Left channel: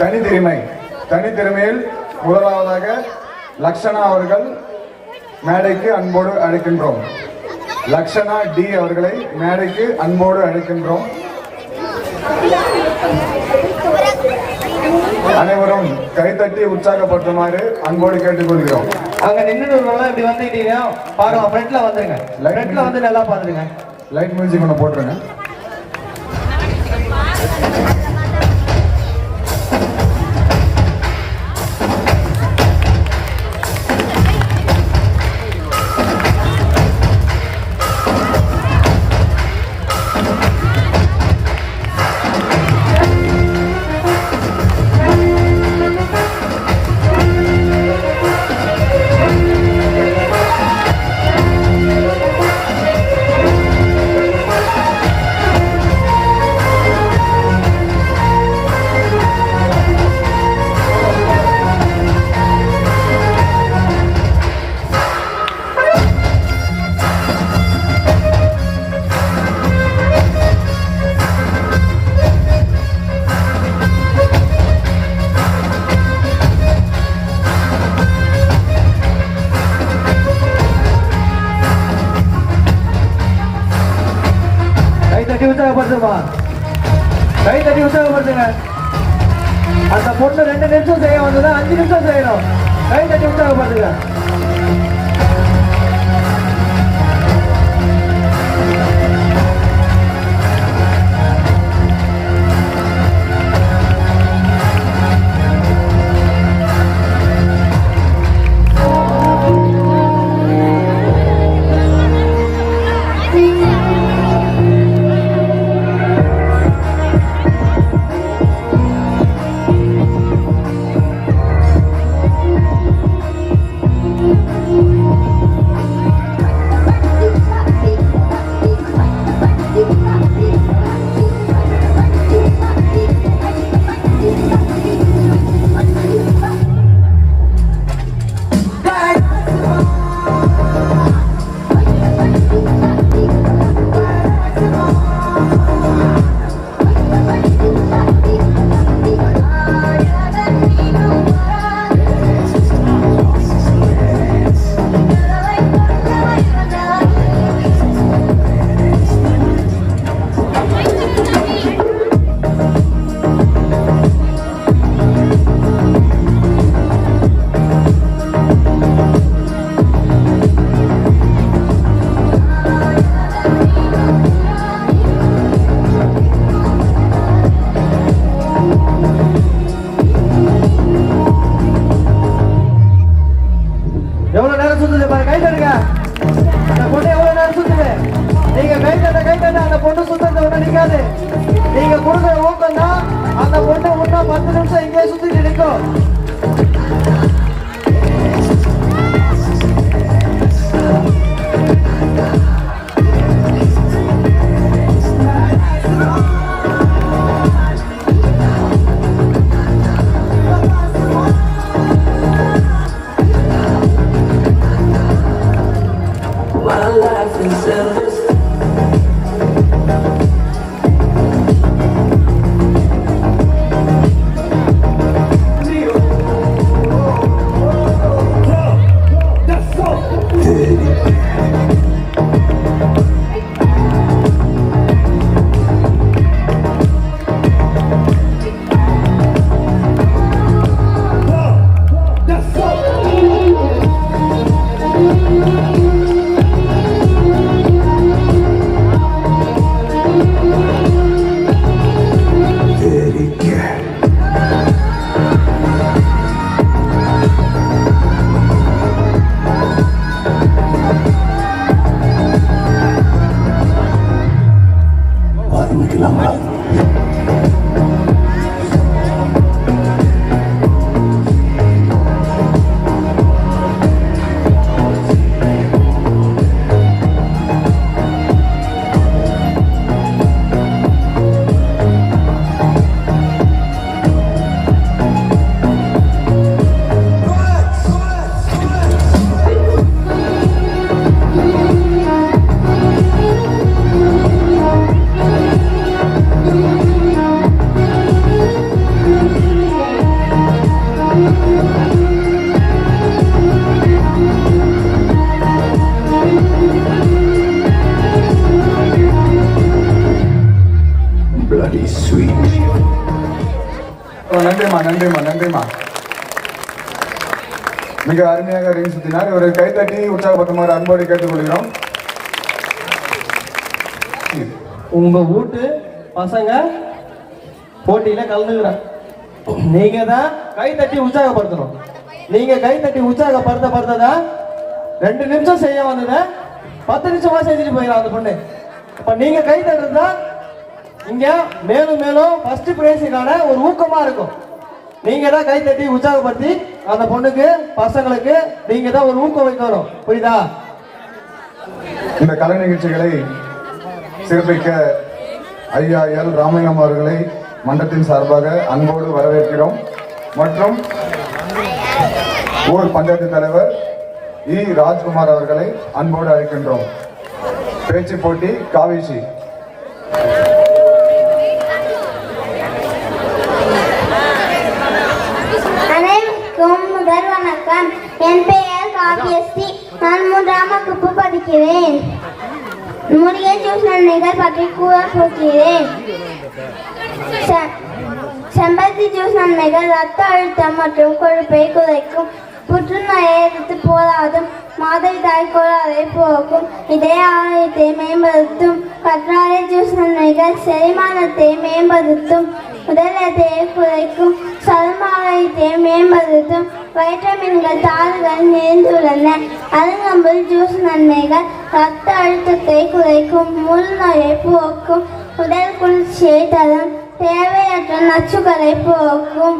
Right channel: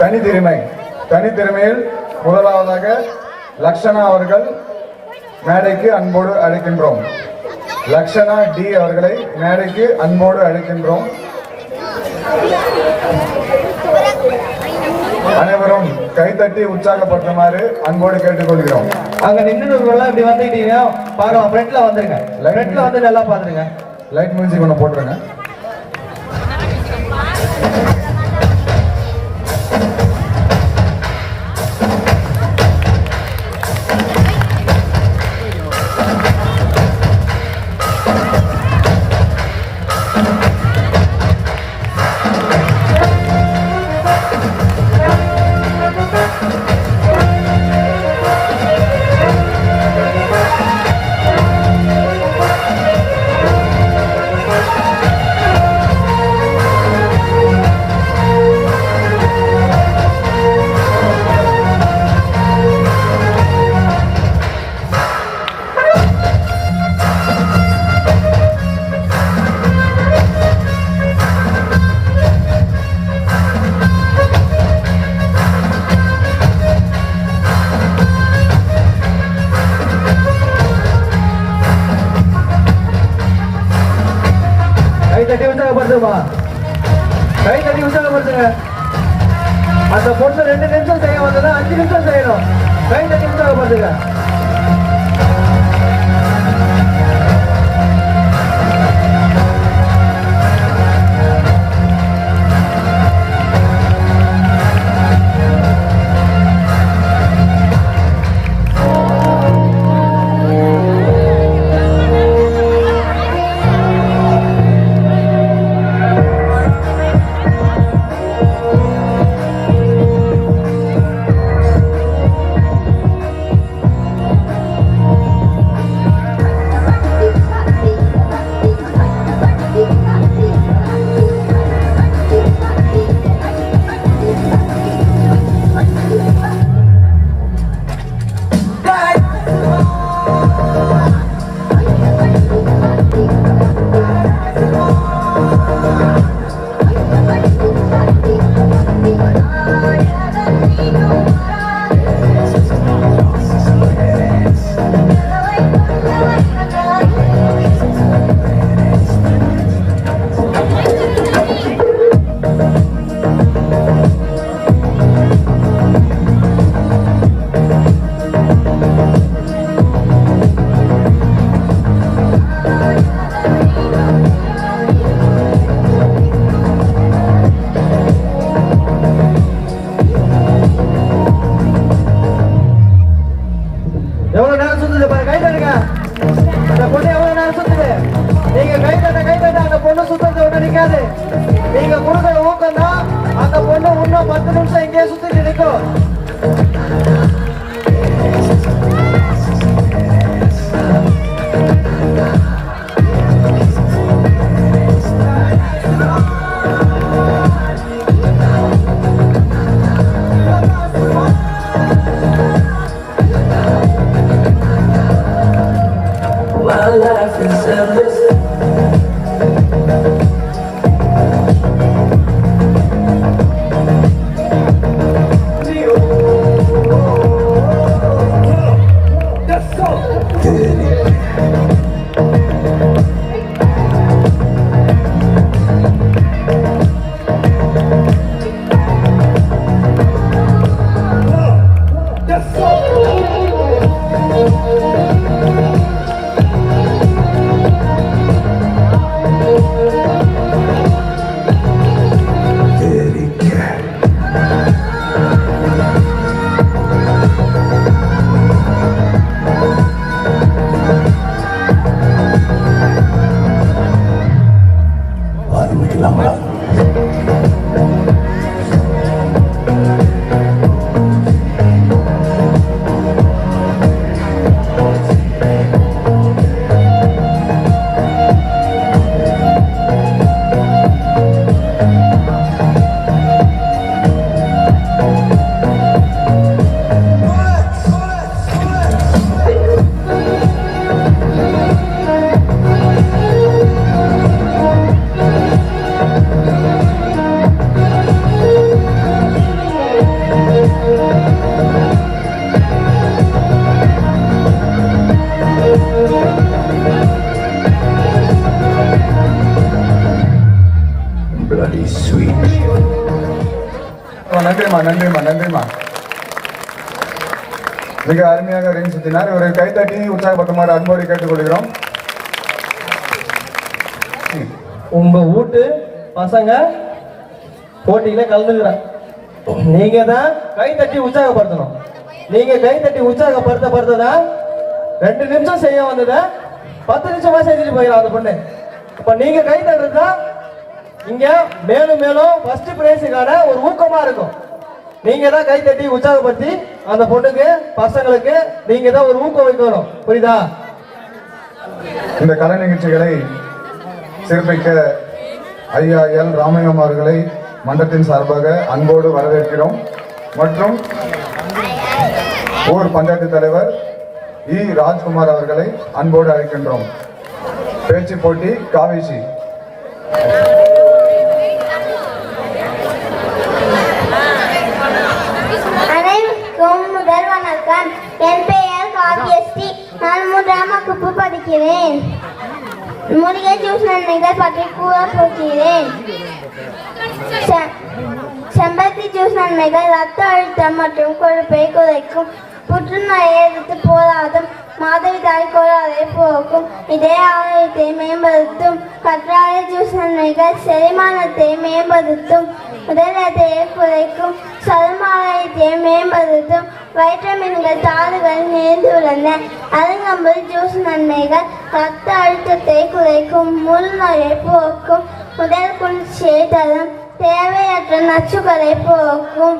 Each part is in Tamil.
தனித்திறமையில் முதலாவதாக லக்ஷனா அவர்கள் மேடைக்கு அன்போடு அழைக்கின்றோம். லக்ஷனா டி அவர்களை மேடைக்கு அன்போடு அழைக்கின்றோம். அனைவரும் கைத்தட்டி உற்சாகப்படுத்துமாறு அன்போடு கேட்டுக்கொள்கிறோம். அங்க நின்றுலாம் இப்படி வந்துட்டீங்க பாருங்க, ஃப்ரண்ட்ல வந்துருங்க. ஃப்ரண்ட்ல வந்து நல்லா பாத்துருங்க. லைட் மியூசிக் ஒன்று போட்டுருங்க. கை தட்டி உற்சாகப்படுத்துங்க. அந்த பொண்ணு 2 நிமிஷம் செய்ய வந்ததா 5 நிமிஷம் செய்யணும். கை தட்டி உற்சாகப்படுத்துங்க. நன்றிம்மா நன்றிம்மா நன்றிம்மா. மிக அருமையாக ரிங் சுத்தினார். ஒரு கைத்தட்டி உற்சாகப்படுத்துமாறு அன்போடு கேட்டுக்கொள்கிறோம். உங்க வீட்டு பசங்க போட்டியில கலந்துக்கிறாங்க. நீங்க தான் கை தட்டி உற்சாகப்படுத்தணும். நீங்க கை தட்டி உற்சாகப்படுத்ததான் 2 நிமிஷம் செய்ய வந்தத 10 நிமிஷமா செஞ்சுட்டு போயிடும் அந்த பொண்ணு. இப்ப நீங்க கை தட்டுறதா இங்க மேலும் மேலும் ஃபர்ஸ்ட் பிரைஸுக்கான ஒரு ஊக்கமா இருக்கும். நீங்க தான் கை தட்டி உற்சாகப்படுத்தி அந்த பொண்ணுக்கு பசங்களுக்கு நீங்க தான் ஒரு ஊக்கம் வைக்கணும். புரியுதா? இந்த கலை நிகழ்ச்சிகளை சிறப்பிக்க ஐயா எல் ராமாயணம் அவர்களை மன்றத்தின் சார்பாக அன்போடு வரவேற்கிறோம். மற்றும் ஊர் பஞ்சாயத்து தலைவர் இ ராஜ்குமார் அவர்களை அன்போடு அழைக்கின்றோம். பேச்சு போட்டி காவிசி. முதல் வணக்கம். என் பெயர் காவியஸ்ரீ. நான் 3ஆம் வகுப்பு படிக்கிறேன். மூலிகை ஜூஸ் நன்மைகள் பற்றி கூற போகிறேன். செம்பருத்தி ஜூஸ் நன்மைகள் ரத்த அழுத்தம் மற்றும் கொழுப்பை குறைக்கும், புற்றுநோயை எதிர்த்து போராடும், மாதவிடாய் கோளாறை போக்கும், இதய ஆரோக்கியத்தை மேம்படுத்தும். கற்றாழை ஜூஸ் நன்மைகள் செரிமானத்தை மேம்படுத்தும், உடல் எடையை குறைக்கும், சரும ஆரோக்கியத்தை மேம்படுத்தும், வைட்டமின்கள் தாதுகள் நிறைந்துள்ளன. அருங்கம்புல் ஜூஸ் நன்மைகள் ரத்த அழுத்தத்தை குறைக்கும், முள் நோயை போக்கும், உடல் குளிர்ச்சியை தரும், தேவையற்ற நச்சுக்களை போக்கும்.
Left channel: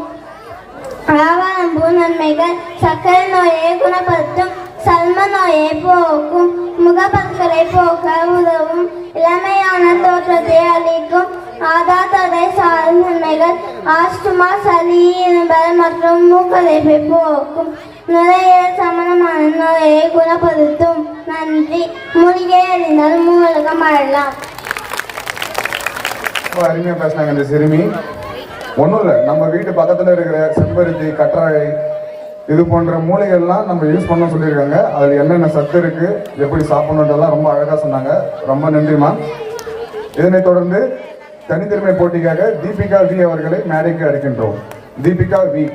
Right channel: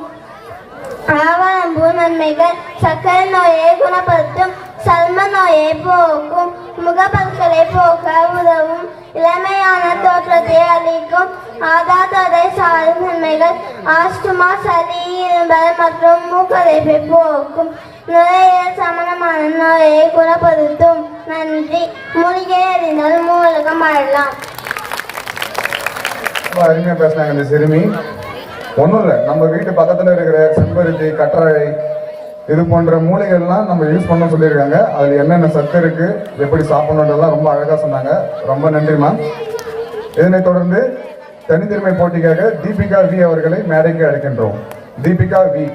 ஆவாரம்பூ நன்மைகள் சர்க்கரை நோயை குணப்படுத்தும், சல்ம நோயை போக்கும், முகப்பற்களை போக்க உதவும், இளமையான தோற்றத்தை அளிக்கும். ஆதாரத்தை சாரும் நன்மைகள் ஆஸ்துமா, சளி, இரும்பல் மற்றும் மூக்கடைப்பை போக்கும், நுரையீரல் சம்பந்தமான நோயை குணப்படுத்தும். நன்றி. மூலிகை அறிந்தால் மூலகம் அழலாம். அருமையா பேசினாங்க இந்த சிறுமி. ஒன்றும் இல்லை, நம்ம வீட்டு பக்கத்தில் இருக்கிற செம்பருத்தி, கற்றாழை இது போன்ற மூலிகைகள்லாம் நம்ம யூஸ் பண்ண சொல்லியிருக்காங்க. அதில் என்னென்ன சத்து இருக்கு, எப்படி சாப்பிடணுன்றதெல்லாம் ரொம்ப அழகாக சொன்னாங்க. ரொம்ப நன்றிமா. இதனைத் தொடர்ந்து தனித்திறமை போட்டிக்காக தீபிகா வி அவர்களை மேடைக்கு அழைக்கின்றோம். தீபிகா வி.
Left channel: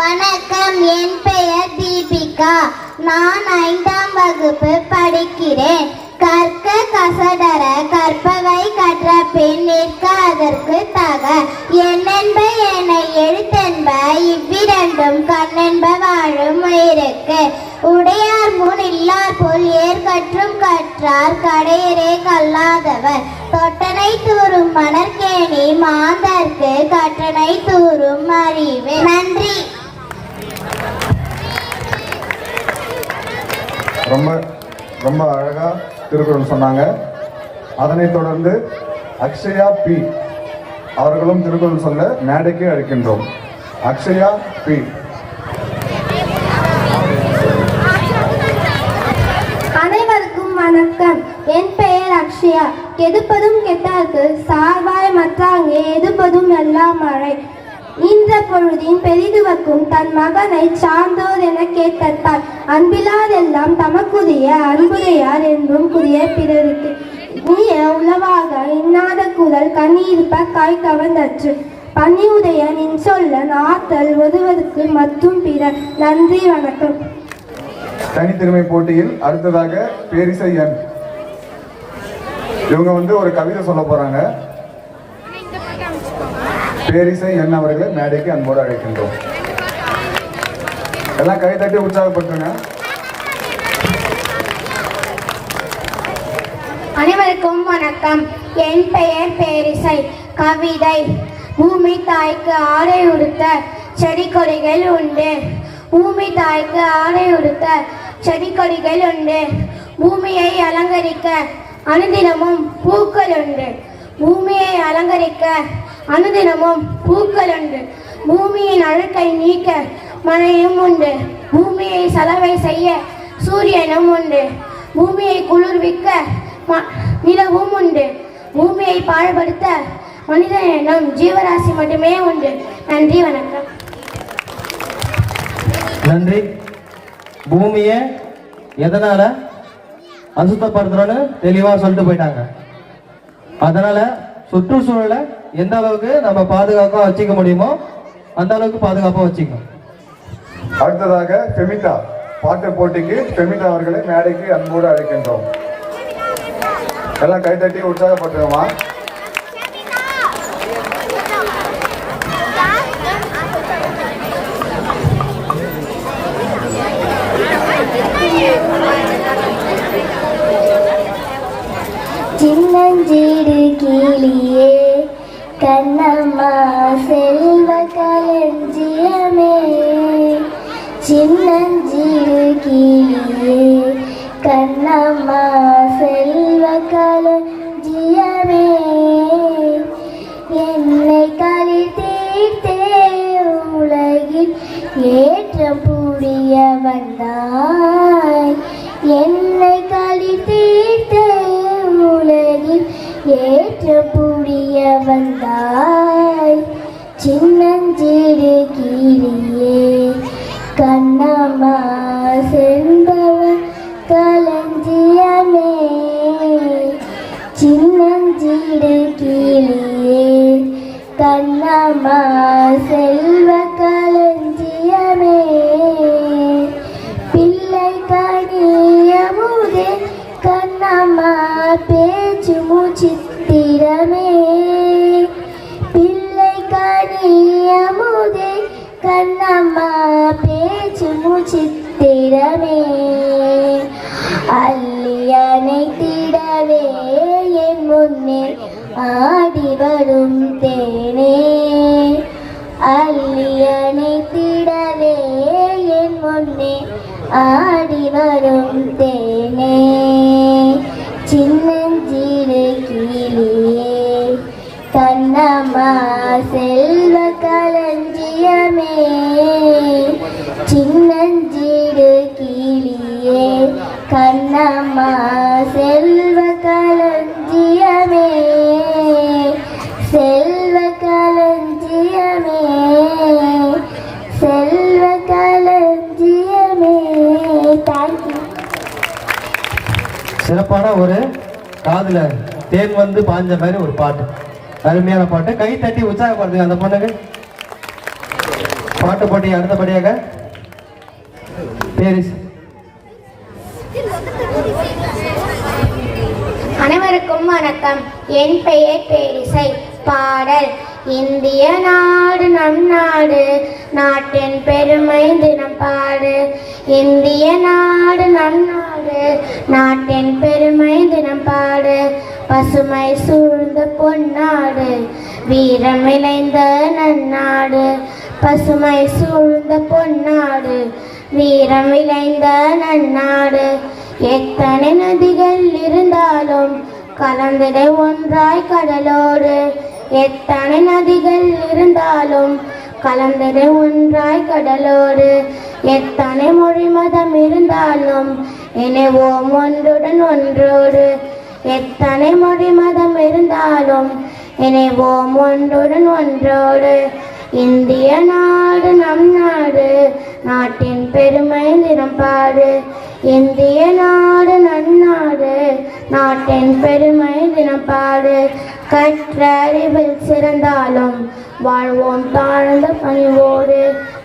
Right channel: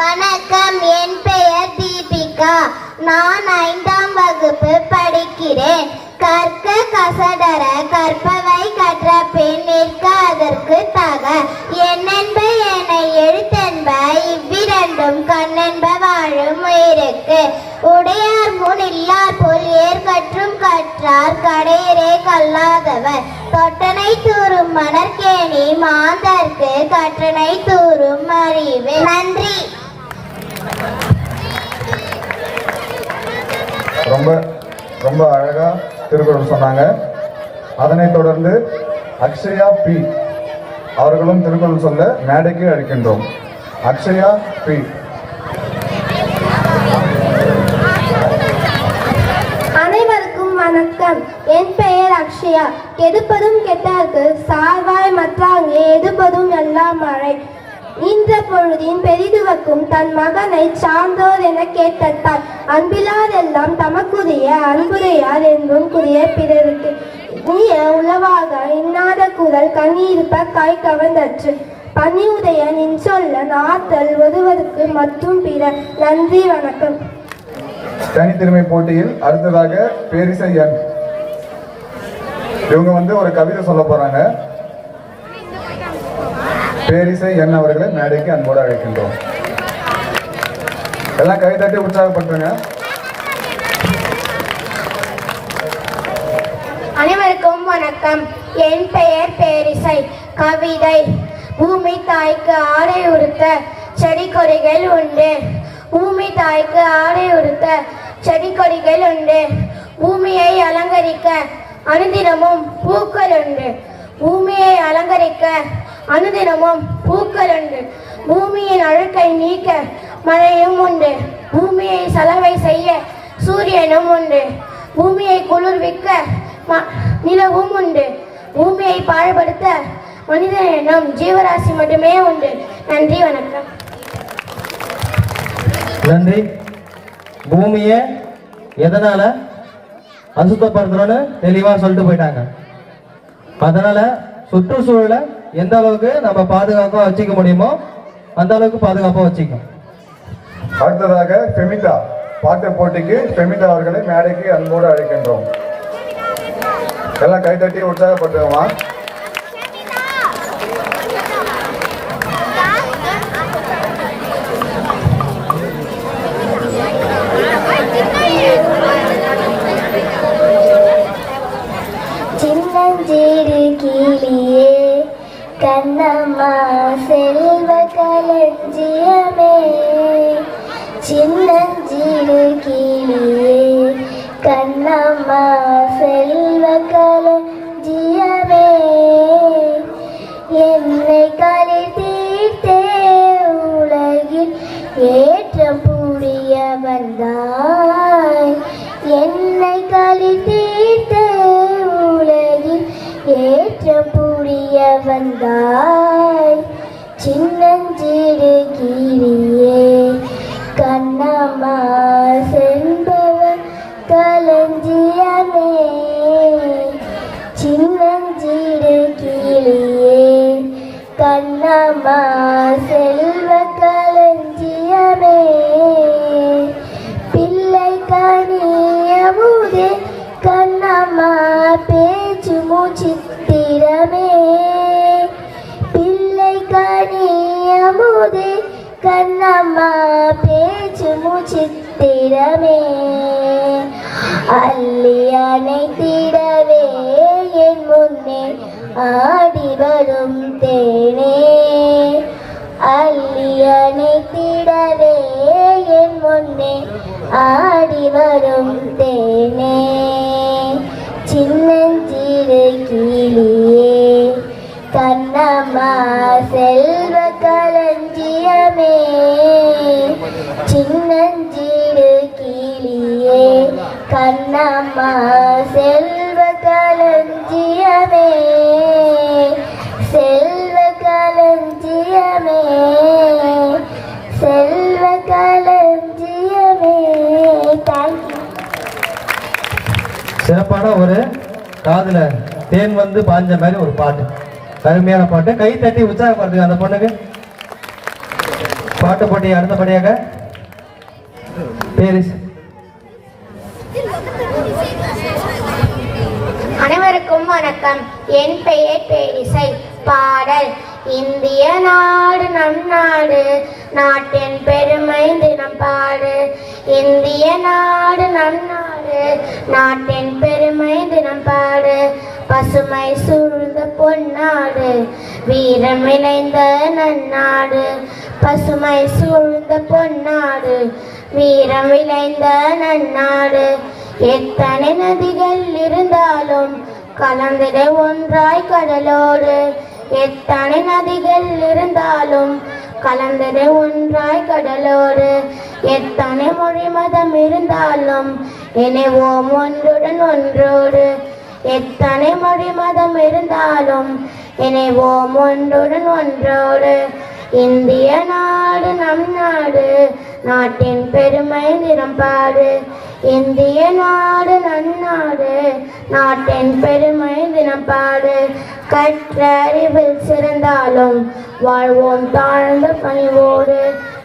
வணக்கம். என் பெயர் தீபிகா. நான் 5ஆம் வகுப்பு படிக்கிறேன். கற்க கசடர கற்பவை கற்ற பின் நிற்க அதற்கு தக, என்னென்ப என எழுத்தென்ப இவ்விரண்டும் கண்ணென்ப வாழும் உயிருக்கு. உடையார் முன் இல்லார் போல் ஏற்கற்றும் கற்றார் கடையரே கல்லாதவர், தொட்டனை தூரும் மணற்கேணி மாந்தர்க்கு கற்றனை தூரும் அறிவு. நன்றி. ரொம்ப ரொம்ப அழகா திருக்குறள் சொன்னாங்க. அதனைத் தொடர்ந்து அக்ஷயா பி அவர்களும் திருக்குறள் சொல்ல மேடைக்கு அழைக்கின்றோம். அக்ஷயா பி. அனைவருக்கும் வணக்கம். என் பெயர் அக்ஷயா. கெடுப்பதும் கெட்டார்க்கு சார்வாய் மற்றாங்கே எதுப்பதும் எல்லாம் மழை. ஈன்ற பொழுதின் பெரிதுவக்கும் தன் மகனை சார்ந்தோர் என கேட்டால் அன்பிலாதெல்லாம் தமக்குரிய அன்புடையார் என்றும் கூறிய பிறருக்கு நீய உளவாக இன்னாத குரல் கண்ணீர்ப்ப காய் கவர்ந்தற்று, பணியுடைய நின் சொல்ல நாத்தல் ஒருவருக்கு மற்றும் பிற. நன்றி. வணக்கம். தனித்திறமை போட்டியில் அடுத்ததாக பேரிசை எண். இவங்க ஒரு கவிதை சொல்ல போறாங்க. பேரிசை என் அவர்களை மேடைக்கு அன்போடு அழைக்கின்றோம். எல்லாம் கை தட்டி உற்சாகப்படுத்துங்க. அனைவருக்கும் வணக்கம். என் பெயர் பேரிசை. கவிதை. பூமி தாய்க்கு ஆடை உடுத்த செடி கொடிகள் உண்டு, பூமி தாய்க்கு ஆடை உடுத்த செடி கொடிகள் உண்டு, பூமியை அலங்கரிக்க அனுதினமும் பூக்கள் உண்டு, பூமியை அலங்கரிக்க அனுதினமும் பூக்கள் உண்டு, பூமியின் அழுக்கை நீக்க மழையும் உண்டு, பூமியை சலவை செய்ய சூரியனும் உண்டு, பூமியை குளிர்விக்க நிலவும் உண்டு, பூமியை பாழ்படுத்த மனிதனிடம் ஜீவராசி மட்டுமே உண்டு. நன்றி. வணக்கம். நன்றி. பூமியை எதனால அசுத்தப்படுத்துறோன்னு தெளிவா சொல்லிட்டு போயிட்டாங்க. அதனால சுற்றுச்சூழலை எந்த அளவுக்கு நம்ம பாதுகாப்பா வச்சுக்க முடியுமோ அந்த அளவுக்கு பாதுகாப்பா வச்சுக்கணும். அடுத்ததாக ஃபெமிகா பாட்டு போட்டிக்கு ஃபெமிகா அவர்களை மேடைக்கு அன்போடு அழைக்கின்றோம். எல்லாம் கைத்தட்டி உற்சாகப்பட்டுருமா? சின்னஞ்சிறு கிளியே கண்ணம்மா செல்வ களஞ்சியமே, சின்னஞ்சிறு கிளியே கண்ணம்மா செல்வ களஞ்சியமே, என்னை களி தீர்த்தே உலகில் ஏற்றம் புரிய வந்தாய், என்னை களி தீர்த்தே உலகில் ஏற்றம் புரிய வந்தாய், சின்னஞ்சிறு கிளியே கண்ணம்மா செல்வ களஞ்சியமே, சின்னஞ்சிறு கிளியே கண்ணம்மா செல்வ களஞ்சியமே, பிள்ளை கனியமுதே கண்ணம்மா பேச்சு மூச்சித்திரமே, பிள்ளை கனியமுதே கண்ணம்மா பேச்சு மூச்சித்திரமே, அள்ளி அணைத்திடவே என் முன்னே ஆடி வரும் தேனே, அள்ளி அணைத்திடவே என் முன்னே ஆடி வரும் தேனே, சின்னஞ்சிறு கிளியே கண்ணம்மா செல்வ களஞ்சியமே, சின்னஞ்சிறு கிளியே கண்ணம்மா செல்வ களஞ்சியமே, செல்வ களஞ்சியமே, செல்வ களஞ்சியமே. தேங்க்யூ. சிறப்பான ஒரு காதுல தேன் வந்து பாஞ்ச மாதிரி ஒரு பாட்டு, அருமையான பாட்டு. கை தட்டி உற்சாகப்படுத்துங்க அந்த பொண்ணுக்கு. பாட்டு போட்டி அடுத்தபடியாக பேரிஸ். அனைவருக்கும் வணக்கம். என் பெயர் பேரிசை. பாடல். இந்திய நாடு நம் நாடு, நாட்டின் பெருமை தினம் பாடு, இந்திய நாடு நம் நாடு, நாட்டின் பெருமை தினம் பாடு, பசுமை சூழ்ந்த பொன்னாடு, வீரம் விளைந்த நன்னாடு, பசுமை சூழ்ந்த பொன்னாடு, வீரம் விளைந்த நன்னாடு, எத்தனை நதிகள் இருந்தாலும் கலந்திட ஒன்றாய் கடலோடு, எத்தனை நதிகள் இருந்தாலும் கலந்திட ஒன்றாய் கடலோடு, எத்தனை மொழி மதம் இருந்தாலும் இணைவோம் ஒன்றுடன் ஒன்றோடு, எத்தனை மொழி மதம் இருந்தாலும் இணைவோம் ஒன்றுடன் ஒன்றோடு, இந்திய நாடு நம் நாடு, நாட்டின் பெருமை தினம் பாடு, இந்திய நாடு நம் நாடு, நாட்டின் பெருமை தினம் பாடு, கற்ற அறிவில் சிறந்தாலும் வாழ்வோம் தாழ்ந்த பணிவோடு,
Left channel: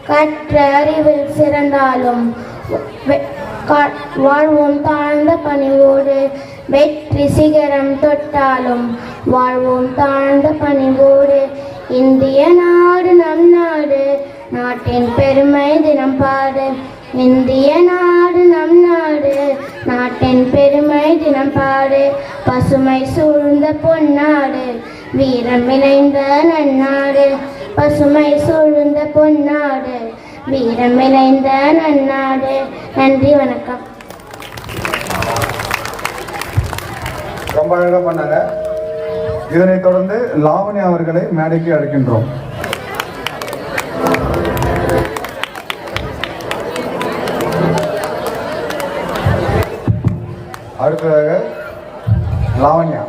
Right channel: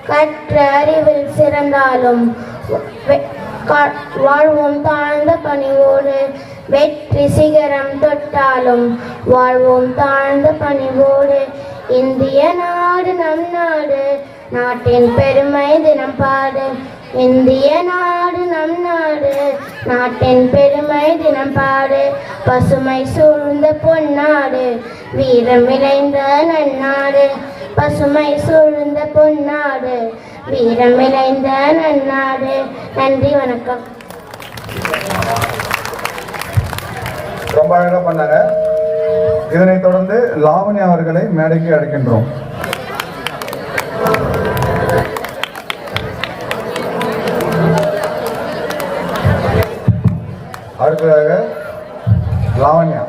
கற்ற அறிவில் சிறந்தாலும் வாழ்வோம் தாழ்ந்த பணிவோடு, வெற்றி சிகரம் தொட்டாலும் வாழ்வோம் தாழ்ந்த பணிவோடு, இந்திய நாடு நம் நாடு, நாட்டின் பெருமை தினம் பாடு, இந்திய நாடு நம் நாடு, நாட்டின் பெருமை தினம் பாடு, பசுமை சூழ்ந்த பொன்னாடு, வீரம் இணைந்த நன்னாடு, பசுமை சூழ்ந்த பொன்னாடு, வீரம் இணைந்த நன்னாடு. நன்றி, வணக்கம். ரொம்ப அழகா பண்ணாங்க. இதனைத் தொடர்ந்து லாவண்யா அவர்களை மேடைக்கு அழைக்கின்றோம். அடுத்ததாக லாவண்யா.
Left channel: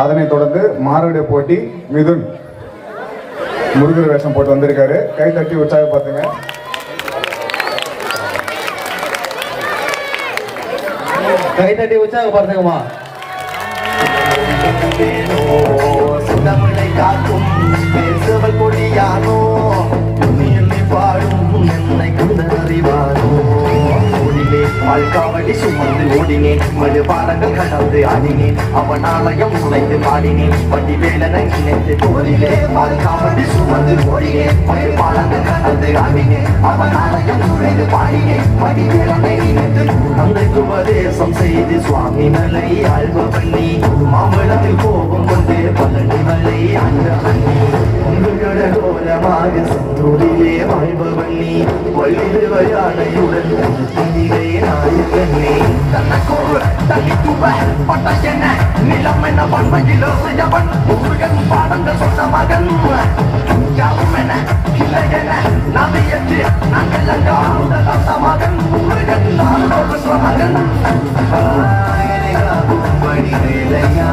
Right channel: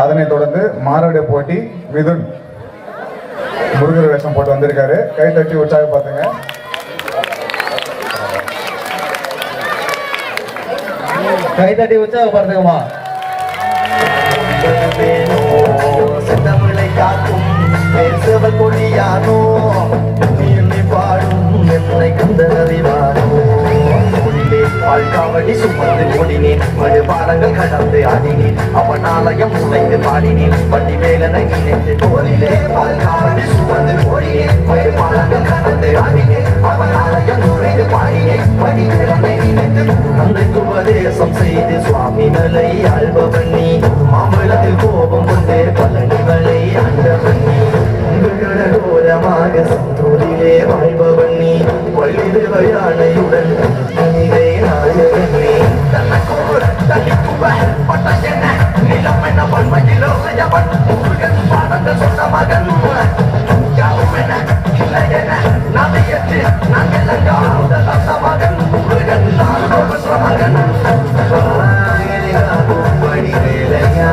அதனைத் தொடர்ந்து மாரடை போட்டி மிதுன் முருகர் வேஷம் போட்டு வந்திருக்காரு. கை தட்டி உற்சாகப்படுத்துங்க. கை தட்டி உற்சாகப்படுத்துங்கம்மா. காவடி சுமந்து ஓடினேன், மறு பாடங்கள் கடந்து ஆடினேன், அவன் ஆலயம் உழைந்து பாடினேன், பட்டி வேலனை நினைத்து போரிலே காவடி சுமந்து ஓடினேன், மறு பாடங்கள் கடந்து ஆடினேன், அவன் ஆலயம் உழைந்து பாடினேன், பட்டி வேலனை நினைத்து அன்றைக்கு உபதேசம் செய்து சுவாமி மலை ஆழ்பவன் நீ, மாமலத்தில் கோபம் கொண்டு பழனி மலை ஆண்டவன் நீ, ஓரமாக செந்தூரிலே வாழ்பவன் நீ, வள்ளி தேவயானையுடன் நிலை நாயகன் நீ, நிலமென பல்மையில் முருகன் பாடங்கள் சொன்ன மகன் யாவுமென இளையன நமையற்று நாங்கள் மகன் முருகன் மகன் வடிவேலையா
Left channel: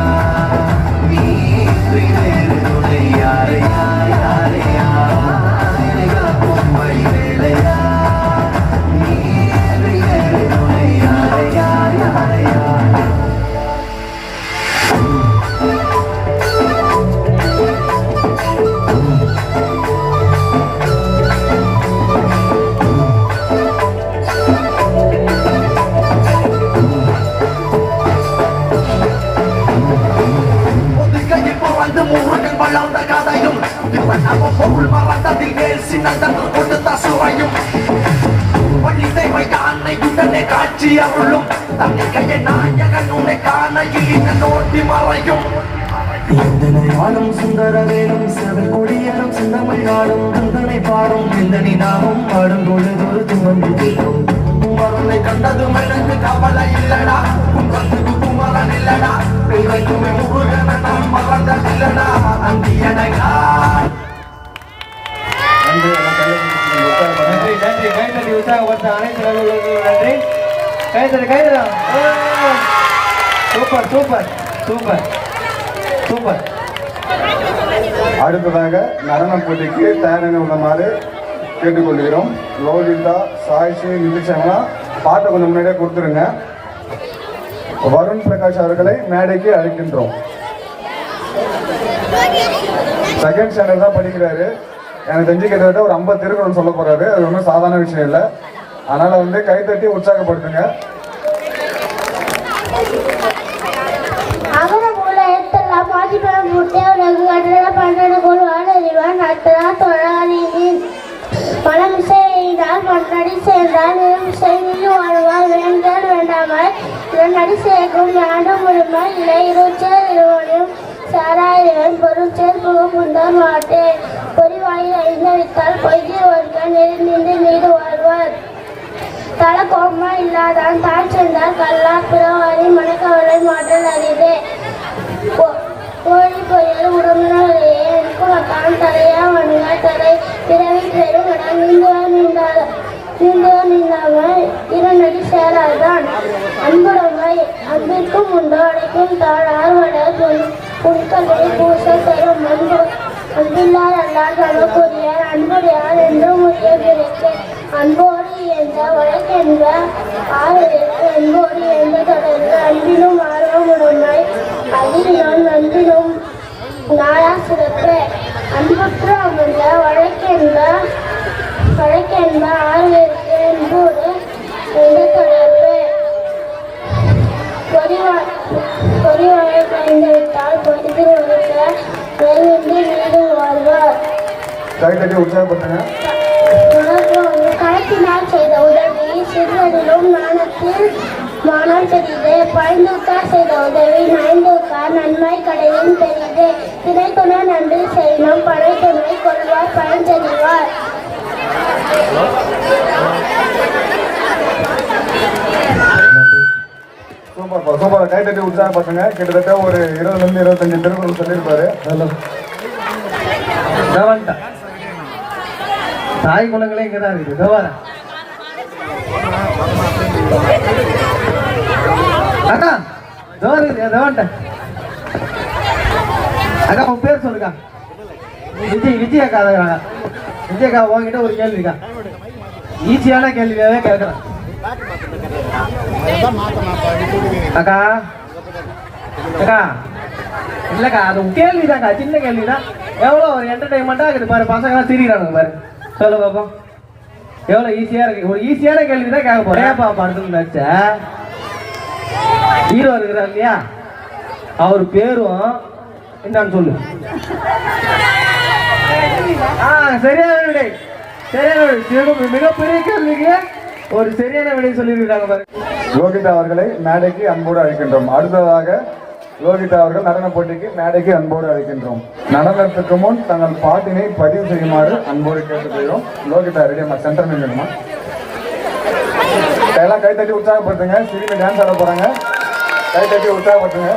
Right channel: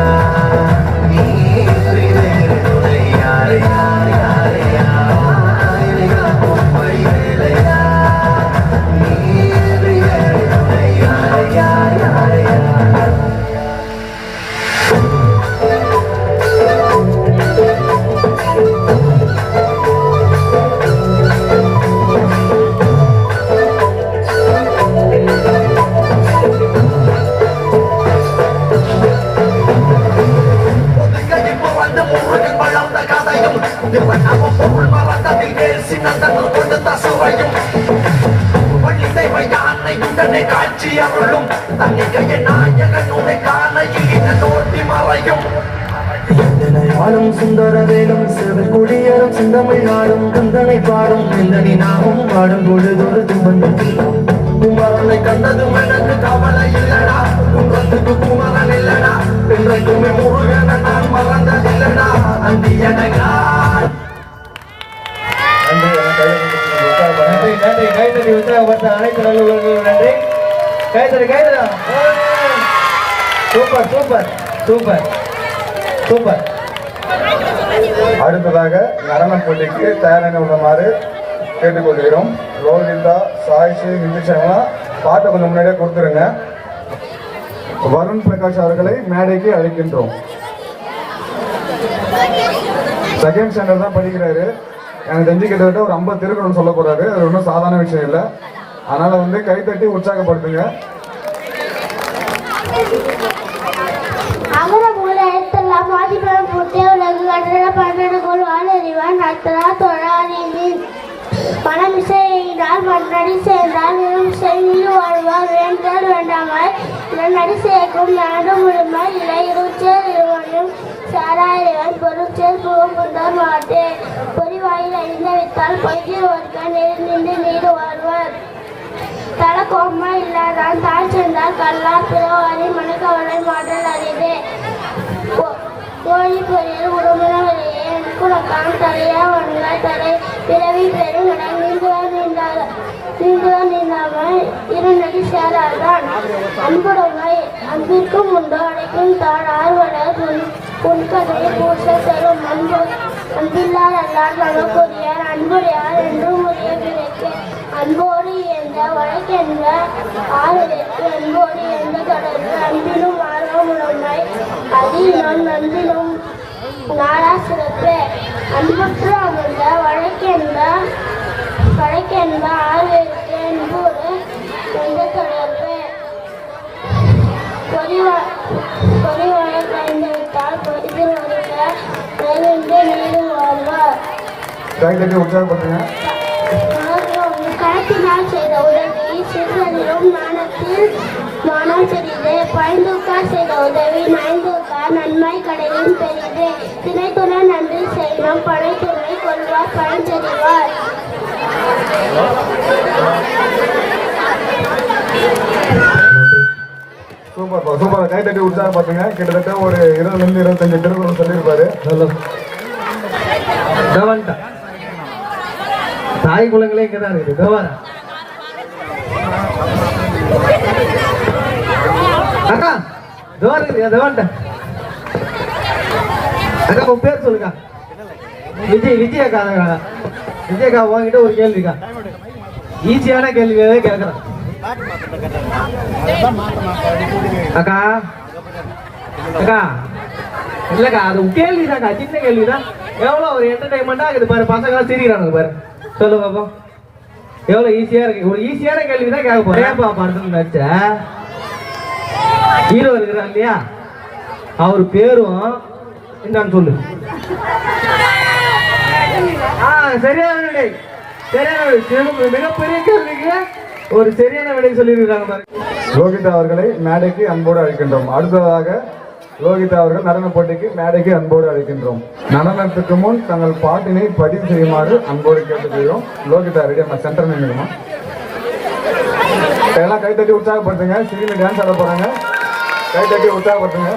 காட்சி அவளும் தன்னை நாயகன் உன்னை காணையில் தோட்டி மறையும் எந்தனையாளும் சுந்தரவேலும் சிவன் குடியரும் சிந்தமிழாடும் குந்தனை பாடும் எந்தனி நாமும் பாடும் பொழுதொரு துவந்தும் குமரனை கண்டதும் எனக்கு கவலை இல்லடா குன்றத்துக்கு குமரன் இல்லடா பிள்ளைக்குமே முருகன நான் மறந்ததில்லடா அந்தி எனக்கா நன்றி நன்றி. கை தட்டி உற்சாகப்படுத்த அனைத்து நல்லவர்களுக்கும் நன்றி. கை தட்டி கை தட்டா. Super super super super. அடுத்ததாக நடன போட்டிக்கு தயாராக உள்ளமாறு கேட்டுக்கொள்கிறோம். லோகிதா, சாய்ஷி, நிதிஷனா பாட்டை கொஞ்சம் முன்னாடியே கொடுத்துருங்க. வருண் பிரகாஷ் அவர்களை மேடைக்கு அழைக்கின்றோம். செகண்ட் ஸ்டாண்டர்ட் தான் படிக்கிறாரு. எனக்கு தெரிஞ்சு கிட்டத்தட்ட ஒரு 50 திருக்குறள் சொல்ல போறாரு. அது ஒன்றும் சாதாரண விஷயம் இல்லை. அதனால வந்து கைத்தட்டி உற்சாகப்படுத்துங்க. தலக்கோப்பமா இல்லாதான் தாய் சென்றால் கல்லா பிறவாரி மனக்கவலை மாற்றல் அறிவே கோழி பொரியல் உறவினர்களே குளக்கான் தலையா வண்ண தலை பிறவி பெருமிடம் நீந்தாமல் இரண்டடி சேராதான் அன்புடைமை அன்பிற்கும் உண்டோ அடைக்கும் தாழார் வட புண்களை பூச தரும் அன்பில்லார் அல்லார் நமக்குரியார் அன்புடையார் என்றும் உரிய பிறக்க அன்போடு என்ற வழக்கென்ற ஆறுதற்கு அன்போடு என்ற தொடர்பு அன்பினும் ஆர்வம் உடைமை அதிலும் நன்றிலும் நாளா சிறப்பு அன்புற்று அமர்ந்த வழக்கென்ற ஆறுதற்கு அன்போடு என்ற தொடர்பு பொறிவாய கலந்துவிட்டால் பொய்தில் வருக கைவிட்டு நீடு வாழ்வார். கைத்தட்டி உற்சாகப்படுத்துங்க. கணக்கினால் செய்த உதவி சிறுவரிலும் நாணத்தில் மானம் பெரிது பயந்துக்கார் செய்த உதவி நயந்துக்கார் நன்மை கடலின் பெரிது திணைத்துணை நன்றி செய்யணும் படை துணை கொள்வார் பயன் தெரிவார். Super super. கைத்தட்டி உற்சாகப்படுத்துங்க. கிட்டத்தட்ட ஒரு 20 to 25 திருக்குறள் சொல்லியிருப்பாரு. தாய் குளங்களே இங்கதான் இருக்குது. அண்ணா அக்கா உன் பேர் சொல்லுங்க. விஜய் அக்கா. விஜய் அக்கா உங்ககிட்ட ஒரு கேள்வி இருக்கா? ஈஸியான கேள்வியாவே கேட்கறேன். அக்கா அக்கா இல்லக்கா, அது கேள்விதாக்கா, சின்ன கேள்விதான். எவ்வளவு ஒரு என்டர்டைன்மெண்டா இருக்குது பாரு, பசங்க சிரிக்கிறானுங்க பாரு. சொல்லு பாப்போம், எவ்வளவு ஈஸியா இருக்கு. ஒரு ஈஸியான கேள்விதான் கேட்க போறேன். படத்துல நடிச்ச ஹீரோ இருக்கிறார் இல்லையா, அவர் பேரும் என்னன்னு சொல்லு. சரியான விடை, சரியான விடை. மிகப்பெரிய கேள்விக்கு ஒரு சரியான விடை சொல்லியிருக்காங்க. லோகிதா அவர்களை மேடைக்கு அன்போடு அழைக்கின்றோம். அடுத்ததாக லோகிதா அவர்கள் நடன போட்டிக்கு மேடைக்கு அன்போடு அழைக்கின்றோம். நடனத்துக்கு முன் தங்கள் பாட்டினை பதிவு செய்யுமாறு அன்போடு கேட்டுக்கொள்கிறோம். லோகிதா ரெடியா சென்டர் நின்றுமா? எல்லாம் கை தட்டி உற்சாகப்படுத்துங்க. சிறுமி டான்ஸ் ஆட போறாங்க. கை தட்டி உற்சாகப்படுத்துங்க.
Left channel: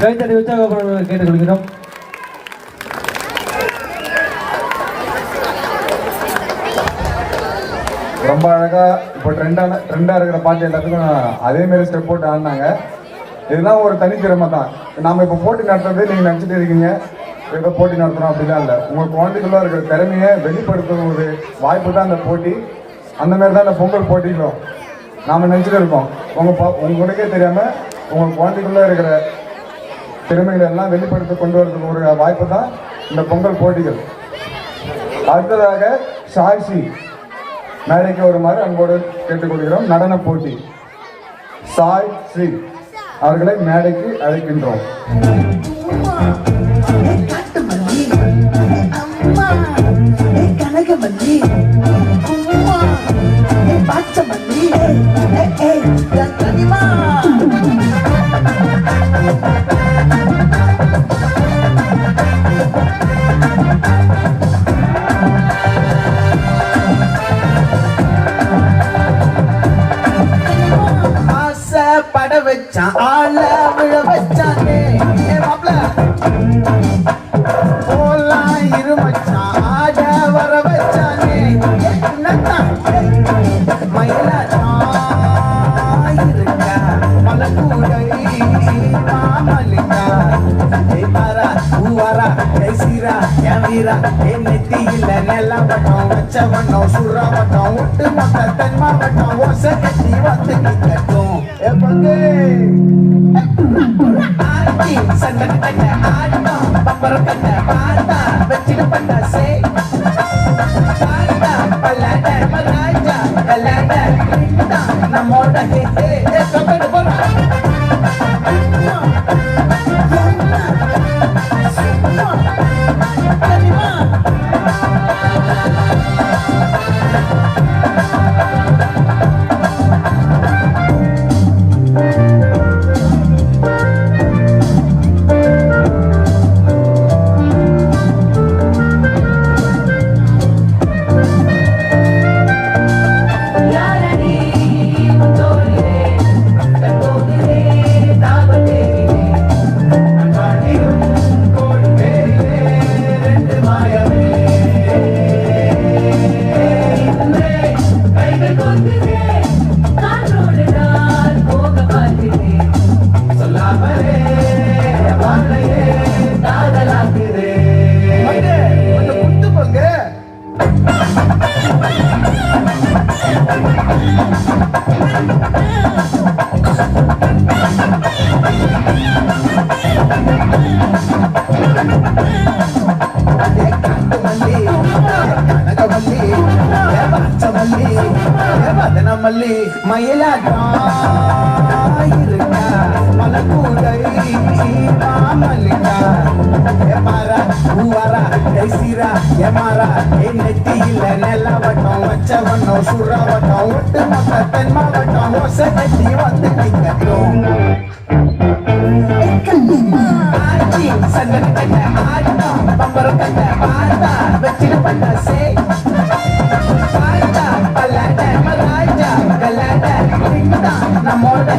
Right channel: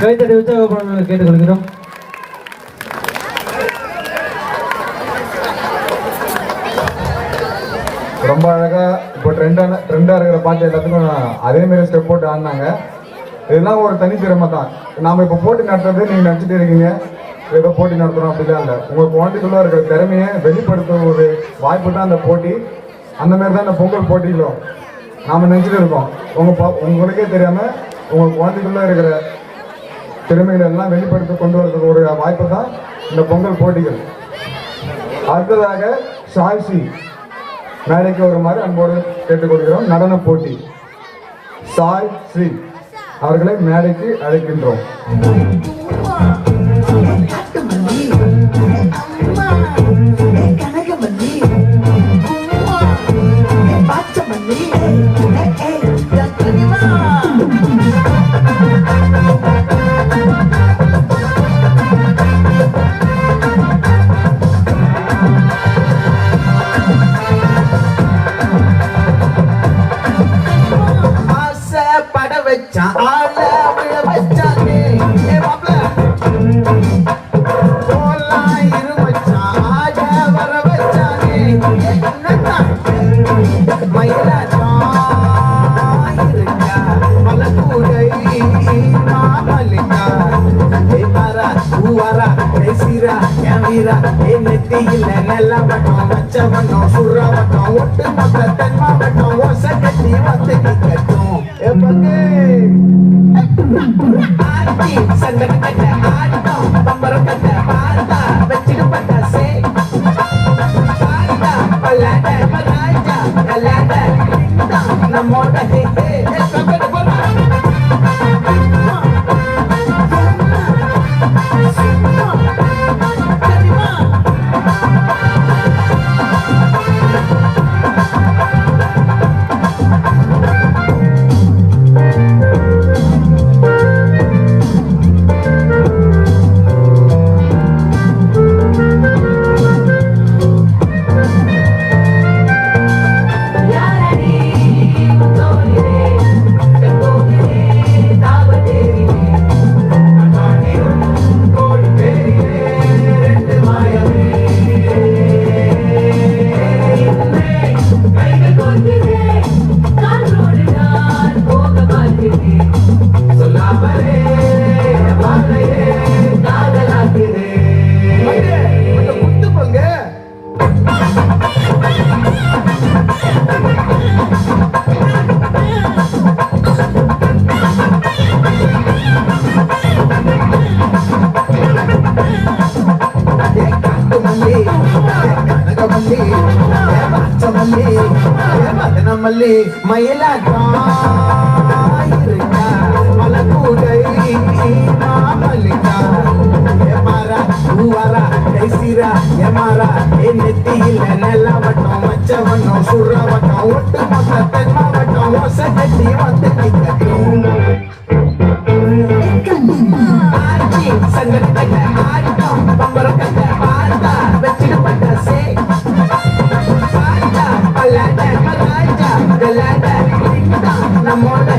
கைத்தடி உற்சாகப்படுறவங்களை கேட்டுக்கொள்கிறோம். ரொம்ப அழகா இப்போ ட்ரெண்டா இருக்கிற பாட்டு எல்லாத்துக்கும் அதே மாதிரி ஸ்டெப் போட்டு ஆடினாங்க. இதெல்லாம் ஒரு தனித்திறமை தான். நாம இப்போ போட்டி நடத்துறது நீங்க நினைச்சிட்டு இருக்கீங்க ஏதோ போட்டி நடத்துறோம் அப்படிலாம் இல்லை. உங்க குழந்தைக்குள்ள இருக்கிற திறமையை வெளிப்படுத்துற ஒரு வாய்ப்பு தான் அந்த போட்டி. அந்த மாதிரி தான் இந்த பொங்கல் போட்டிகளும் நாம நினைச்சிட்டு இருக்கோம். உங்களுக்கே தெரியாம உங்க குழந்தைக்குள்ள இருக்கிற திறமைகளை எல்லாம் வெளிப்படுத்தி கொண்டு வரதுக்கு ஒரு வாய்ப்பு தான் இந்த பொங்கல் போட்டிகள். அடுத்ததாக சாய்ஸ்ரீ மேடைக்கு வருமாறு அன்போடு கேட்டுக்கொள்கிறோம். நடன போட்டி சாய் ஸ்ரீ அவர்களை மேடைக்கு அழைக்கின்றோம். போலாம் இரு மச்சான் கல்யாண நம்மோட மல்லி மயிலாட்டம் மலக்கூடை மல்லிகா ஏமாரா பூவாரா கைசீரா ஏமாரா என் நெத்தியில நெல்லவட்டம் வச்சவட்டம் சுறவட்டம் ஒட்டு மொத்த தென் மாவட்டம் ஒசை கட்டி வந்து நிற்கட்டும் சங்கத்தை ஆட்டம் பம்பரக்கத்தை பார்த்தா வச்சிட்டு பண்ண சே நம்மோட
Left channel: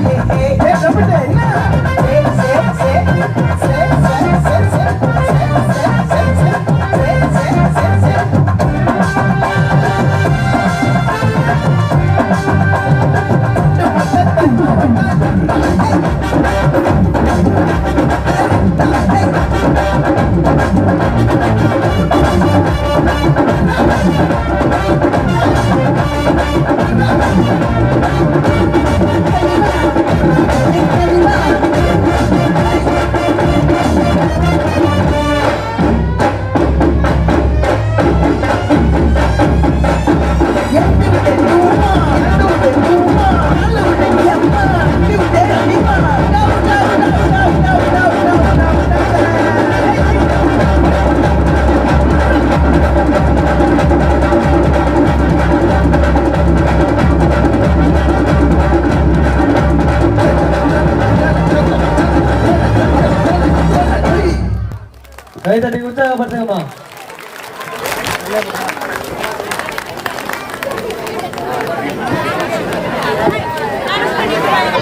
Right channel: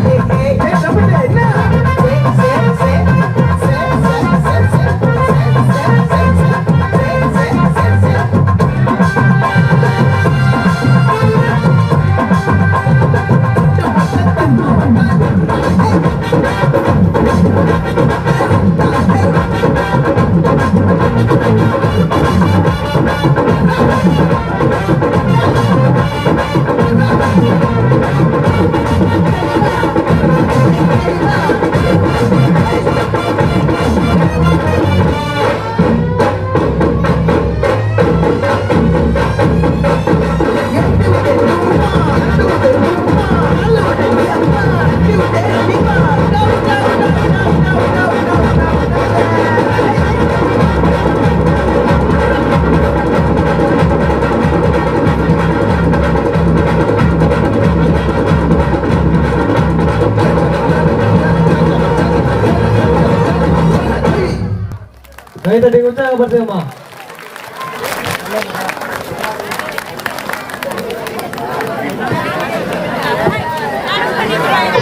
கைதட்டி உற்சாகப்படுத்துங்கம்மா.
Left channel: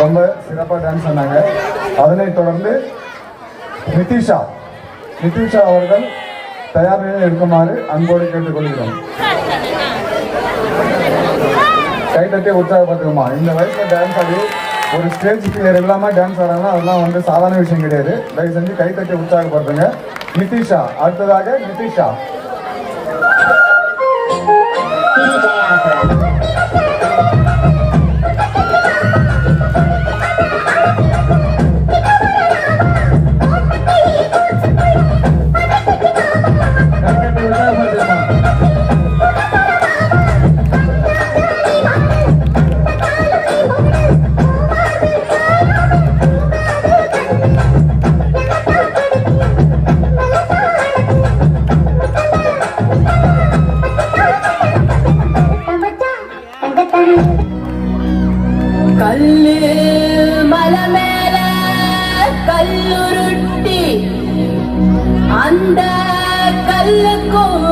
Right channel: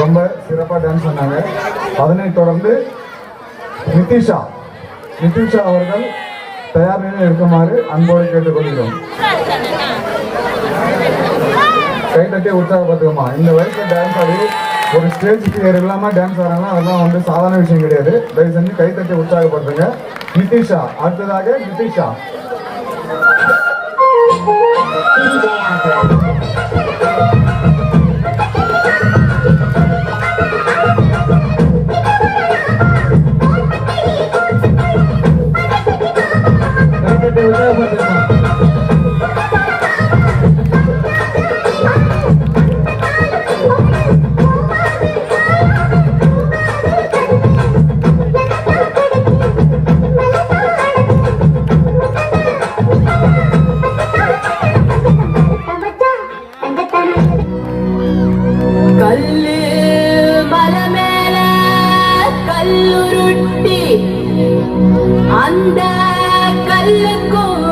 ரொம்ப சிறப்பாக டான்ஸ் பண்ணாங்க. அதனைத் தொடர்ந்து நிதிஷா அவர்கள் தயார் நிலையில் இருக்குமாறு அன்போடு கேட்டுக்கொள்கிறோம். கைதட்டி உற்சாகப்படுத்துங்கம்மா. இந்த வயசுல டான்ஸ் ஆடி ஒரு ஸ்டேஜ் பிளேயர் இல்லாம டான்ஸ் ஆடுறாங்கன்னா அதெல்லாம் வந்து சாதாரண விஷயம் கிடையாது. தயவு செஞ்சு கைதட்டி உற்சாகப்படுத்துங்க. நிதிஷா, அடுத்ததாக நிதிஷா. கைதட்டி உற்சாகப்படுத்துங்கம்மா. கல்லு மலை மேல கல்லுருட்டி அந்த கல்லுக்கும்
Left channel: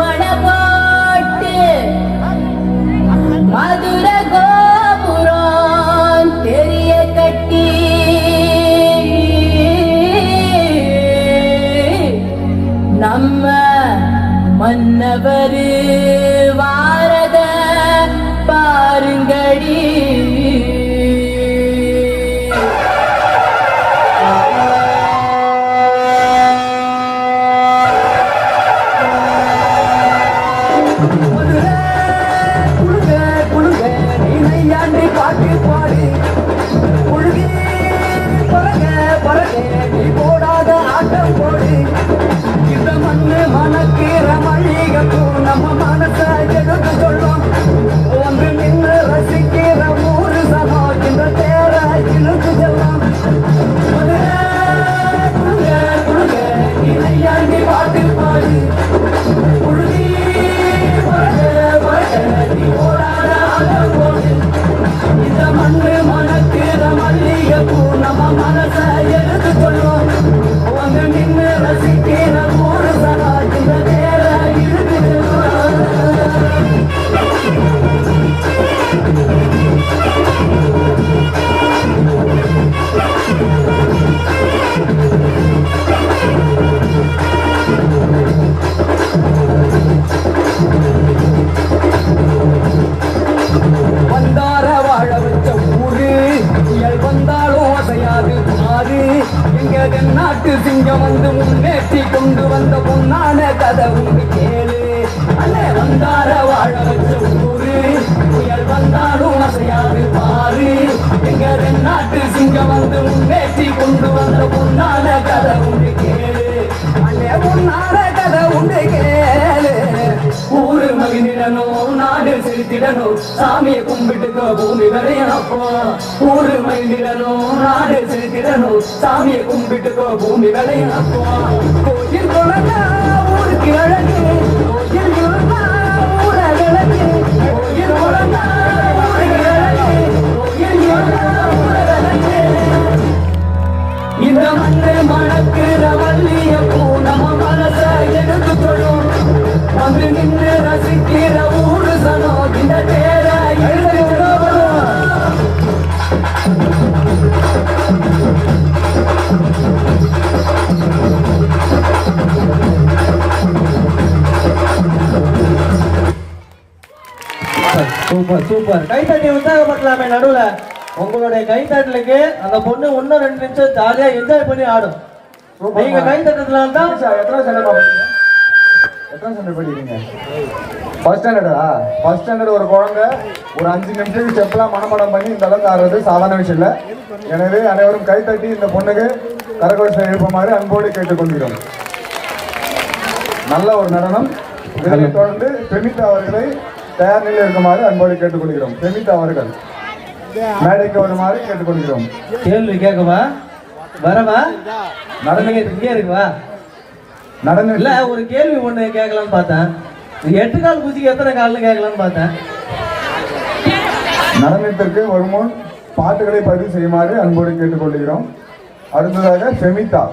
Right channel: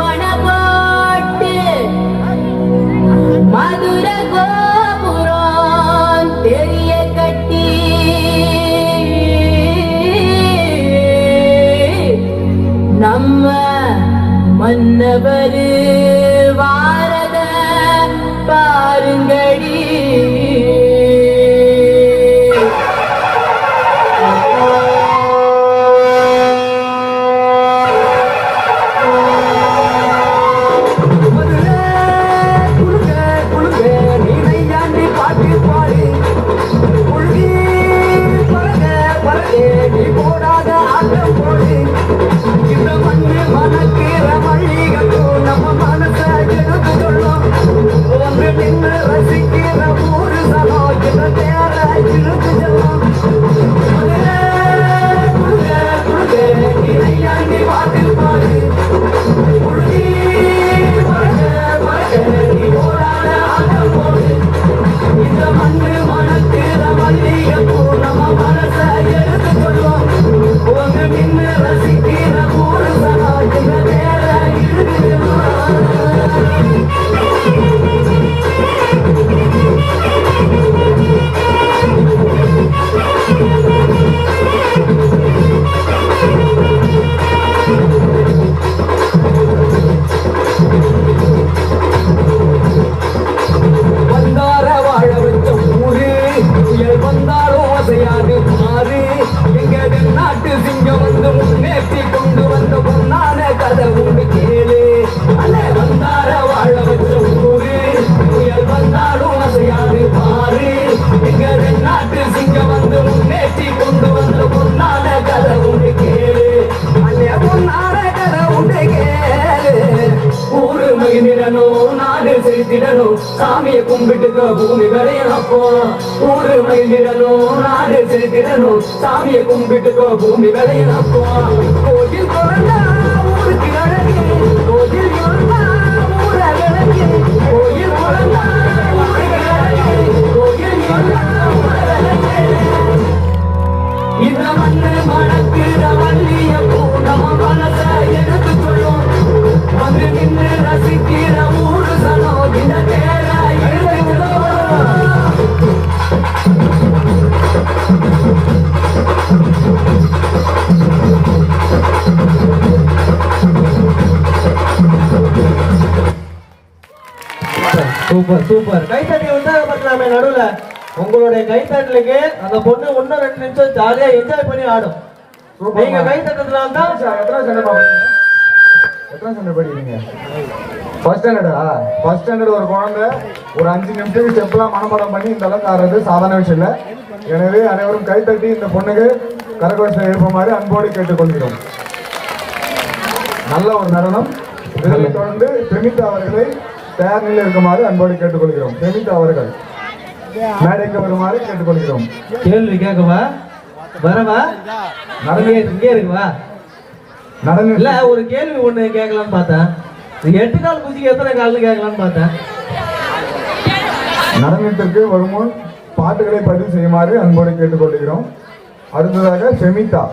வட போட்டு மதுர கோபுரம் தெரிய கட்டி நம்ம மன்னவரு செலுத்திடணும் சாமியை கும்பிட்டுக்க பூமி விளையாப்போ ஊரு மயிலிடணும் நாடு செலுத்திடணும் சாமியை கும்பிட்டுக்க பூமி விளையாப்போ கோயில் குழந்தா ஊருக்கு அழகு கோயில் குழந்தா ஊர விளக்கு கோயில் குழந்தா ஊருக்கு அழகு கோயில் குழந்தா ஊர விளக்கு இந்த மண்ணு மணக்கிற வள்ளிய பூ நம்ம மனச எடுத்துக்கொள்ளும் வந்து நின்று ரசிக்கிற ஊரு சனோ இந்த தேர சூப்பர் சூப்பர் கைத்தட்டி உற்சாகப்படுத்தலாமே நடுவுல உங்களுடைய கைத்தட்டலுக்கு அந்த பொண்ணு இன்னும் 2 நிமிஷம் ஜாலியா என்ஜாய் பண்ணி ஆடும் நீங்க கைத்தட்டதுனால தான் எத்தனை ஸ்டாண்டர்ட் படிக்கிறீங்க? ஃபர்ஸ்ட் ஸ்டாண்டர்டா? ஃபர்ஸ்ட் ஸ்டாண்டர்ட் ஒரு குழந்தை ஒரு 5 நிமிஷம் ஸ்டெப்லாம் மனப்பாடம் பண்ணி இந்த அளவுக்கு ஆடுறது சாதாரண விஷயம் இல்லை. எனவே அனைவரும் கைத்தட்டி இந்த பொண்ணுக்கு கரகோஷம் எழுப்புமாறு அன்போடு கேட்டுக்கொள்கிறோம். நல்ல ஒரு நடனம். இதனை தொடர்ந்து பிரமிதா அவர்களை தயார் நிலையில் இருக்குமாறு அன்போடு கேட்டுக்கொள்கிறோம். பிரமிதா அவர்கள் மேடைக்கு வருமாறு கேட்டுக்கொள்கிறோம். கேள்வி கேட்கவா வரவா நடனே இங்கே இருக்குவா நடனம் இல்ல ஒரு கேள்வி ஒண்ணு கேட்கலான்னு பார்த்தேன். 8 கால் குதிக்கு எத்தனை கால்னு கேட்கலான்னு பார்த்தேன். நடனத்திற்கு வருமுன் பாட்டுகளை பதிவு செய்யுமாறு அன்போடு கேட்டுக்கொள்கிறோம். அடுத்ததாக செமிதா.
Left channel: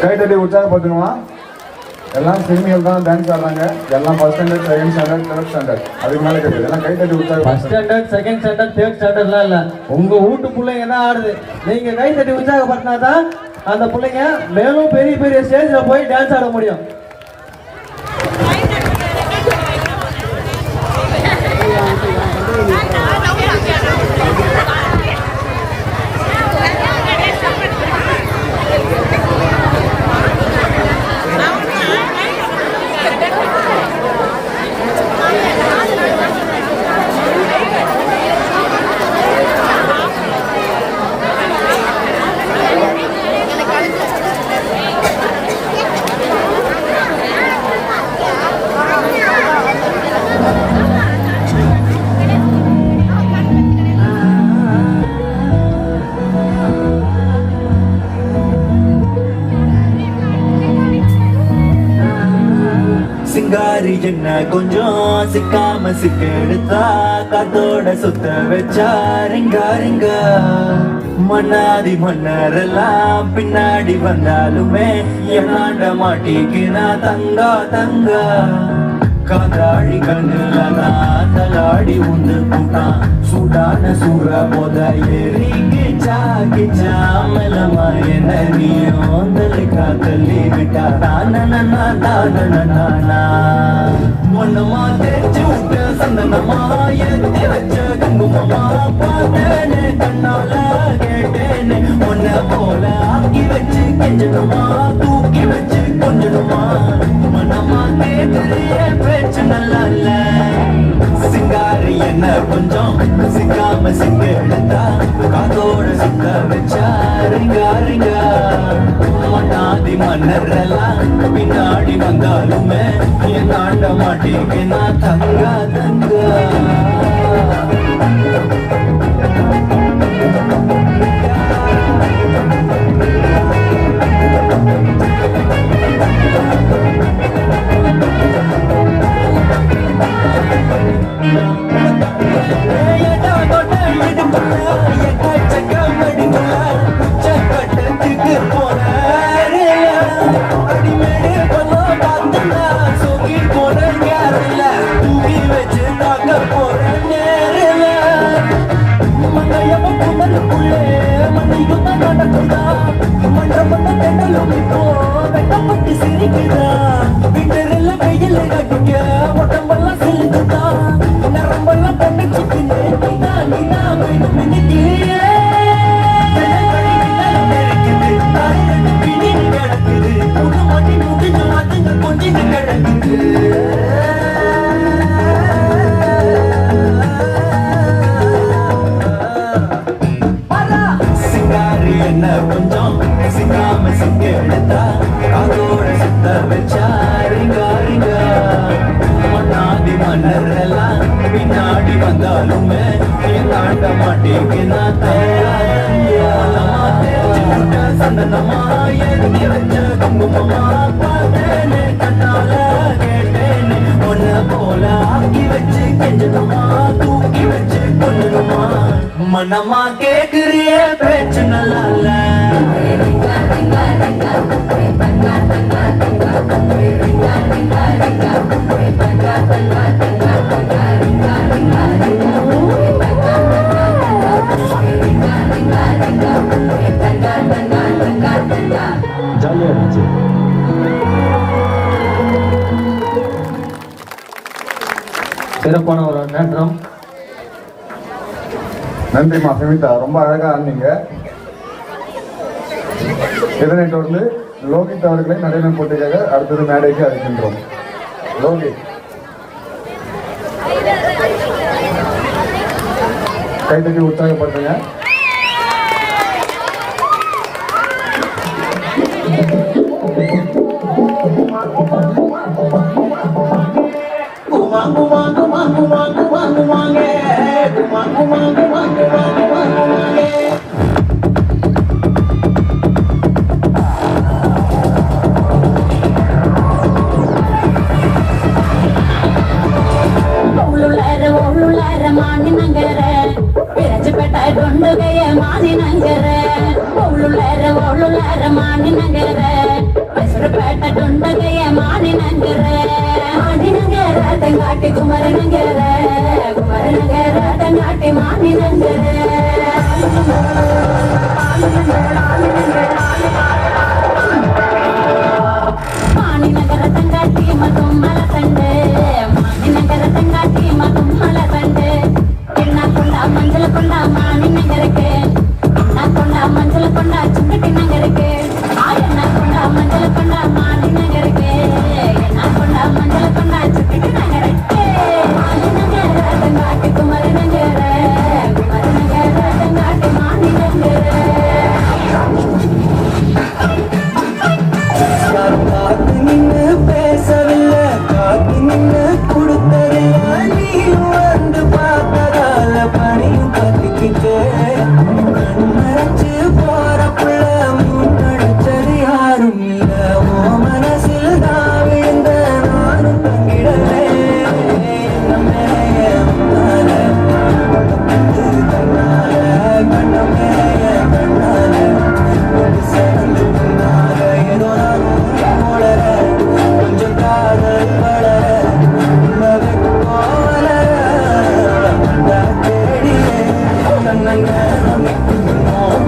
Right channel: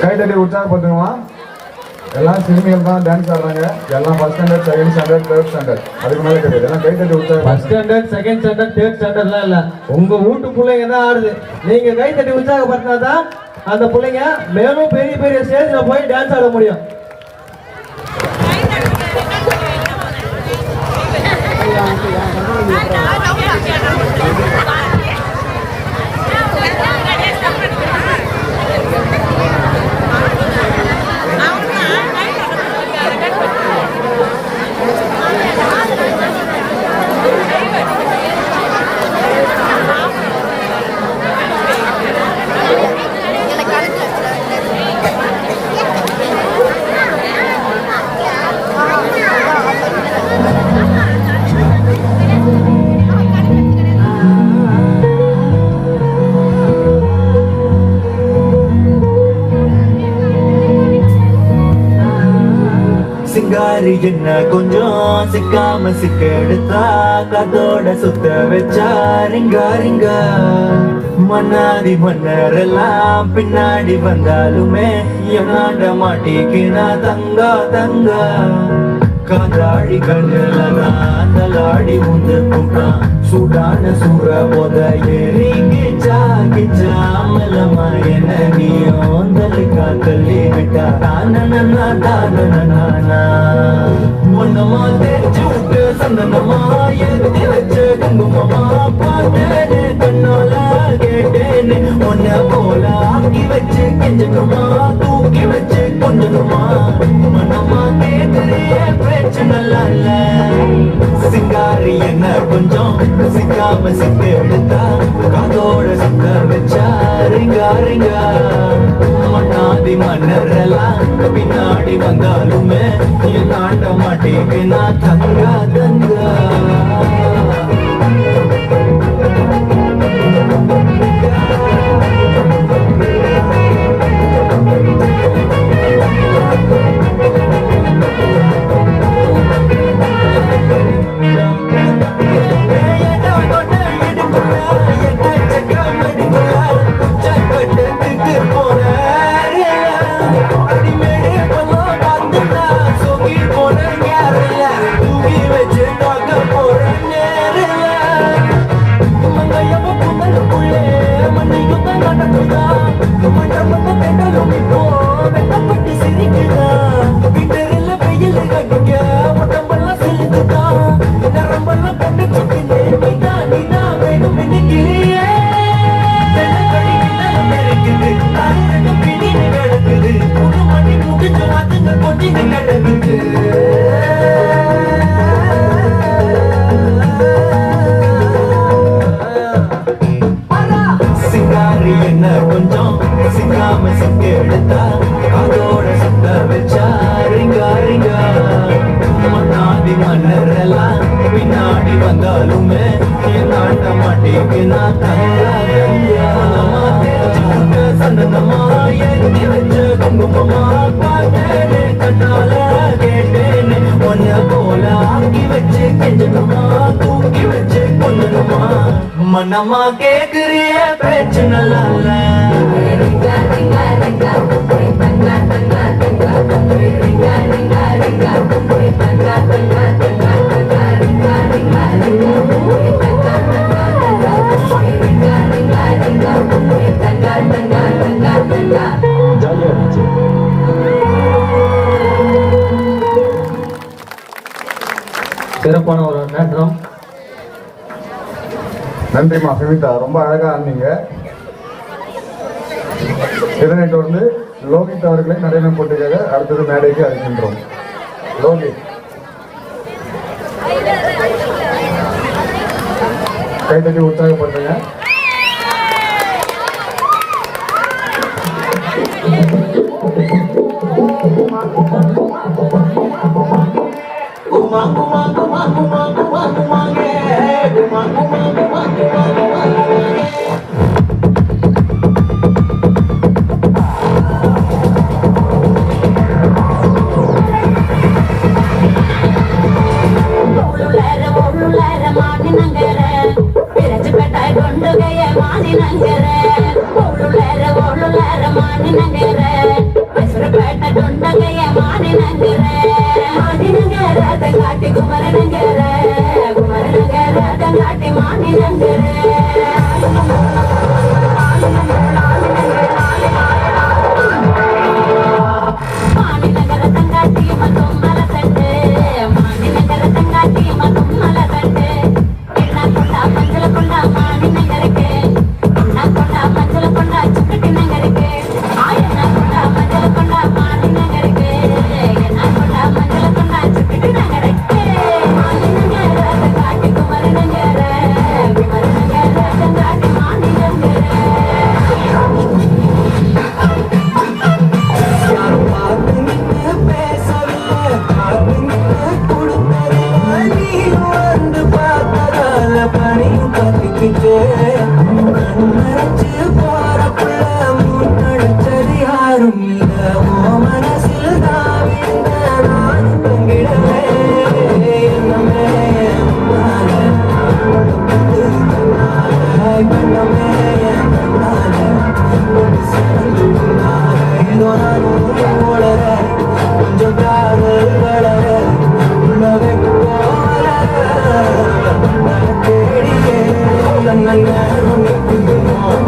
கைத்தட்டி உற்சாகப்படுத்தணுமா? எல்லாம் சிறுமிகள் தான் டான்ஸ் ஆடுறாங்க. எல்லாம் first standard, second standard, third standard, அதுக்கு மேலே கிடையாது. எல்லாம் கைத்தட்டி உற்சாகம். First standard, second standard, third ஸ்டாண்டர்ட்லாம் இல்ல. உங்க வீட்டு பிள்ளைங்க என்ன ஆடுது நீங்க கைத்தட்டி உற்சாகப்படுத்தினா தான் அந்த பிள்ளைங்க மேலும் பெரிய பெரிய ஸ்டேஜ்ல போய் டான்ஸ் ஆட முடியும். சிங்காரி என்ன கொஞ்சம் சிக்காம சிக்க எடுத்தா கதோட சுத்த வச்சா ரிங்கா ரிங்கா மன்னாதி மன்னரெல்லாம் பின்னாடி வந்தாலுமே என்னாண்ட மாட்டிக்கினா தங்கா தங்கா காதாடி கண்ணுலாம் தலாடி உண்டு கூட்டான் சூடான சூற போத ஏறிக்கிச்சா கிச்சா மலமா என்ன நீயும் தலுக்கா கல்லி விட்டா தானனா தானனா மனமா தேய்ச்சி விட்டு சந்தனமா எத்தி வச்ச குங்குமமா பார்த்தேன்னு கண்ணால கேட்டேன்னு உன்ன போல ஆக்கி வச்சு கெஞ்சணுமா தூக்கி வச்சு கொஞ்சணுமா மனமா கேட்கிறிய பேச்சு நல்லா இல்ல சிங்காரி என்ன கொஞ்சம் சிக்காம சிக்க எடுத்தா காதோட சிக்க வச்சா ரிங்கா ரிங்கா மண்ணாதி மன்னரெல்லாம் பின்னாடி வந்தாலுமே என் ஆண்ட மாட்டேங்க நான் தங்கா தங்கா சிரிக்கிறா வந்தாலுமே நீ தாண்ட மாட்டேங்கினா சந்தனமா எழுதி வச்ச குங்குமமா பார்த்தேன்னு கண்ணால கேட்டேன்னு ஒன்ன போல ஆக்கி வச்சு கெஞ்சணுமா தூக்கி வச்சு கொள்ளணுமா மனமா கேக்குறிய பேச்சு நல்லா இல்ல ஜாலியா இருந்துச்சு. சிறப்பான ஒரு நேற்றம். நன்றிமா சுமிதா, ரொம்ப அழகா ஆனீங்க. இதனைத் தொடர்ந்து லோகித் அவர்களை நடன போட்டிக்காக அடுத்தது மேடைக்கு அழைக்கின்றோம். லோகித் கைத்தட்டி உற்சாகப்படுத்துங்க. Thank you.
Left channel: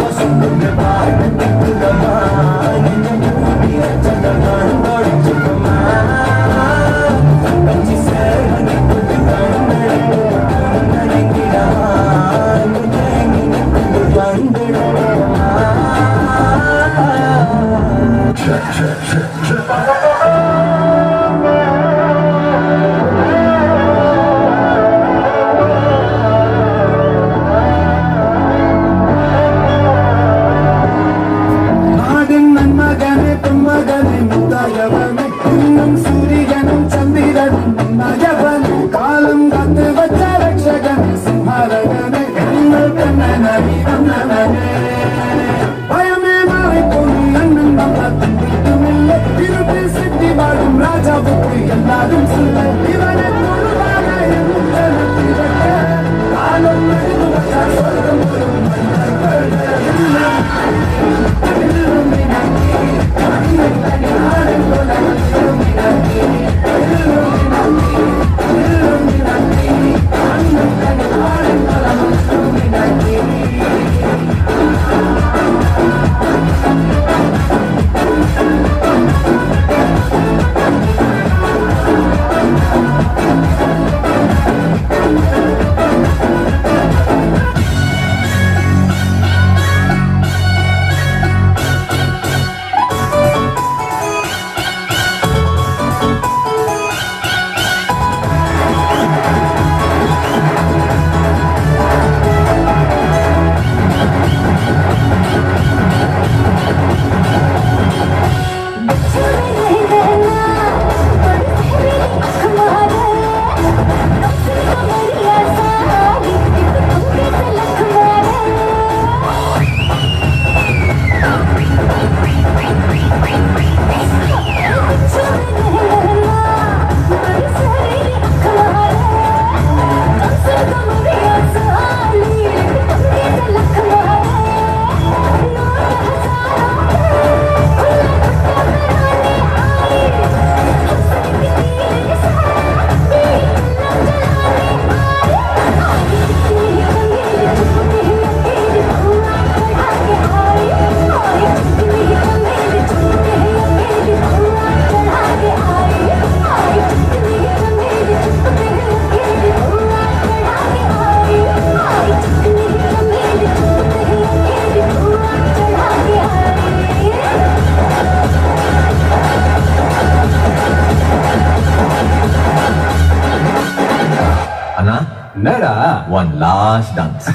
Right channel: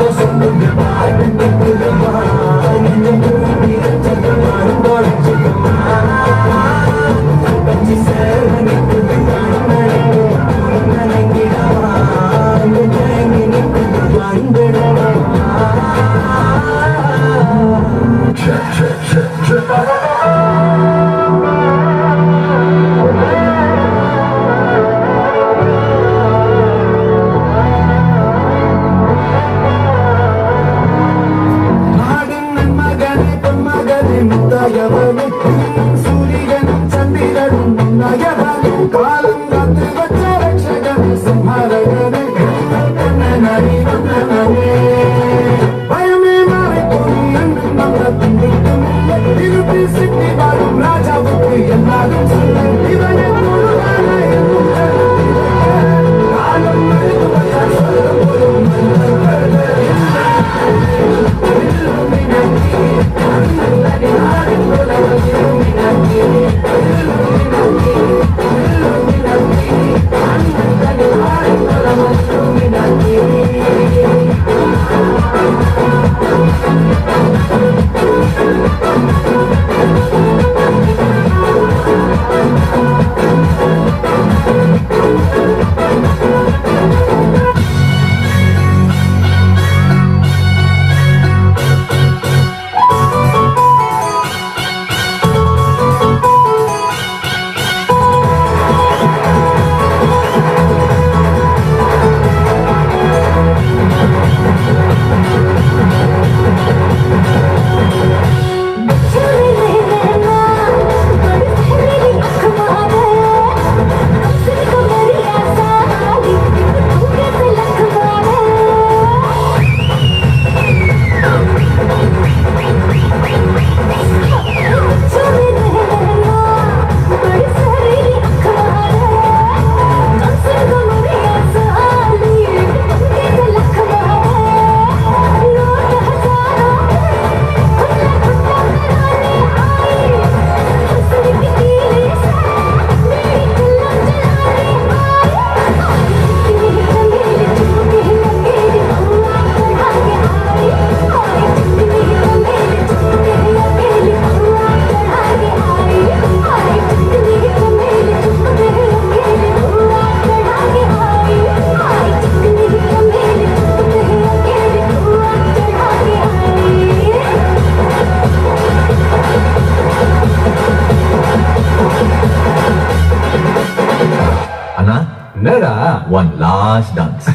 One last dance.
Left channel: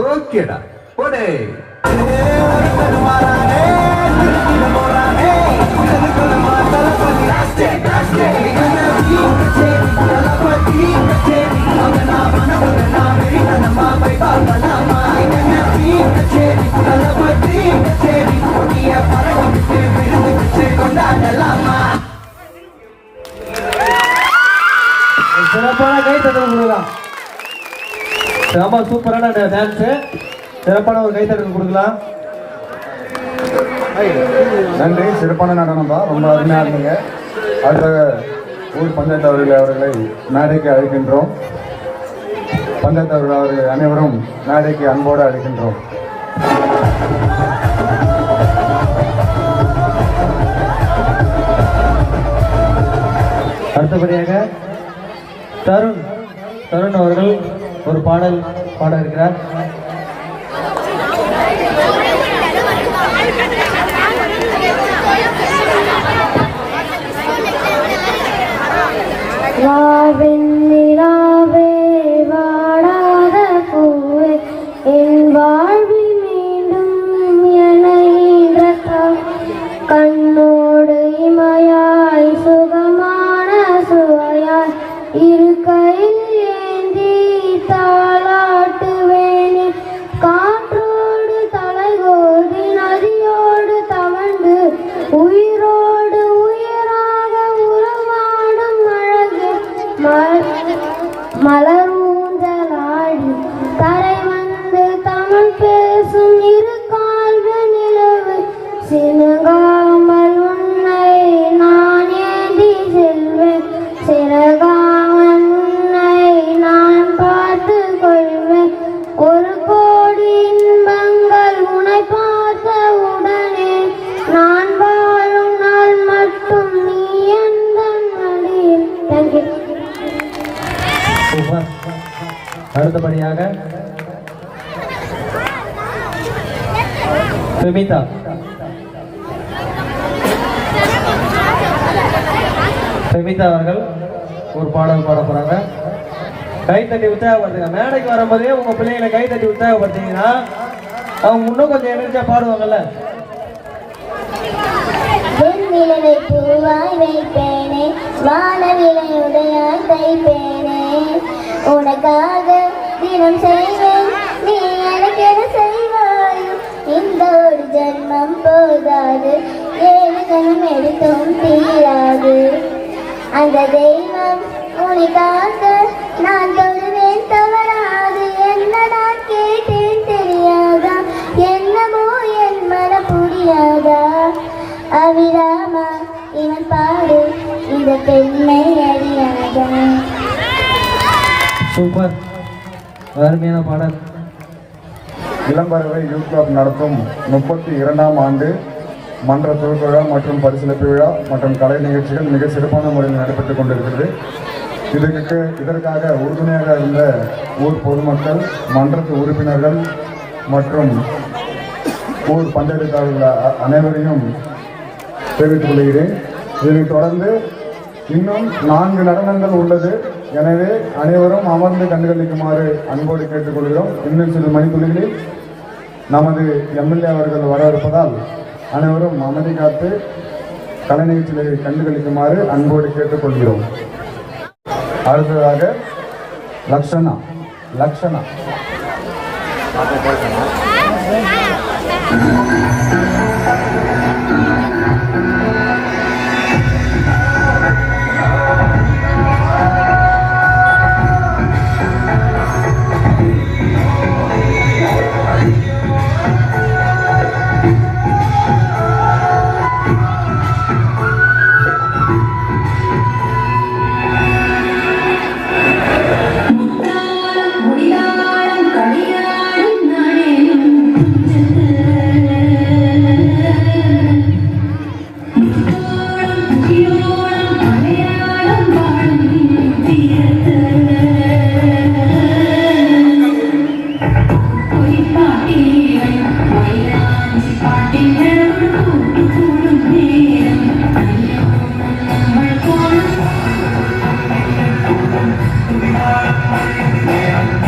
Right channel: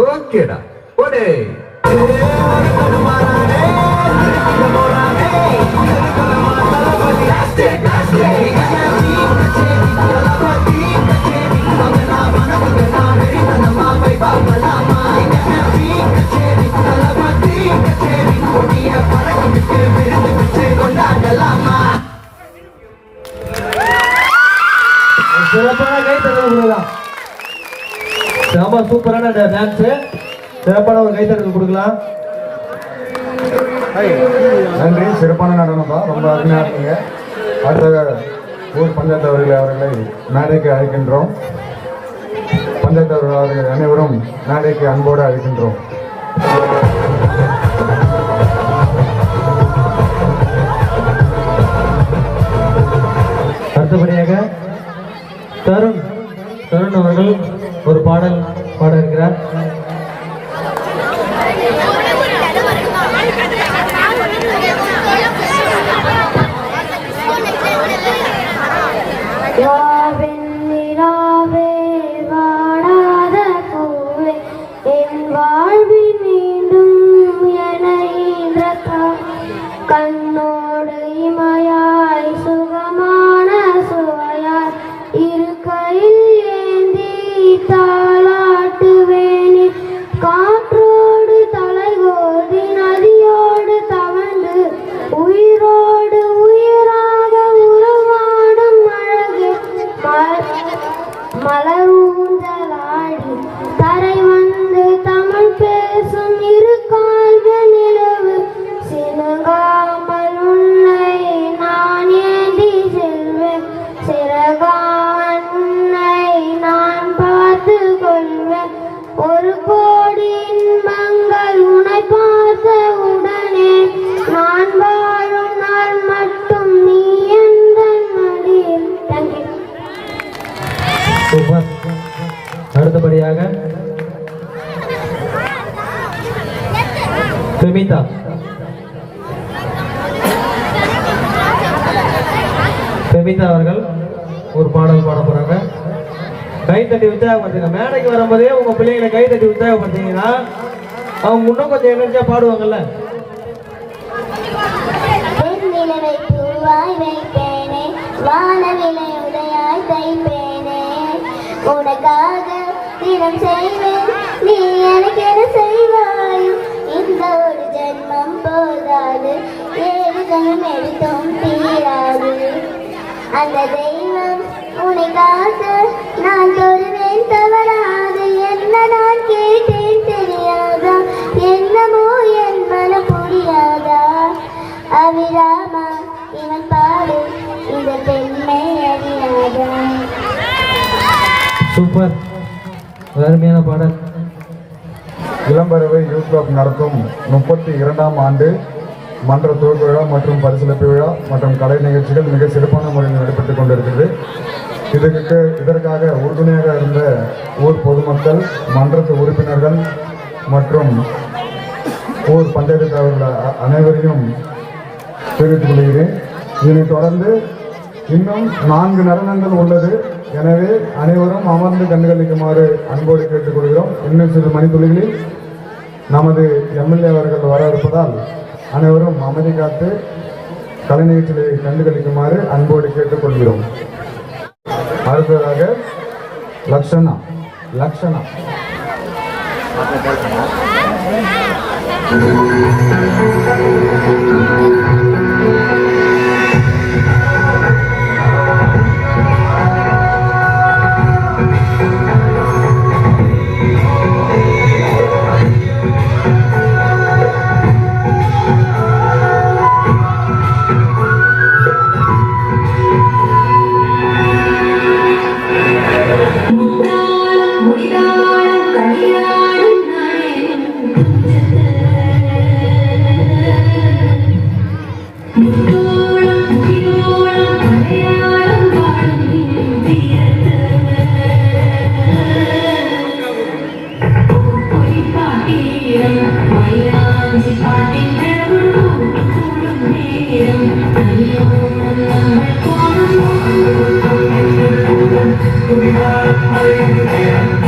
ஓகேடா போடே. சிறப்பான கை தட்டல் கொடுக்கலாம். செம சூப்பரான டான்ஸ். சிறப்பான ஒரு கை தட்டல் கொடுக்கலாம். நன்றி, சிறப்பான நடனம்பா, ரொம்ப அருமையாக இருந்தீங்க. அடுத்த ஊர் பஞ்சாயத்து அவர்களை மேடைக்கு அழைக்கின்றோம். பஞ்சாயத்து அவர்கள் அனைவரும் மேடைக்கு அன்போடு அழைக்கின்றோம். அடுத்தபடியாக தருண் அவர்கள் ஒரு பாடல் பாட இருக்கிறார். வாவெண்ணிலாவே வாடாத பூவே என் வாழ்வில் மீண்டும் என்னை இழக்கும். கண்ணோடு இமையாய் சுகமான சுவையாய் இரு கையில் ஏந்தி தாலாட்டுவேனே. காற்றோடு தலைகோதி நதியோடு தவண்டு உயிரோடு உயிராக உறவாடும் அழகு மலரூந்தலாடி தரை வந்து தமிழ் பேசும் இரு கால்கள் நிலவு சினங்காமல் உன்னை நான் ஏந்தி செல்வேன். சிறகாமல் உன்னை நான் பார்த்து கொள்வேன். ஒரு கோடி இன்பங்கள் உன்னை பார்த்த உடனே நான் வாழும் நாள் மட்டும் நீ எந்த மடியில். தேங்க்யூ. சூப்பர். அடுத்தபடியாக பெமிதா அவர்கள் ஒரு பாடல் பாட போறாங்க. கை தட்டி உற்சாகப்படுத்துங்க. மேடைக்கு வரும்போதே உங்க பிள்ளைங்களை கை தட்டி உற்சாகப்படுத்தீங்கன்னா அவங்க இன்னும் கொஞ்சம் எனர்ஜியா பாடுவாங்கல்ல. வெண்ணிலவை பூவாய் வைப்பேனே, வானவிலை உடையாய் தைப்பேனே. உனக்காக தினம் செய்வேன், நீ எனக்கு எது செய்வாயோ. இந்த ஒரு ஜென்மம் போதாது, 7 ஜென்மம் எடுத்தும் தீராது. அந்த தெய்வம் உனக்காக நான் தொழுவேன் தவறாது. என்ன நான் கேட்டேன் தெரியாதா, என்னமோ என் மனம் புரியாதா. அவிராமா இவன் பாடு இந்த பெண்ணை அறியாதா. சூப்பர், அருமையான பாடல். இளம்பறவை யூத் கிளப் நடத்தும் 32ஆம் ஆண்டு மன்ற துவக்க விழா மற்றும் பரிசளிப்பு விழா மற்றும் கலை நிகழ்ச்சிகள் மிக சிறப்பான முறையில் நடைபெற்றுக் கொண்டிருக்கிறது. இதற்காக உறுதுணையாக இருந்த ஊர் பொதுமக்கள், மன்றத்து உறுப்பினர்கள் மற்றும் ஊர் பஞ்சாயத்து தலைவர்கள் அனைவரையும் தெரிவித்துக் கொள்கிறேன். இதனைத் தொடர்ந்து இன்னும் 4 நடனங்கள் உள்ளது. எனவே அனைவரும் அமர்ந்து கண்டுகளிக்குமாறு அன்போடு கேட்டுக்கொள்கிறோம். இன்னும் சில மணித்துளிகளில் நமது எம்எல்ஏ அவர்கள் வர இருப்பதால் அனைவரும் அமைதி காத்து கலை நிகழ்ச்சிகளை கண்டுகளிக்குமாறு அன்போடு கேட்டுக்கொள்கிறோம். அடுத்ததாக லக்ஷனா. Thank you.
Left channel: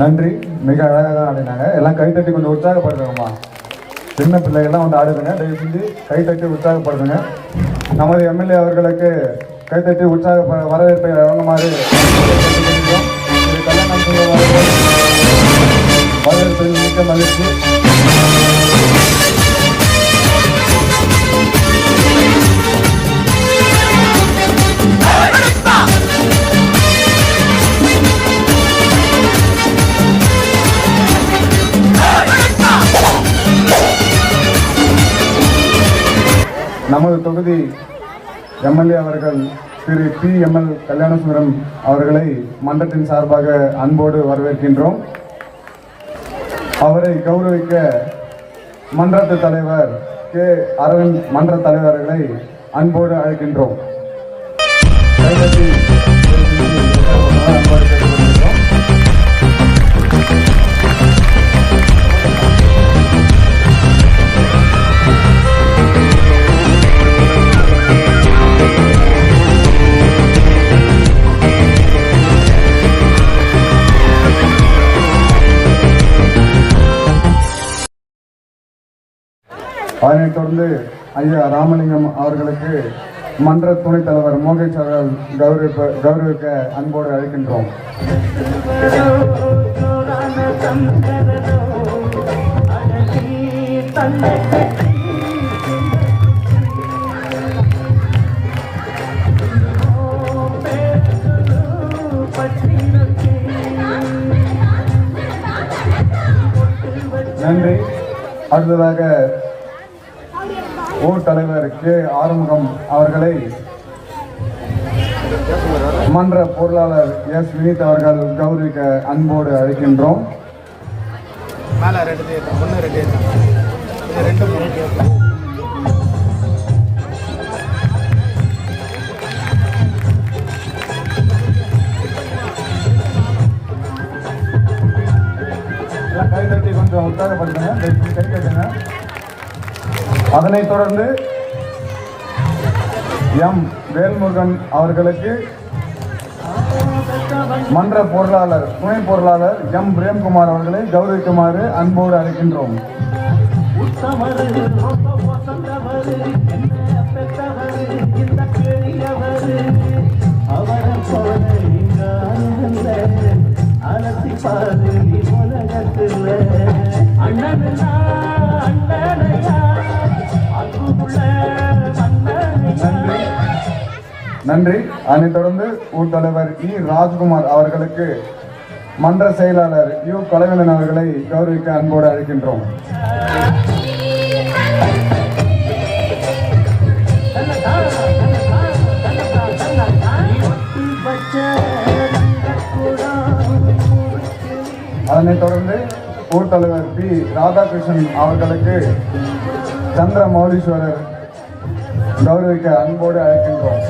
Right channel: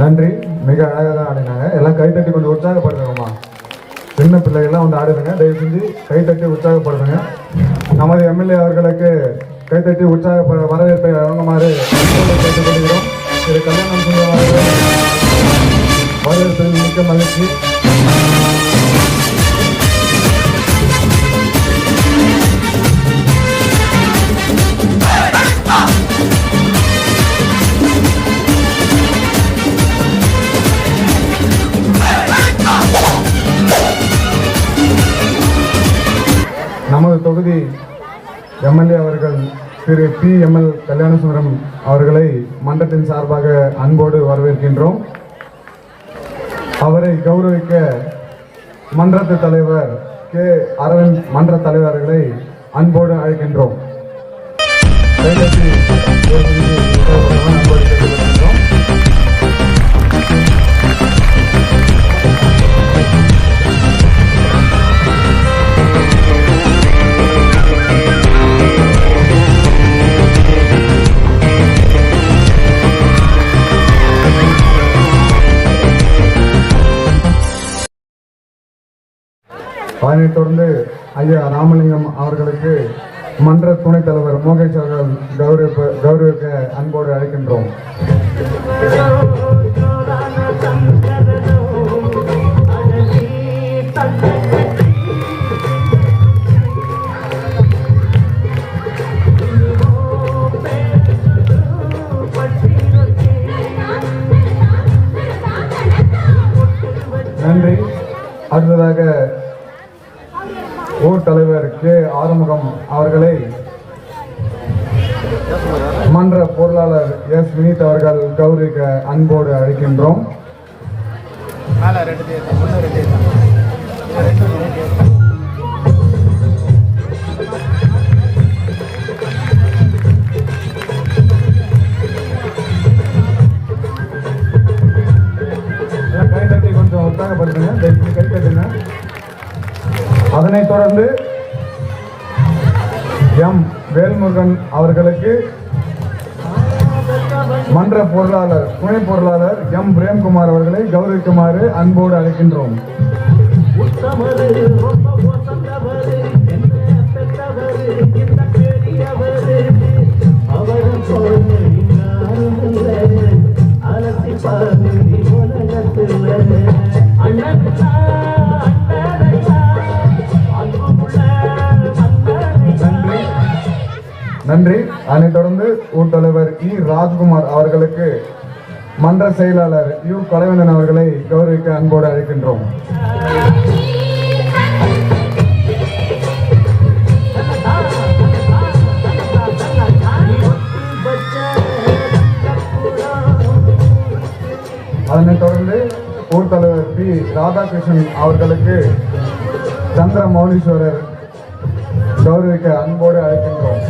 நன்றி. மிக அழகாக தான் ஆடினாங்க. எல்லாம் கைத்தட்டி கொண்டு உற்சாகப்படுத்துங்கம்மா. சின்ன பிள்ளைகள்லாம் வந்து ஆடுதுங்க. தயவு செஞ்சு கைத்தட்டி உற்சாகப்படுத்துங்க. நமது எம்எல்ஏ அவர்களுக்கு கைத்தட்டி வரவேற்பை வழங்குமாறு கேட்டுக்கொள்கிறோம். திரு கல்யாணம் செய்யும் அவர்கள் வரவேற்பதில் மிக்க மகிழ்ச்சி. நமது தொகுதி எம்எல்ஏ அவர்கள் திரு PML கல்யாணசுந்தரம் அவர்களை மன்றத்தின் சார்பாக அன்போடு வரவேற்கின்றோம். அவரை கௌரவிக்க மன்றத்து தலைவர் K. அரவிந்த் மன்ற தலைவர்களை அன்போடு அழைக்கின்றோம். அதனைத் தொடர்ந்து ஐயா ராமலிங்கம் அவர்களுக்கு மன்ற துணைத் தலைவர் மோகேஷ் அவர்கள் கௌரவிக்க அன்போடு அழைக்கின்றோம். நன்றி. அடுத்ததாக ஊர் தலைவர் K. ஆறுமுகம் அவர்களை மன்ற பொருளாளர் S. வினீத் அவர்கள் கௌரவிக்க அன்போடு அழைக்கின்றோம். கைதட்டி கொஞ்சம் உற்சாகப்படுத்துங்க. கை கட்டுங்க. அதனைத் தொடர்ந்து M. வேல்முருகன் அவர்களுக்கு மன்ற பொருளாளர் துணை பொருளாளர் M. பிரேம்குமார் அவர்களை கௌரவிக்குமாறு அன்போடு அழைக்கின்றோம். நன்றி. அதனைத் தொடர்ந்து ஊர் தலைவர் E. ராஜ்குமார் அவர்களுக்கு மன்ற செயலாளர் U. கலைவண்ணன் அவர்களை கௌரவிக்க அன்போடு அழைக்கின்றோம். அதனைத் தொடர்ந்து ஊர் தலைவர் P. ராதாகிருஷ்ணன் அவர்களுக்கு சந்திர மௌலீஸ்வரர் கௌரவிக்க அன்போடு அழைக்கின்றோம்.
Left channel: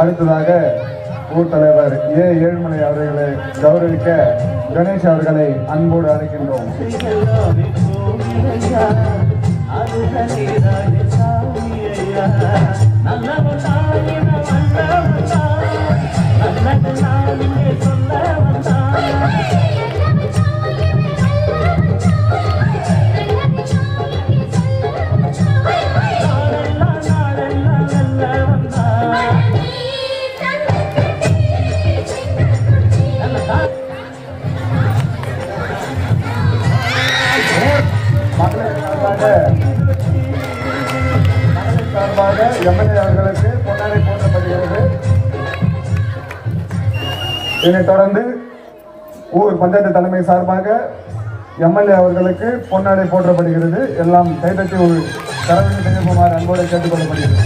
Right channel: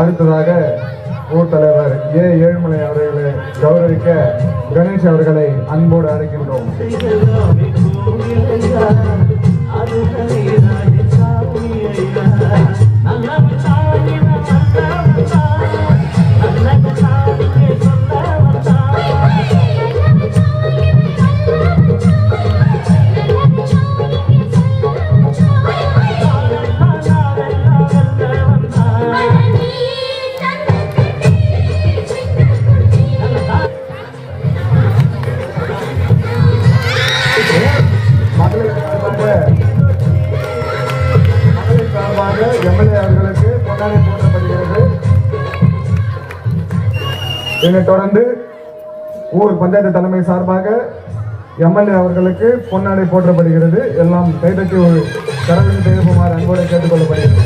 அடுத்ததாக ஊர் தலைவர் A. ஏழுமலை அவர்களை கௌரவிக்க கணேஷ் அவர்களை அன்போடு அழைக்கின்றோம். இதனைத் தொடர்ந்து ஊர் பஞ்சாயத்து தலைமை சார்பாக எம்எல்ஏ அவர்களுக்கு பொன்னாடை போற்றப்படுகிறது. எல்லாம் கைதட்டி ஒரு கரவெளி செய்யுமாறு அன்போடு கேட்டுக்கொள்ளப்படுகிறது.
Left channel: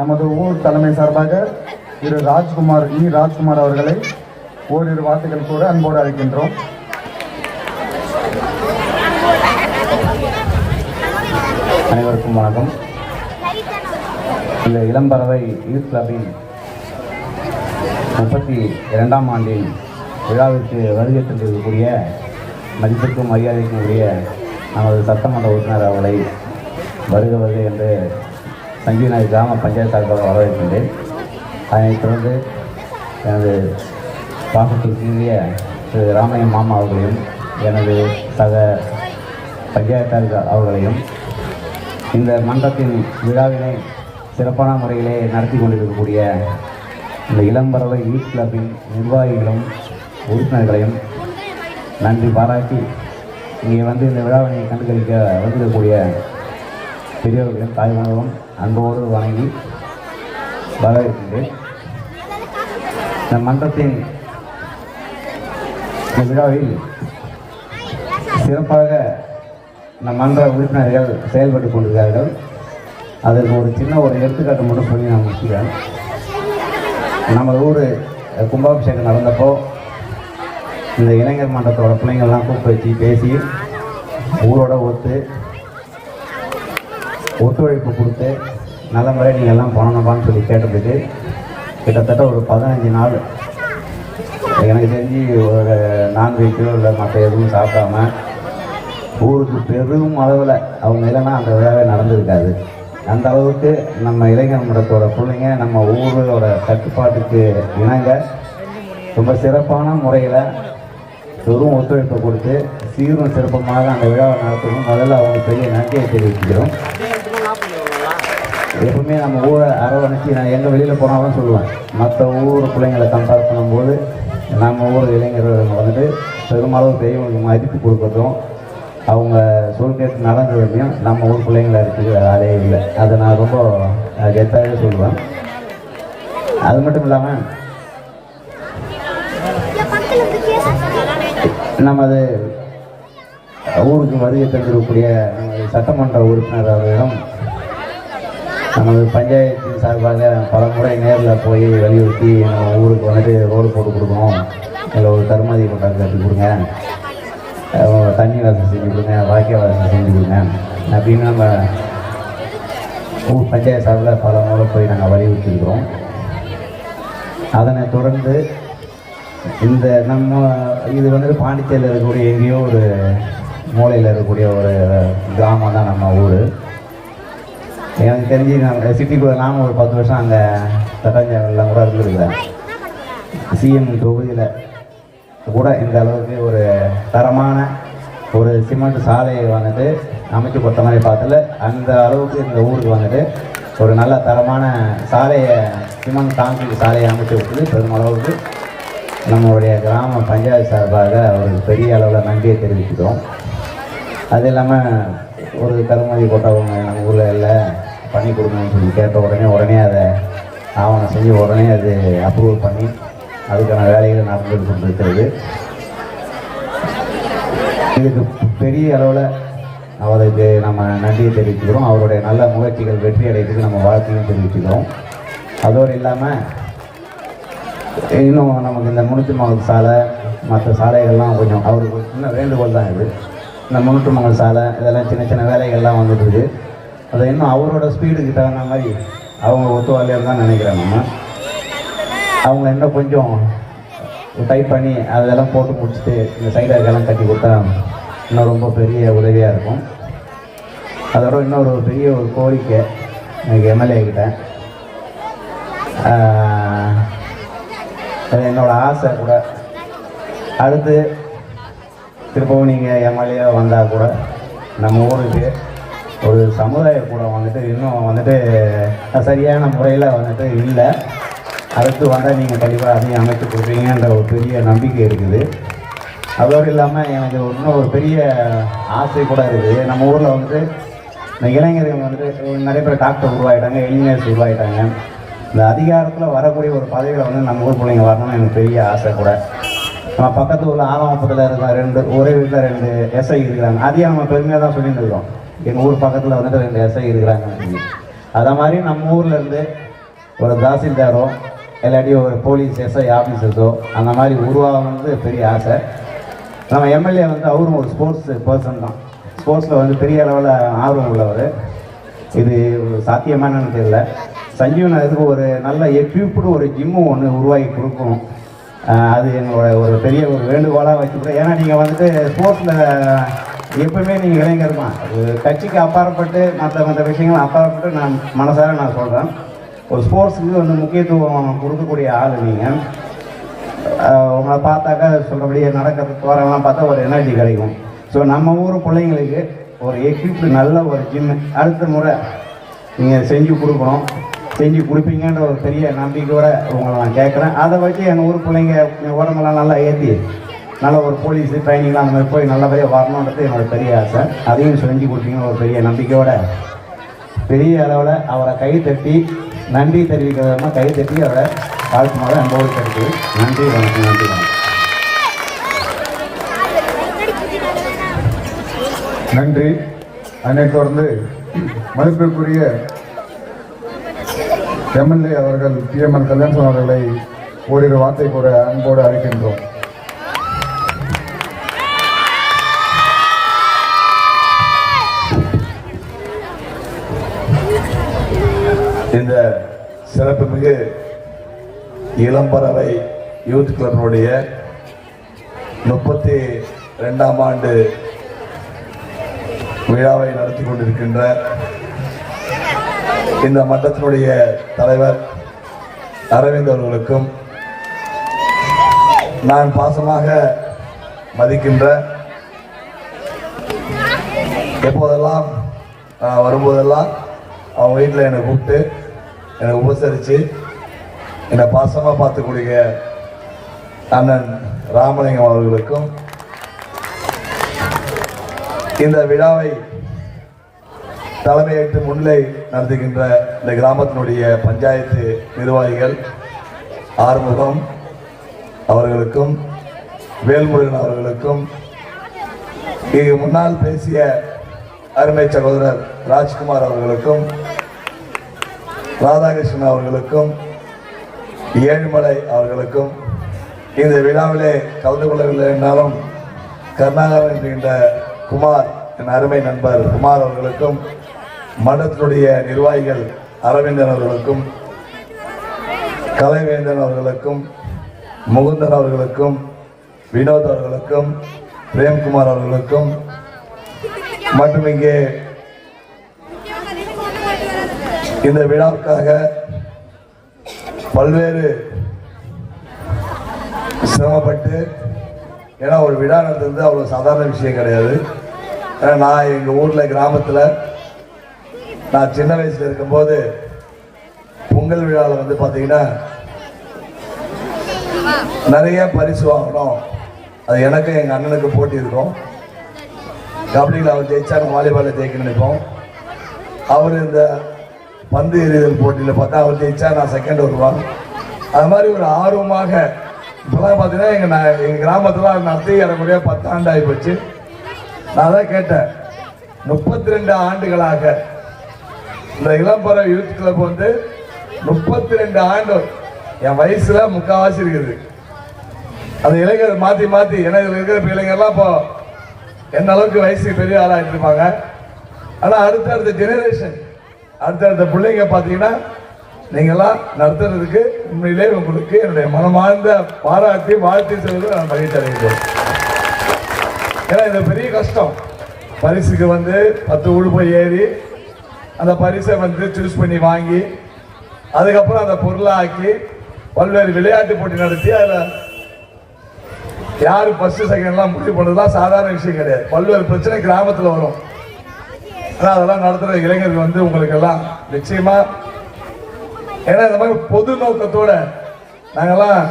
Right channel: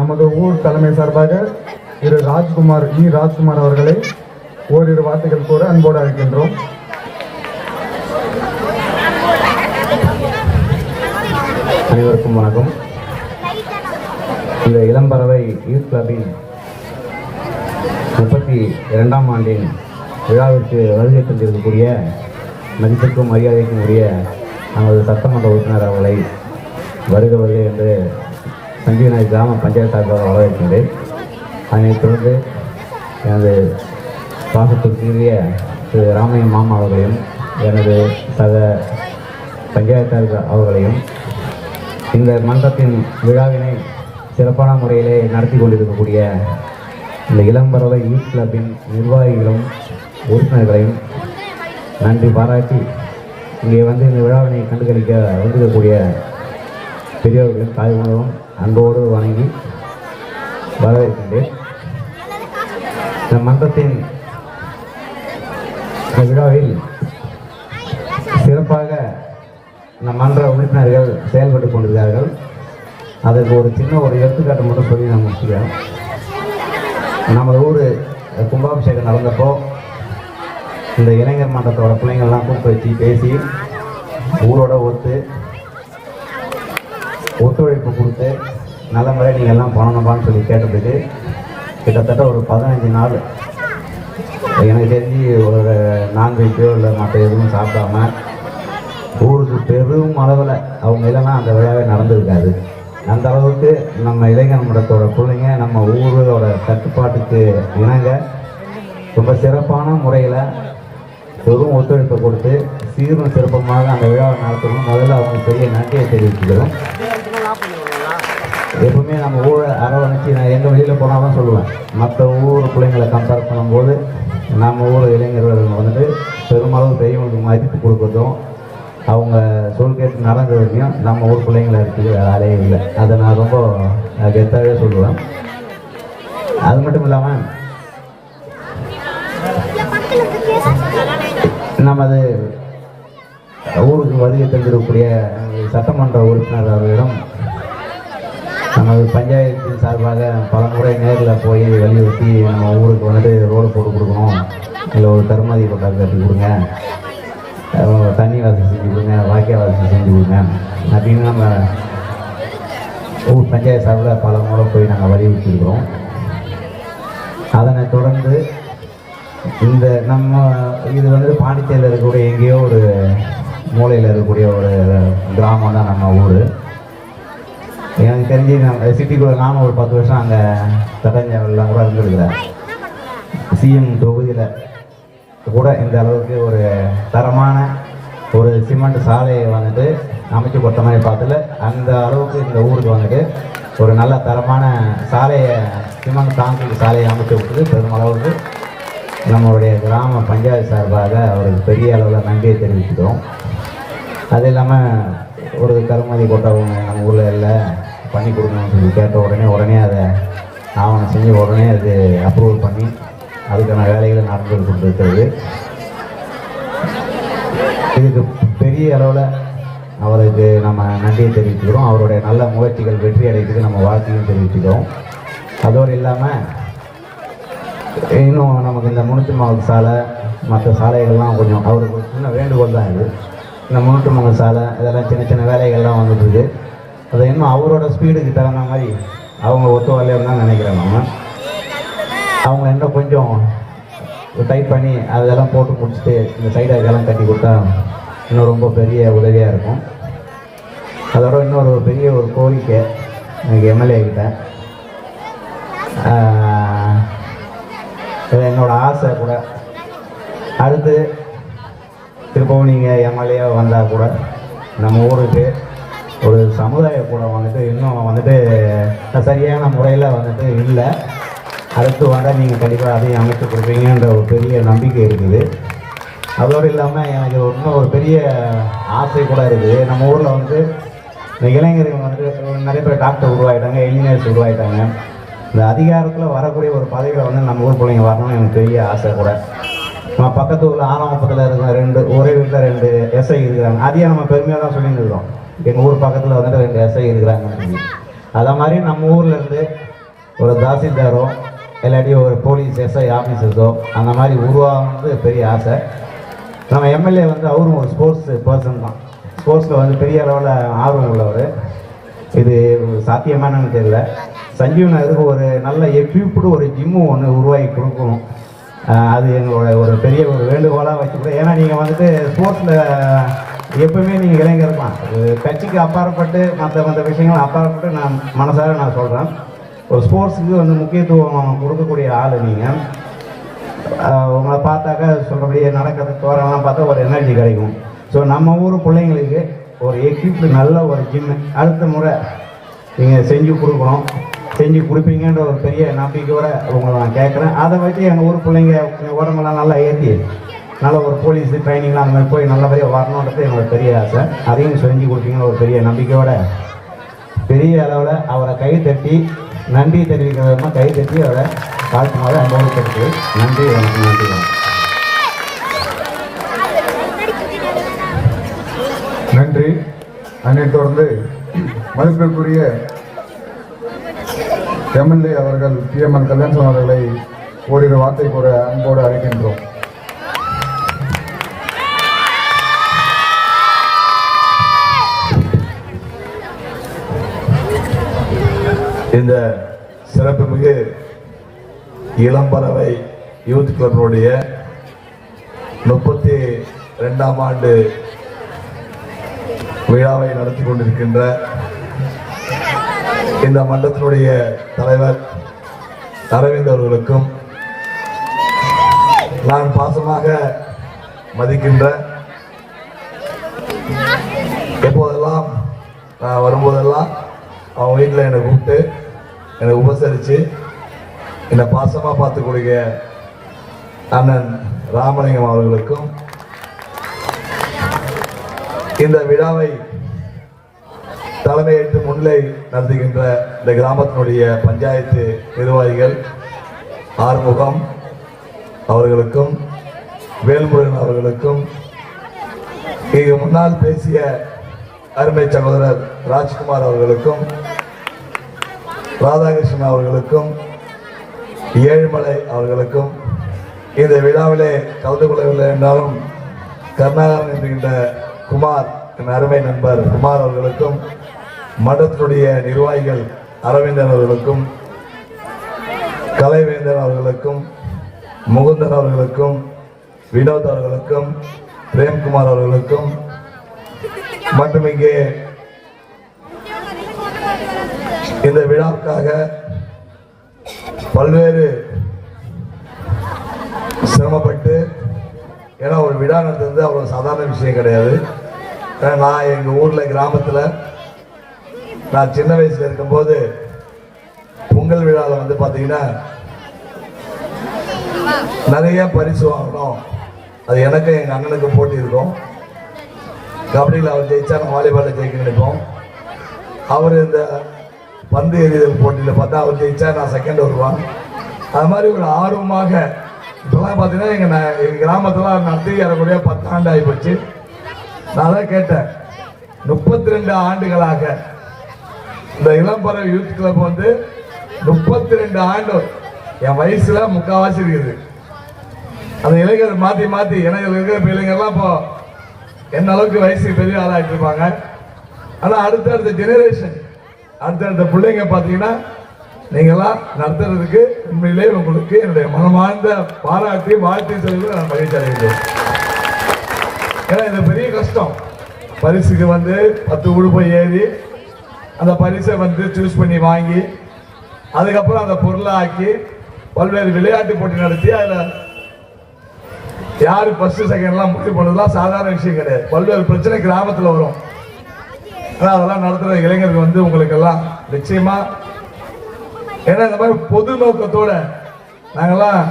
நமது ஊர் தலைமை சார்பாக ராஜ்குமார் அவர்களை ஓரிரு வார்த்தைகள் கூற அன்போடு அழைக்கின்றோம். அனைவருக்கும் வணக்கம். இந்த இளம்பறவை யூத் கிளப்பின் 32ஆம் ஆண்டின் விழாவிற்கு வருகை தந்திருக்கக்கூடிய மதிப்புக்கும் மரியாதைக்கும் உரிய நமது சட்டமன்ற உறுப்பினர் அவர்களை வருக என்று சஞ்சீவநகர் கிராம பஞ்சாயத்து சார்பாக வரவேற்கின்றேன். அதனைத் தொடர்ந்து எனது பாசத்திற்குரிய திரு ராமையன் மாமா அவர்களையும் எனது சக பஞ்சாயத்தாளர் அவர்களையும் இந்த மன்றத்தின் விழாவினை சிறப்பான முறையிலே நடத்தி கொண்டிருக்கக்கூடிய இந்த இளம்பறவை யூத் கிளப்பின் நிர்வாகிகளும் உறுப்பினர்களையும் நன்றி பாராட்டி இங்கே வந்து இந்த விழாவினை கண்டுகளிக்க வந்திருக்கக்கூடிய பெரியவர்களும் தாய்மார்களும் அன்போடு வணங்கி வரவேற்கின்றேன். இந்த மன்றத்தின் விழாவில் சிறப்பாக இந்த மன்ற உறுப்பினர்கள் செயல்பட்டு கொண்டிருக்கிறார்கள். அதற்கு ஒரு சின்ன எடுத்துக்காட்டு மட்டும் சொல்லி நான் முடிச்சுக்கிறேன். நம்ம ஊர் கும்பாபிஷேகம் நடந்தப்போ இந்த இளைஞர் மன்றத்தோட பிள்ளைங்கள்லாம் கூப்பிட்டு வச்சு பேசி ஊரோட ஒத்துழைப்பு கொடுத்து நல்ல முறையில் நீங்கள் எல்லாம் பண்ணணுமான்னு சொல்லி கேட்டதுக்கு கிட்டத்தட்ட ஒரு 15 நாள் எனக்கு தெரிஞ்சு ஒரு நான்வெஜ்ஜோ இல்லை மற்ற எதுவும் சாப்பிடாம ஊருக்கு பெரும் அளவில் அவங்க இல்லைன்னா அந்த விழாவே நடந்திருக்காது. அந்த அளவுக்கு நம்ம இளைஞர் மன்றத்தோட பிள்ளைங்க நம்ம ஊரோட கட்டுப்பாட்டுக்கு இணங்க ரொம்ப சிறப்பான முறையில் பெரும் ஒத்துழைப்பை கொடுத்து சீரும் சிறப்பமாக அந்த விழாவை நடத்தணும். முதல்ல அவங்க பெரிய நன்றியை தெரிவிச்சுக்கிறோம். எப்பவுமே நம்ம ஊரை அரவணைச்சி நான் எங்கே வெளியில் போனாலும் சொல்லுவேன், மற்ற ஊர் பிள்ளைங்களை கம்பேர் பண்ணும்போது நம்ம ஊர் இளைஞர்கள் வந்துட்டு பெரும்பாலும் பெரியவங்களுக்கு மதிப்பு கொடுக்கட்டும், அவங்க சொல் கேட்டு நடந்ததுலையும் நம்ம ஊர் பிள்ளைங்களை இருக்குது வேலையே இல்லை. அதை நான் ரொம்ப கெத்தாகவே சொல்லுவேன். அது மட்டும் இல்லாமல் நமது ஊருக்கு வருகை தந்திருக்கக்கூடிய சட்டமன்ற உறுப்பினர் அவர்களிடம் நமது பஞ்சாயத்தின் சார்பாக பல முறை நேரில் போய் வலியுறுத்தி நம்ம ஊருக்கு வந்துட்டு ரோடு போட்டு கொடுக்கணும், இல்லை ஒரு கருமாதி கொண்டாடு கட்டி கொடுங்க, தண்ணி வசதி செஞ்சு கொடுங்க, வாக்கிய வசதி செஞ்சு கொடுங்க அப்படின்னு நம்ம ஊர் பஞ்சாயத்து சார்பில் பல முறை போய் நாங்கள் வலியுறுத்திருக்கிறோம். அதனை தொடர்ந்து இந்த நம்ம இது வந்துட்டு பாண்டிச்சேரியில் இருக்கக்கூடிய எங்கேயோ ஒரு மூலையில் இருக்கக்கூடிய ஒரு கிராமம் தான் நம்ம ஊர். எனக்கு தெரிஞ்சு நம்ம சிட்டிக்குள்ள நானும் ஒரு 10 வருஷம் அங்கே சட்டஞ்செல்லாம் கூட இருந்துருக்கிறேன். சிஎம் தொகுதியில் கூட இந்த அளவுக்கு ஒரு தரமான ஒரு சிமெண்ட் சாலையை வந்துட்டு அமைச்சு கொடுத்த மாதிரி பார்த்துல அந்த அளவுக்கு இந்த ஊருக்கு வந்துட்டு ஒரு நல்ல தரமான சாலையை சிமெண்ட் கான்கிரீட் சாலையை அமைச்சு கொடுத்து பெருமளவுக்கு நம்மளுடைய கிராம பஞ்சாயத்து சார்பாக ஒரு பெரிய அளவில் நன்றியை தெரிவிக்கிறோம். அது இல்லாமல் ஒரு கருமதி கொட்டவங்க நம்ம ஊரில் இல்லை பண்ணி கொடுக்கணும்னு சொல்லி கேட்ட உடனே அதை ஆவணம் செஞ்சு உடனே அது அப்ரூவ் பண்ணி அதுக்கான வேலைகள் நடந்து கொண்டிருக்கிறது. இதுக்கு பெரிய அளவில் அவருக்கு நம்ம நன்றியை தெரிவிச்சுக்கிறோம். அவருடைய நல்ல முயற்சிகள் வெற்றி அடைக்கிறதுக்கு நம்ம வாழ்க்கையும் தெரிவிச்சுக்கிறோம். அதோடு இல்லாமல் இன்னும் நமக்கு இந்த முனிச்சிமங்கல் சாலை மற்ற சாலைகள்லாம் கொஞ்சம் அவருக்கு சின்ன வேண்டுகோள் தான் இது. இந்த முனிச்சிமங்கல் சாலை இதெல்லாம் சின்ன சின்ன வேலைகள்லாம் வந்துட்டு இருக்குது. அதை இன்னும் அவரோட ஸ்பீடுக்கு தகுந்த மாதிரி அவங்க ஒத்துவாளியாக தான் நினைக்கிறேன். அவங்க இன்னும் கொஞ்சம் டைப் பண்ணி அதெல்லாம் போட்டு முடிச்சுட்டு இந்த சைடாகெல்லாம் கட்டி கொடுத்தா இன்னும் ரொம்ப பெரிய உதவியாக இருக்கும். அதோட இன்னொரு பெரிய ஒரு கோரிக்கை எனக்கு எம்எல்ஏ கிட்ட, அது என்னோடய ஆசை கூட, அடுத்து திரும்பவும் நீங்கள் எம்எல்ஏ வந்தால் கூட நம்ம ஊருக்கு ஒரு சமுதாய கூட வந்துட்டு இன்னும் வந்துட்டு சரியான முறையில் வந்துட்டு இல்லை. அடுத்து வந்தால் நீங்கள் கண்டிப்பாக அதையும் அமைச்சு கொடுப்பீங்கன்ற ஒரு பெரிய நம்பிக்கை இருக்குது. அதோடு இல்லாமல் எனக்கு இன்னும் ஒரு பெரிய ஆசை கூட இருக்குது. நம்ம ஊரில் வந்து இந்த இளைஞர்கள் வந்து நிறைய பேர் டாக்டர் உருவாகிட்டாங்க, இன்ஜினியர்ஸ் உருவாகிட்டாங்க. இந்த அதிகாரத்தில் வரக்கூடிய ஒரு பதவியில் வந்து நம்ம ஊர் பிள்ளைங்க வரணும்னு எனக்கு பெரிய ஆசை கூட. நம்ம பக்கத்து ஊரில் ஆவணப்பத்தில் இருக்க ஒரே வீட்டில் 2 எஸ்ஐ இருக்கிறாங்க. அதையே நம்ம பெருமையாக தான் சொல்லிட்டு இருக்கோம். எங்கள் ஊர் பக்கத்தில் வந்துட்டு 2 எஸ்ஐ இருக்கிறாங்கன்னு சொல்லி. அதை மாதிரி நம்ம ஊரில் இருந்து ஒரு தாசில்தாரோ இல்லாட்டி ஒரு போலீஸ் எஸ்ஐ ஆஃபீஸர்ஸோ அந்த மாதிரி உருவாகிறது பெரிய ஆசை. நம்ம எம்எல்ஏ வந்து அவரும் ஒரு ஸ்போர்ட்ஸ் பர்சன் தான். ஸ்போர்ட்ஸில் வந்து பெரிய அளவில் ஆர்வம் உள்ளவர். இது சாத்தியமானு தெரியல. சஞ்சீவ் நகருக்கு ஒரு நல்ல எக்யூப்டு ஒரு ஜிம்மு ஒன்று உருவாக்கி கொடுக்கணும். அது எங்களோட ஒரு பெரிய ஒரு வேண்டுகோளாக வச்சுக்கிறோம். ஏன்னா நீங்கள் வந்துட்டு ஸ்போர்ட்ஸில் எப்பவுமே நீங்கள் இளைஞர் தான். கட்சிக்கு அப்பாற்பட்டு மற்ற விஷயங்கள் அப்பாற்பட்டு நான் மனசார நான் சொல்கிறேன். ஒரு ஸ்போர்ட்ஸுக்கு வந்து முக்கியத்துவம் கொடுக்கக்கூடிய ஆள் நீங்கள். உங்களை பார்த்தாக்கா சொல்கிறபடி நடக்கிறதுக்கு தோறெல்லாம் பார்த்தா ஒரு எனர்ஜி கிடைக்கும். ஸோ நம்ம ஊர் பிள்ளைங்களுக்கு ஒரு எக்யூப் நல்ல ஒரு ஜிம் அடுத்த முறை நீங்கள் செஞ்சு கொடுக்கணும், செஞ்சு கொடுப்பீங்கன்ற ஒரு பெரிய நம்பிக்கையோடு உங்களை நான் கேட்குறேன். அதை வச்சு எங்கள் ஊர் பிள்ளைங்க உடம்பெல்லாம் நல்லா ஏற்றி நல்ல ஒரு போலீஸு ட்ரைனிங்லாம் அந்த மாதிரி போய் நல்லபடியாக வரணுன்றது என்னோட பெரிய ஆசை. அதையும் செஞ்சு கொடுப்பீங்க ஒரு பெரிய நம்பிக்கையோட பெரிய அளவில் அவரை கை தட்டி நன்றி தெரிவிக்கிறதுனா கை தட்டி அவரை வாழ்த்துனால அந்த ஊருக்கு கிடைக்குது. நன்றி வணக்கம். நன்றி வணக்கம். நன்றி. அதனைத் தொடர்ந்து மதிப்பிற்குரிய எம்எல்ஏ அவர்கள் PMN கல்யாணம் அவர்களை ஓரிரு வார்த்தை கூட அன்போடு அழைக்கின்றோம். இந்த சிறப்புமிகு இளம்பறவை யூத் கிளப்பினுடைய 32ஆம் ஆண்டு விழாவை நடத்தி கொண்டிருக்கின்ற இந்த மன்றத்தினுடைய தலைவர் அரவிந்த் அவர்களுக்கும், நான் பாசமாக மதிக்கின்ற, எப்போதெல்லாம் வரும்போதெல்லாம் அவங்க வீட்டில் என்னை கூப்பிட்டு என்னை உபசரித்து என்னை பாசமாக பார்த்துக்கூடிய அண்ணன் ராமலிங்கம் அவர்களுக்கும், இந்த விழாவை தலைமையேற்று முன்னிலை நடத்துகின்ற இந்த கிராமத்தினுடைய பஞ்சாயத்து நிர்வாகிகள் ஆறுமுகம் அவர்களுக்கும், வேல்முருகன் அவர்களுக்கும், இங்கு முன்னால் பேசிய அருமை சகோதரர் ராஜ்குமார் அவர்களுக்கும், ராதாகிருஷ்ணன் அவர்களுக்கும், ஏழுமலை அவர்களுக்கும், இந்த விழாவிலே கலந்து கொள்ளவில்லை என்றாலும் கருணாகரன் என்கின்ற குமார், என் அருமை நண்பர் குமார் அவர்களுக்கும், மன்றத்தினுடைய நிர்வாகிகள் அரவிந்தன் அவர்களுக்கும், கலைவேந்தன் அவர்களுக்கும், முகுந்தன் அவர்களுக்கும், வினோத் அவர்களுக்கும், பிரேம்குமார் அவர்களுக்கும் மற்றும் இங்கே இந்த விழாவுக்காக பல்வேறு சிரமப்பட்டு, ஏன்னா ஒரு விழா நடத்துறது அவ்வளோ சாதாரண விஷயம் கிடையாது. ஏன்னா நான் எங்கள் ஊரில் கிராமத்தில் நான் சின்ன வயசில் இருக்கும்போது பொங்கல் விழாவில் வந்து பார்த்தீங்கன்னா நிறைய பரிசு வாங்கணும். அது எனக்கு எங்கள் அண்ணனுக்கு போட்டி இருக்கும். கபடியில் அவர் ஜெயிச்சா நான் வாலிபாலில் ஜெயிக்க நினைப்போம். அவர் இந்த பந்து எறிதல் போட்டியில் பார்த்தா அவர் ஜெயிச்சா நான் செகண்ட் வருவான். அது மாதிரி ஒரு ஆர்வமாக இப்போலாம் பார்த்தீங்கன்னா எங்கள் கிராமத்தில் நடத்தி இறங்குறதே 10 ஆண்டு ஆகி போச்சு. நான் தான் கேட்டேன், 32 ஆண்டுகளாக இந்த இளம்பறவை யூத் கிளப் வந்து 32 ஆண்டு, என் வயசுல முக்கால்வாசி இருக்குது. அந்த இளைஞர் மாற்றி மாற்றி எனக்கு இருக்கிற இளைஞர்லாம் இப்போ என்ன அளவுக்கு வயசுக்கு பெரிய ஆளாகிட்டு இருப்பாங்க. ஆனால் அடுத்தடுத்த ஜெனரேஷன், அடுத்தடுத்த பிள்ளைங்க பார்த்தீங்கன்னா நீங்களாம் நடத்துறதுக்கு உண்மையிலே உங்களுக்கு என்னுடைய மனமார்ந்த பாராட்டி வாழ்த்தி செய்வது நான் மகிழ்ச்சி அடைகிறேன். ஏன்னா இது பெரிய கஷ்டம். பரிசுக்கு வந்து 10 உடுப்பை ஏறி அந்த பரிசை வந்து சூஸ் பண்ணி வாங்கி அதுக்கப்புறம் அந்த பொருளை ஆக்கி பல்வேறு விளையாட்டு போட்டி நடத்தி அதில் யாரு ஃபர்ஸ்ட் செகண்ட்லாம் முடிவு பண்ணுறதுலாம் சாதாரண விஷயம் கிடையாது. பல்வேறு பிரச்சனை கிராமத்தில் வரும். ஆனால் அதெல்லாம் நடத்துகிற இளைஞர்கள் வந்து உங்களுக்கு எல்லாம் நிச்சயமா, ஏன்னா இந்த மாதிரி பொது நோக்கத்தோட நாங்கெல்லாம்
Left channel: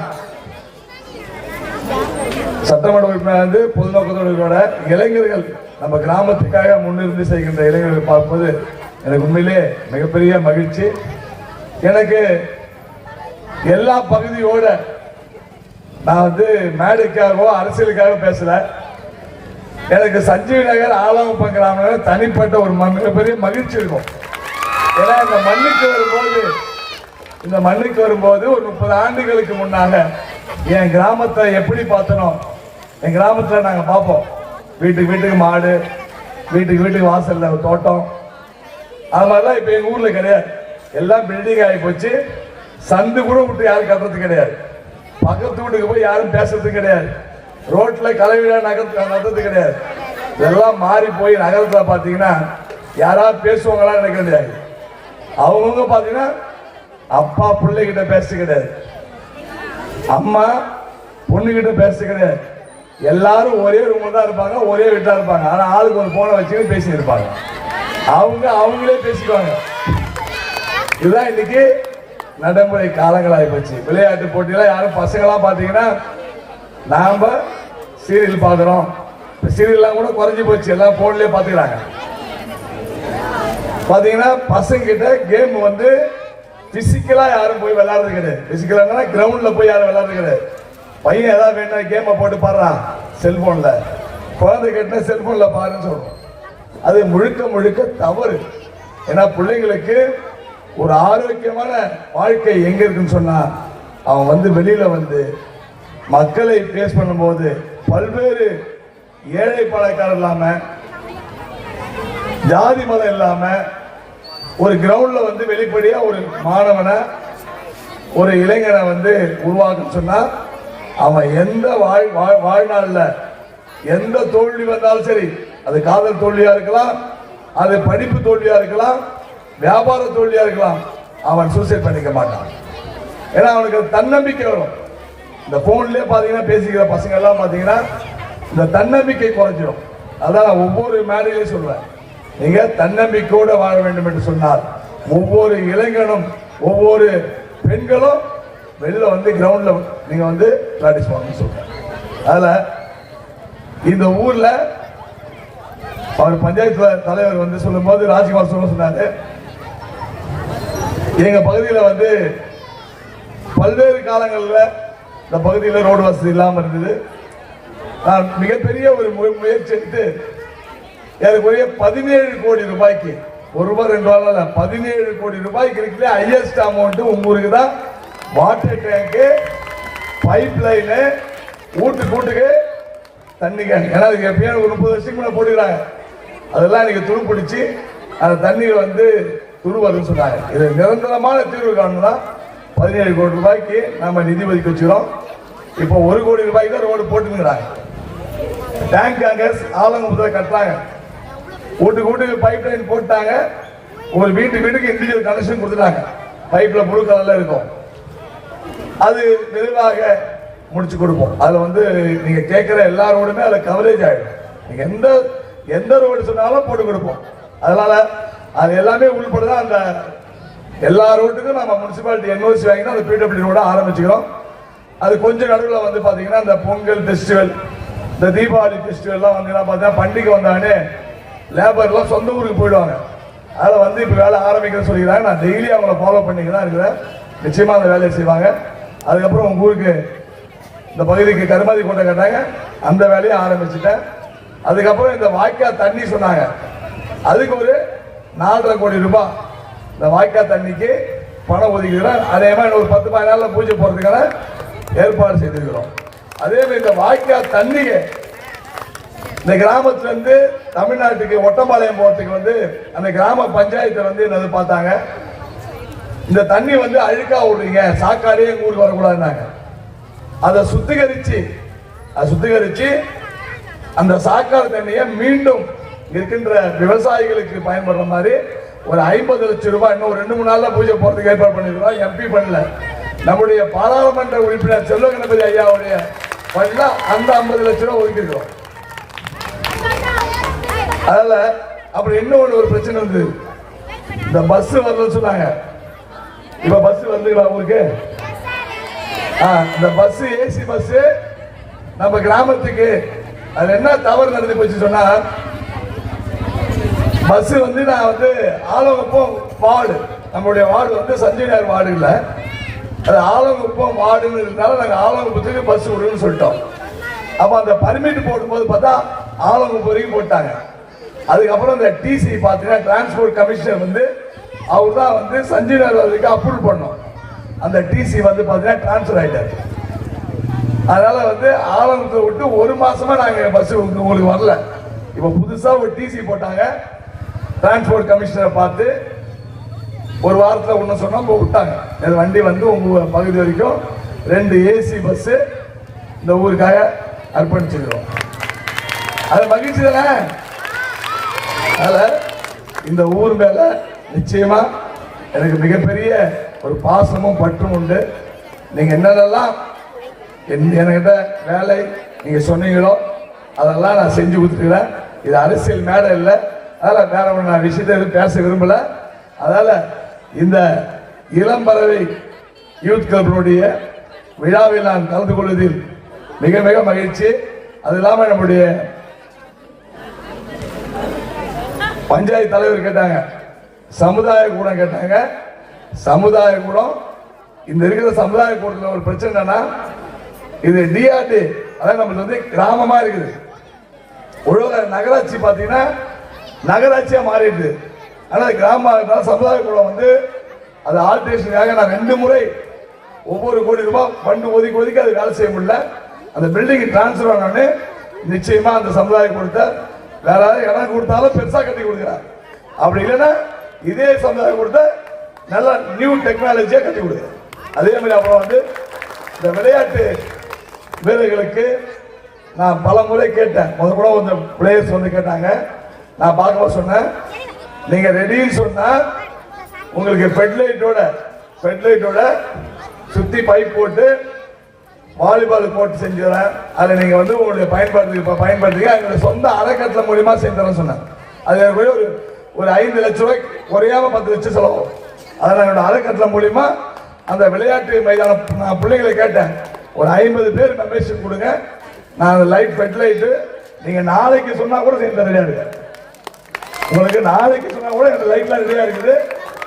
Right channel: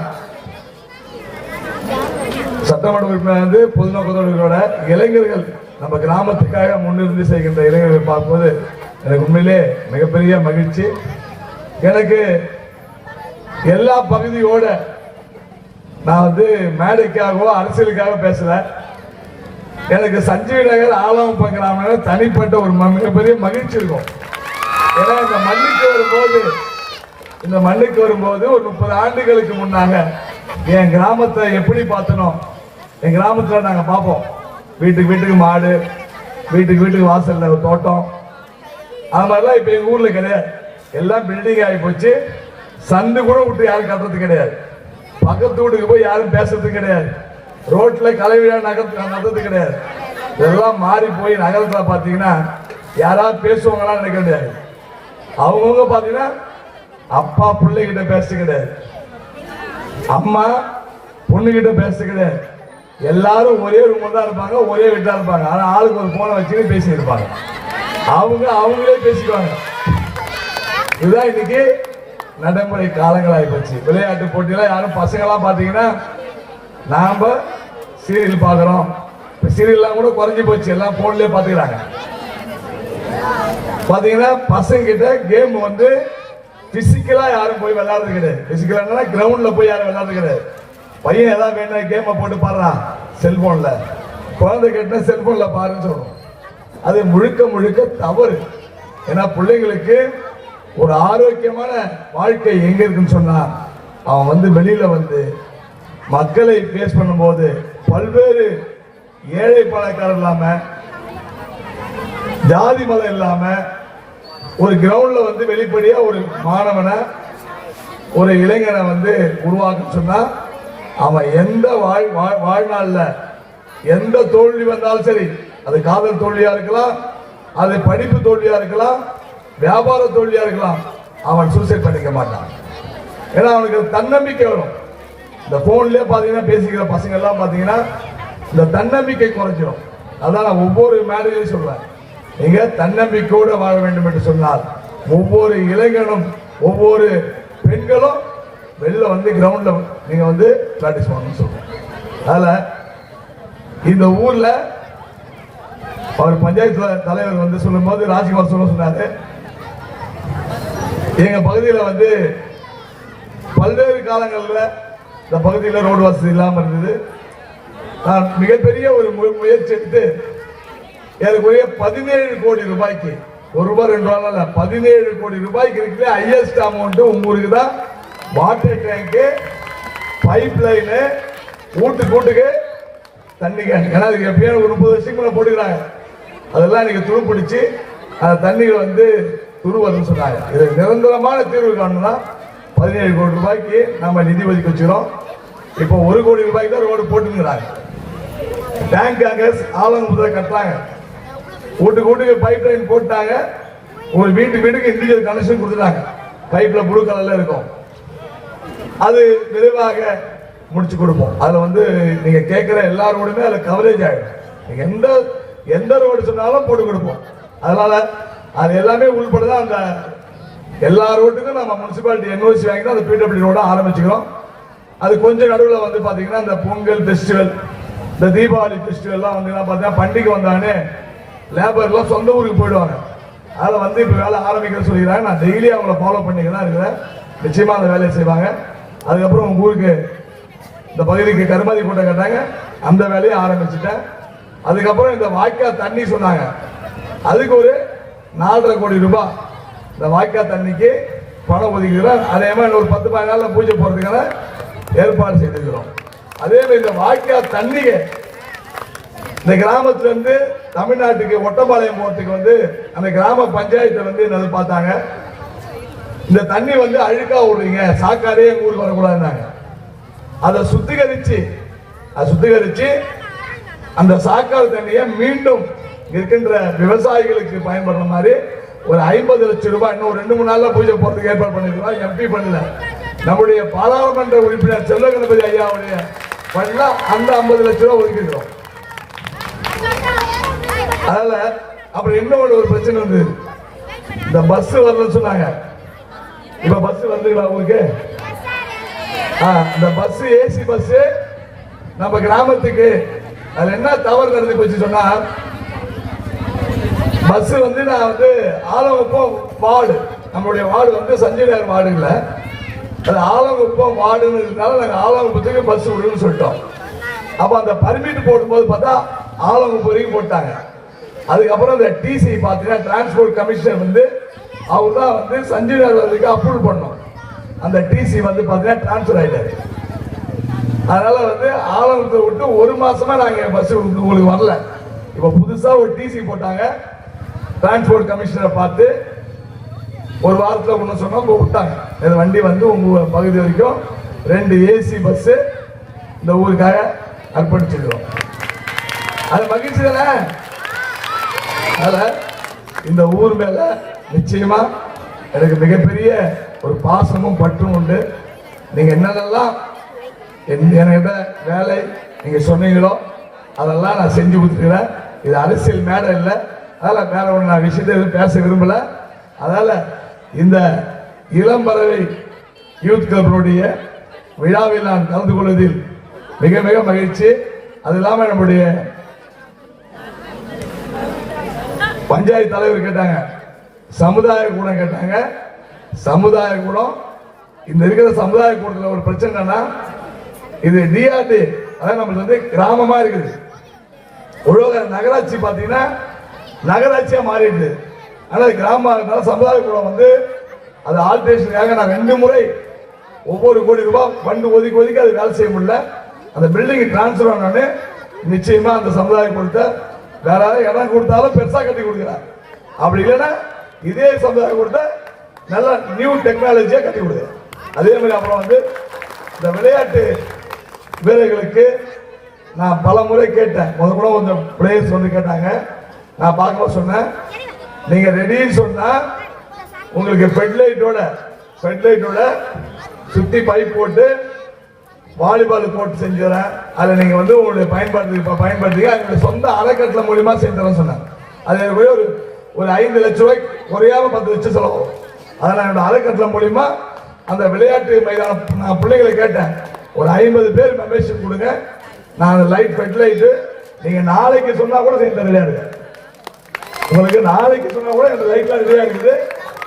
சட்டமன்ற உறுப்பினர் வந்து பொதுநோக்கத்தோட இளைஞர்கள் நம்ம கிராமத்துக்காக முன்னிருந்து செய்கின்ற இளைஞர்களை பார்க்கும்போது எனக்கு உண்மையிலே மிகப்பெரிய மகிழ்ச்சி. எனக்கு எல்லா பகுதியோட நான் வந்து மேடைக்காகவோ அரசியலுக்காக பேசல. எனக்கு சஞ்சீவ் நகர் ஆலாங்குப்பம் கிராமம் தனிப்பட்ட ஒரு மிகப்பெரிய மகிழ்ச்சி இருக்கும். ஏன்னா இந்த மண்ணுக்கு வரும்போது ஒரு 30 ஆண்டுகளுக்கு முன்னாக என் கிராமத்தை எப்படி பார்த்தனோ, என் கிராமத்தில் நாங்கள் பார்ப்போம், வீட்டுக்கு வீட்டுக்கு மாடு, வீட்டுக்கு வீட்டுக்கு வாசல்ல ஒரு தோட்டம், அது மாதிரிலாம் இப்போ எங்கள் ஊரில் கிடையாது. எல்லாம் பில்டிங் ஆகி போச்சு. சந்து கூட விட்டு யாரும் கட்டுறது கிடையாது. பக்கத்து வீட்டுக்கு போய் யாரும் பேசுறது கிடையாது. ரோட்ல கலைவிழா நடத்துறது கிடையாது. இதெல்லாம் மாறி போய் நகரத்துல பாத்தீங்கன்னா யாராவது பேசுவாங்களா எனக்கு கிடையாது. அவங்கவுங்க பாத்தீங்கன்னா அப்பா பிள்ளைகிட்ட பேசுறது கிடையாது, அம்மா பொண்ணுகிட்ட பேசுறது கிடையாது. எல்லாரும் ஒரே ரூம்ல தான் இருப்பாங்க, ஒரே வீட்டா இருப்பாங்க. ஆனா ஆளுக்கு ஒரு போனை வச்சுக்கிட்டு பேசி இருப்பாங்க. அவங்களே பேசிக்குவாங்க. இதுதான் இன்னைக்கு நடைமுறை காலங்களாகி போச்சு. விளையாட்டு போட்டியில யாரும் பசங்களாம் பாத்தீங்கன்னா நாம சீரியல் பாக்குறோம், சீரியல்லாம் கூட குறைஞ்சி போச்சு, எல்லாம் போன்லயே பாத்துக்கிறாங்க. பாத்தீங்கன்னா பசங்க கிட்ட கேம் வந்து பிசிக்கலா யாரும் போய் விளையாடுறது கிடையாது. பிசிக்கலா கிரவுண்ட்ல போய் யாரும் விளையாடுறது கிடையாது. பையன் ஏதாவது வேணும் கேமை போட்டு பாடுறான் செல்போன்ல, குழந்தை கேட்டா செல்போன்ல பாருன்னு சொல்றோம். அது முழுக்க முழுக்க தவறு. ஏன்னா பிள்ளைங்களுக்கு ஒரு ஆரோக்கியமான வாழ்க்கை எங்க இருக்குன்னு சொன்னா, அவன் வந்து வெளியில வந்து மக்களை பேஸ் பண்ணும்போது பல்வேறு ஏழை பணக்காரர் இல்லாம, ஜாதி மதம் இல்லாம ஒரு கிரவுண்ட்ல வந்து வெளிப்படையா ஒரு மாணவனை, ஒரு இளைஞனை வந்து உருவாக்க சொன்னா, அவன் எந்த வாழ்நாள்ல எந்த தோல்வி வந்தாலும் சரி, அது காதல் தோல்வியா இருக்கலாம், அது படிப்பு தோல்வியா இருக்கலாம், வியாபார தோல்வியா இருக்கலாம், அவன் சூசைட் பண்ணிக்க மாட்டான். ஏன்னா அவனுக்கு தன்னம்பிக்கை வரும். இந்த போன்லயே பாத்தீங்கன்னா பேசிக்கிற பசங்க எல்லாம் பாத்தீங்கன்னா இந்த தன்னம்பிக்கை குறைஞ்சிடும். அதான் ஒவ்வொரு மேடையிலையும் சொல்றேன், நீங்க தன்னம்பிக்கையோட வாழ வேண்டும் என்று சொன்னார் ஒவ்வொரு இளைஞனும் ஒவ்வொரு பெண்களும் வெளில வந்து கிரவுண்ட்ல நீங்க வந்து பிராக்டிஸ் பண்ணணும்னு சொல்றேன். அதுல இந்த ஊர்ல அவர் பஞ்சாயத்து தலைவர் வந்து சொல்லும் போது ராஜ்குமார் சொன்னாரு, எங்க பகுதியில் வந்து பல்வேறு காலங்களில் இந்த பகுதியில் ரோடு வசதி இல்லாமல் இருந்தது. நான் மிகப்பெரிய ஒரு முயற்சி எடுத்து ஏறக்குறைய 17 கோடி ரூபாய்க்கு, ₹1 2 17 கோடி ரூபாய்க்கு இருக்கிற ஹையஸ்ட் அமௌண்ட் உங்க ஊருக்கு தான். வாட்டர் டேங்கு, பைப் லைனு, வீட்டுக்கு தண்ணி கேன். ஏன்னா அதுக்கு எப்பயும் ஒரு 30 வருஷத்துக்கு முன்னாடி போட்டுக்கிறாங்க. அதெல்லாம் எனக்கு துரு பிடிச்சி அந்த தண்ணீர் வந்து துருவதுன்னு சொன்னாங்க. இது நிரந்தரமான தீர்வு காணணும்னா 17 கோடி ரூபாய்க்கு நம்ம நிதி ஒதுக்கி வச்சுக்கிறோம். இப்போ 1 கோடி ரூபாய்க்கு தான் ரோடு போட்டுங்கிறாங்க. டேங்க் ஆலங்குப்பத்தில் கட்டுறாங்க, வீட்டுக்கு பைப் லைன் போட்டாங்க, ஒரு வீட்டுக்கு இண்டிவிஜுவல் கனெக்ஷன் கொடுத்துட்டாங்க. பைப்ல ப்ளூ கலர்ல இருக்கும். அது விரைவாக முடிச்சு கொடுப்போம். அதுல வந்து நீங்க கேட்கிற எல்லா ரோடுமே அதுல கவரேஜ் ஆயிடும். நீங்க எந்த ரோடு சொன்னாலும் போட்டு கொடுப்போம். அதனால அது எல்லாமே உள்படதான். அந்த எல்லா ரோட்டுக்கும் நம்ம முனிசிபாலிட்டி என்ஓசி வாங்கினா அந்த பிடபிள்யூ ரோட ஆரம்பிச்சுக்கிறோம். அது கொஞ்சம் நடுவில் வந்து பாத்தீங்கன்னா இந்த பொங்கல் ஃபெஸ்டிவல், இந்த தீபாவளி ஃபெஸ்டிவல்லாம் வந்து பார்த்தா பண்டிகை வந்தானே லேபர்லாம் சொந்த ஊருக்கு போயிடுவாங்க. அதில் வந்து இப்போ வேலை ஆரம்பிக்க சொல்லிக்கிறாங்க. நான் டெய்லி அவங்கள ஃபாலோ பண்ணிக்க தான் இருக்கிறேன். நிச்சயமா அந்த வேலையை செய்வாங்க. அதுக்கப்புறம் உங்க ஊருக்கு இந்த பகுதிக்கு கருமாதி கூட்டம் கட்டாங்க, அந்த வேலையை ஆரம்பிச்சுட்டேன். அதுக்கப்புறம் இந்த வாய்க்கா தண்ணி சொன்னாங்க, அதுக்கு ஒரு 4.5 கோடி ரூபாய் இந்த வாய்க்கா தண்ணிக்கு பணம் ஒதுக்கிறோம். அதே மாதிரி ஒரு 10-15 நாள்ல பூஜை போறதுக்கான ஏற்பாடு செய்திருக்கிறோம். அதே மாதிரி இந்த வாய்க்கா தண்ணியை இந்த கிராமத்துல இருந்து தமிழ்நாட்டுக்கு ஒட்டப்பாளையம் போறதுக்கு வந்து அந்த கிராம பஞ்சாயத்தை வந்து என்னது பார்த்தாங்க, இந்த தண்ணி வந்து அழுக்கா விடுறீங்க, சாக்காடே எங்க ஊருக்கு வரக்கூடாதுன்னாங்க. அதை சுத்திகரிச்சு அந்த சாக்காடு தண்ணியை மீண்டும் இருக்கின்ற விவசாயிகளுக்கு பயன்படுற மாதிரி ஒரு 50 லட்சம் ரூபாய் இன்னும் 2-3 நாள்ல பூஜை போறதுக்கு ஏற்பாடு பண்ணிருக்கிறோம். எம்பி பண்ணல, நம்முடைய பாராளுமன்ற உறுப்பினர் செல்வ கணபதி ஐயாவுடைய பண்ணல அந்த 50 லட்சம் ரூபாய் ஒதுக்கிக்கிறோம். அதனால அப்புறம் இன்னொரு ஒரு பிரச்சனை இருந்தது, இந்த பஸ் வரலன்னு சொன்னாங்க. இப்ப பஸ் வந்துங்களா உங்களுக்கு? இந்த பஸ் ஏசி பஸ் நம்ம கிராமத்துக்கு அது என்ன தவறு நடந்து போச்சு சொன்னா, பஸ் வந்து நான் வந்து ஆலங்குப்பம் வார்டு, நம்மளுடைய வார்டு வந்து சஞ்சய்நகர் வார்டு இல்லை, அது ஆலங்குப்பம் வார்டுன்னு இருந்தாலும் நாங்கள் ஆலங்குப்பத்துக்கு பஸ் விடுன்னு சொல்லிட்டோம். அப்போ அந்த பர்மிட் போடும்போது பார்த்தா ஆலங்குப்பம் வரைக்கும் போட்டாங்க. அதுக்கப்புறம் இந்த டிசி பார்த்தீங்கன்னா டிரான்ஸ்போர்ட் கமிஷனர் வந்து அவர் தான் வந்து சஞ்சய்நகர் வரைக்கும் அப்ரூவல் பண்ணோம். அந்த டிசி வந்து பார்த்தீங்கன்னா டிரான்ஸ்ஃபர் ஆகிட்டாரு. அதனால வந்து ஆலங்குப்பத்தை விட்டு ஒரு மாசமா நாங்கள் பஸ் உங்களுக்கு வரல. இப்போ புதுசாக ஒரு டிசி போட்டாங்க. டிரான்ஸ்போர்ட் கமிஷனரை பார்த்து ஒரு வாரத்தில் ஒன்று சொன்னோம், விட்டாங்க. இந்த வண்டி வந்து உங்கள் பகுதி வரைக்கும் 2 ஏசி பஸ்ஸு இந்த ஊருக்காக அர்ப்பணிச்சிருக்கோம். அது மகிழ்ச்சி தானே? அதனால் இந்த ஊர் மேலே நிச்சயமா எனக்கு மிகப்பெரிய ஒரு பாசமும் பற்றும் உண்டு. நீங்கள் என்னென்னலாம் என்கிட்ட வேலை நீங்கள் சொன்னீங்களோ அதெல்லாம் நான் செஞ்சு கொடுத்துருக்கிறேன். இது அரசியல் மேடை இல்லை, அதனால் வேற ஒன்று நான் விஷயத்தை எதுவும் பேச விரும்பல. அதனால் இந்த இளம்பறவை யூத் கிளப்பினுடைய விழாவில் நான் கலந்து கொள்வதில் மிக மிக மகிழ்ச்சி. அது இல்லாமல் நம்முடைய பஞ்சாயத்து தலைவர் கேட்டாங்க, சமுதாய கூடம் கேட்டாங்க. சமுதாய கூடம் இந்த இருக்கிற சமுதாய கூடத்தில் ஒரு பிரச்சனைனா, இது டிஆர்டி, அதாவது நமக்கு வந்து கிராமமா இருக்குது. ஒழுங்கு நகராட்சி பார்த்தீங்கன்னா நகராட்சியா மாறிடுது. ஆனால் கிராம சமுதாய கூடம் வந்து அது ஆல்ட்ரேஷனுக்காக நான் 2 முறை ஒவ்வொரு கோடி ரூபாய் ஃபண்டு ஒதுக்கி அது வேலை செய்ய முடியல. அந்த பில்டிங் டிரான்ஸ்ஃபர் ஆனோடனே நிச்சயமா அந்த சமுதாய கூடத்தை வேற இடம் கொடுத்தாலும் பெருசா கட்டி கொடுக்குறார். அப்படி இல்லைன்னா இதே சமுதாய கூடத்தை நல்லா நியூ டெக்னாலஜியா கட்டி கொடுக்குறாரு. அதே மாதிரி அப்புறம் வந்து இந்த விளையாட்டு வீரர்களுக்கு நான் பல முறை கேட்டேன். கூட கொஞ்சம் பிளேயர்ஸ் வந்து கேட்டாங்க. நான் பார்க்க சொன்னேன், நீங்க ரெடின்னு சொன்னா உங்களுக்கு ஃபெட்லைட்டோட சுத்தி பைப் போட்டு வாலிபால் போட்டு செஞ்சுறேன். அதில் நீங்க வந்து உங்களுடைய பயன்படுத்திக்க எங்களுடைய சொந்த அறக்கட்டளை மூலியமா செஞ்சுறேன்னு சொன்னேன். அது ஒரு 5 லட்சம் ரூபாய் குறையாம 10 லட்சம் செலவாகும். அதனால என்னோட அறக்கட்டளை மூலியமா அந்த விளையாட்டு மைதானம் நான் பிள்ளைகளை கேட்டேன், ஒரு 50 பேர் மெம்பர்ஷிப் கொடுங்க, நான் லைட் ஃபெட்லைட்டு நீங்க நாளைக்கு சொன்னா கூட சேர்ந்து ரெடியா இருக்கு. உங்களுக்கு நாளைக்கு சொன்னா கூட அந்த லைட்லாம் ரெடியா இருக்குது,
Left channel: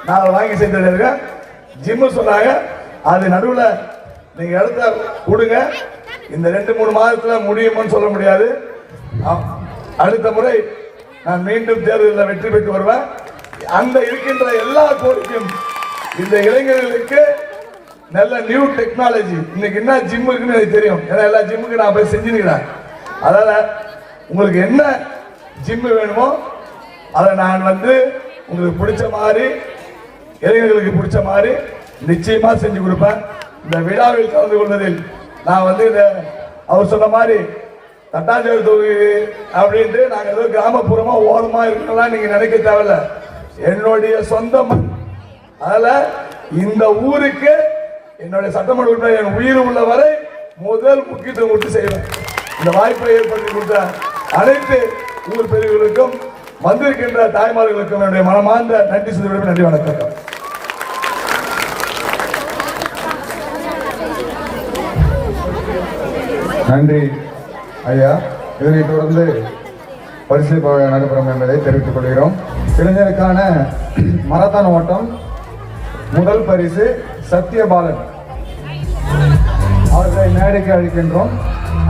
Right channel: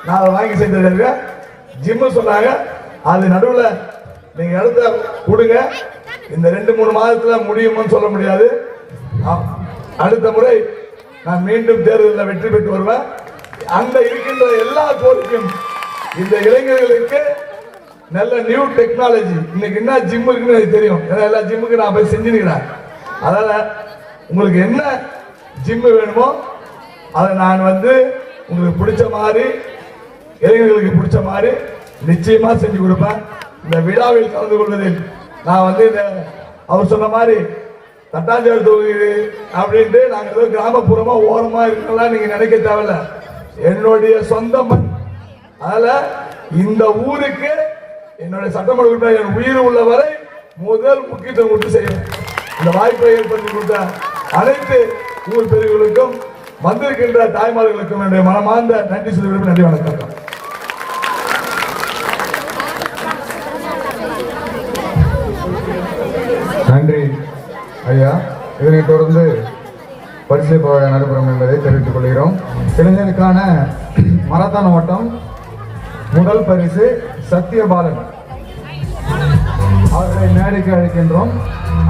நான் அதை வாங்கி செஞ்சு ரெடியா இருக்கேன். ஜிம்மு சொன்னாங்க, அது நடுவில் நீங்க இடத்த கொடுங்க, இந்த 2-3 மாதத்துல முடியும்னு சொல்ல முடியாது. அடுத்த முறை நான் மீண்டும் தேர்தலில் வெற்றி பெற்று வருவேன். அந்த இருக்கின்ற எல்லா கோரிக்கையும் இந்த இளைஞர்களுக்கு நல்ல நியூ டெக்னாலஜி, இன்னைக்கு என்ன ஜிம் இருக்குன்னு எனக்கு தெரியும், ஏன்னா எல்லா ஜிம்முக்கு நான் போய் செஞ்சுருக்கிறேன். அதனால உங்களுக்கு என்ன ஜிம்மு வேணுமோ அதை நான் வந்து உங்களுக்கு பிடிச்ச மாதிரி, இளைஞர்களுக்கு பிடிச்ச மாதிரி நிச்சயமா செஞ்சு கொடுப்பேன். இந்த விழாவில் கலந்து கொள்வதில் நான் வந்து இந்த அவர் சொன்ன மாதிரி தட்டாஞ்சாவடி தொகுதி அப்படின்ட்டு நாங்கள் ஏதோ கிராமப்புறமா ஓரமா இருக்கலாம் நீங்க நினைக்க தேவையில்ல, என்னுடைய சொந்த மண். அதனால இந்த ஊருக்கு என்னுடைய சட்டமன்ற உறுப்பினர் என் உயிர் உள்ள வரை முதல் முக்கியத்துவம் கொடுத்து செய்வேன். இந்த வாய்ப்பை ஏற்படுத்தி கொடுத்த அனைத்து ஊர் பிரிவுகளுக்கும் வந்திருக்கின்ற தாய்மார்களுக்கும் என்னுடைய மனமார்ந்த நன்றி சொல்லி நன்றி, வணக்கம். நன்றி ஐயா. இதனைத் தொடர்ந்து பரிசு நடைபெறும் என்பதை தெரிவித்துக் கொள்கிறோம். இளைஞருக்கான மராத்தான் ஓட்டம் முதல் பரிசு சத்யபாலன் அவர்களை மேடைக்கு அழைக்கின்றோம்.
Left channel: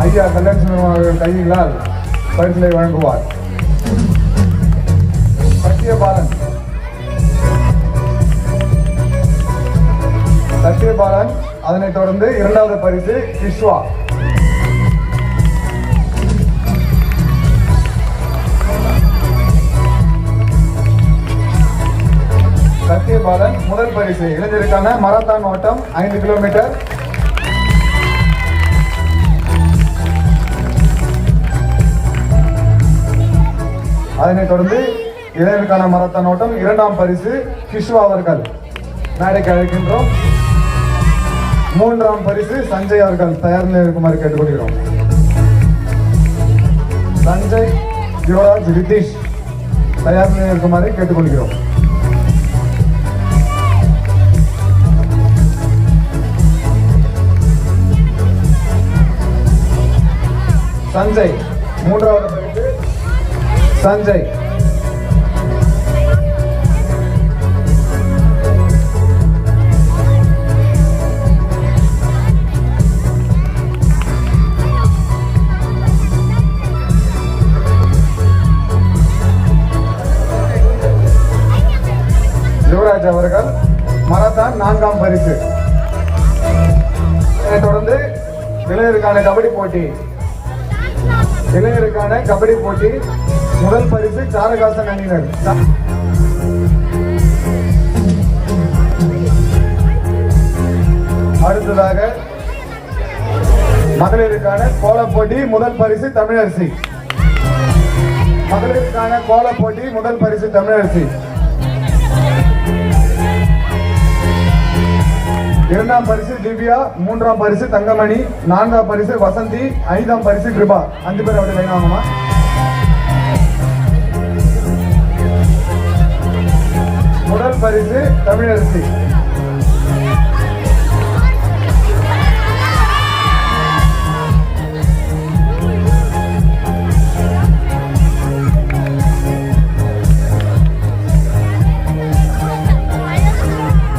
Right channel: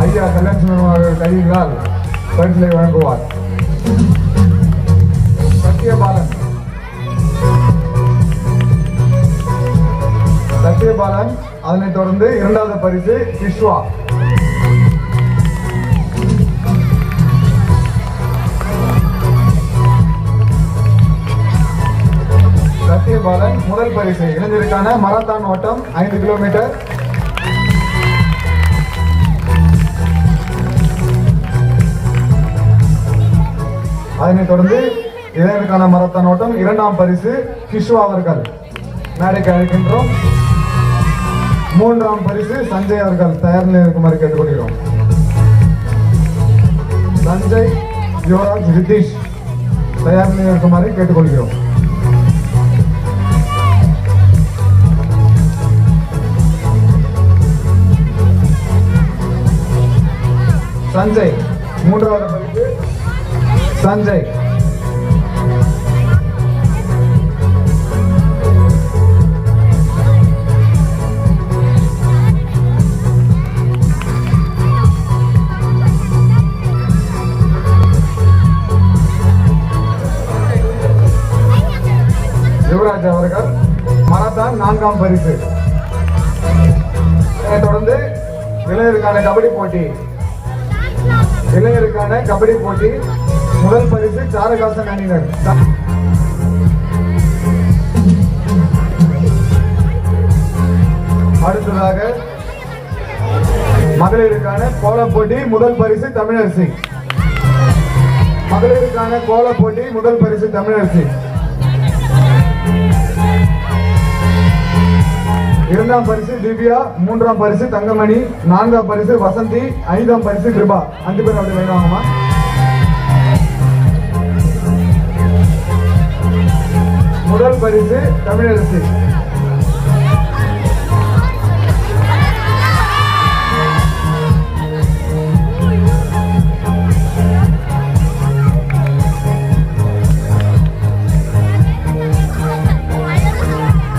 ஐயா கல்யாணம் அவர்கள் கைகளால் பரிசுகளை வழங்குவார். சத்யபாலன். அதனைத் தொடர்ந்து 2வது பரிசு கிஷ்வா. சத்யபாலன் முதல் பரிசு இளைஞருக்கான மராத்தான் ஓட்டம் 5 கிலோமீட்டர். அதனைத் தொடர்ந்து இளைஞருக்கான மராத்தான் ஓட்டம் 2ஆம் பரிசு கிஷ்வா அவர்கள் மேடைக்கு அழைக்கின்றோம். 3ஆம் பரிசு சஞ்சய் அவர்கள் தயார் நிலையில் இருக்குமாறு கேட்டுக்கொள்கிறோம். சஞ்சய் யுவராஜ் ரிதீஷ் தயார் நிலையில் இருக்குமாறு கேட்டுக்கொள்கிறோம். சஞ்சய். மூன்றாவது பரிசு சஞ்சய். யுவராஜ் அவர்கள் மராத்தான் 4ஆம் பரிசு. அதைத் தொடர்ந்து இளைஞருக்கான கபடி போட்டி. இளைஞருக்கான கபடி போட்டி முதல் பரிசு சாரகாசன் அணியினர். அடுத்ததாக மகளிருக்கான கோலப் போட்டி முதல் பரிசு தமிழரசி. மகளிருக்கான கோலப் போட்டி முதல் பரிசு தமிழரசி. 2ஆம் பரிசு திவ்யா, 3ஆம் பரிசு தங்கமணி, 4ஆம் பரிசு வசந்தி, 5ஆம் பரிசு கிருபா. 5 பேர் அப்படி வேணாமா? முதல் பரிசு தமிழரசி.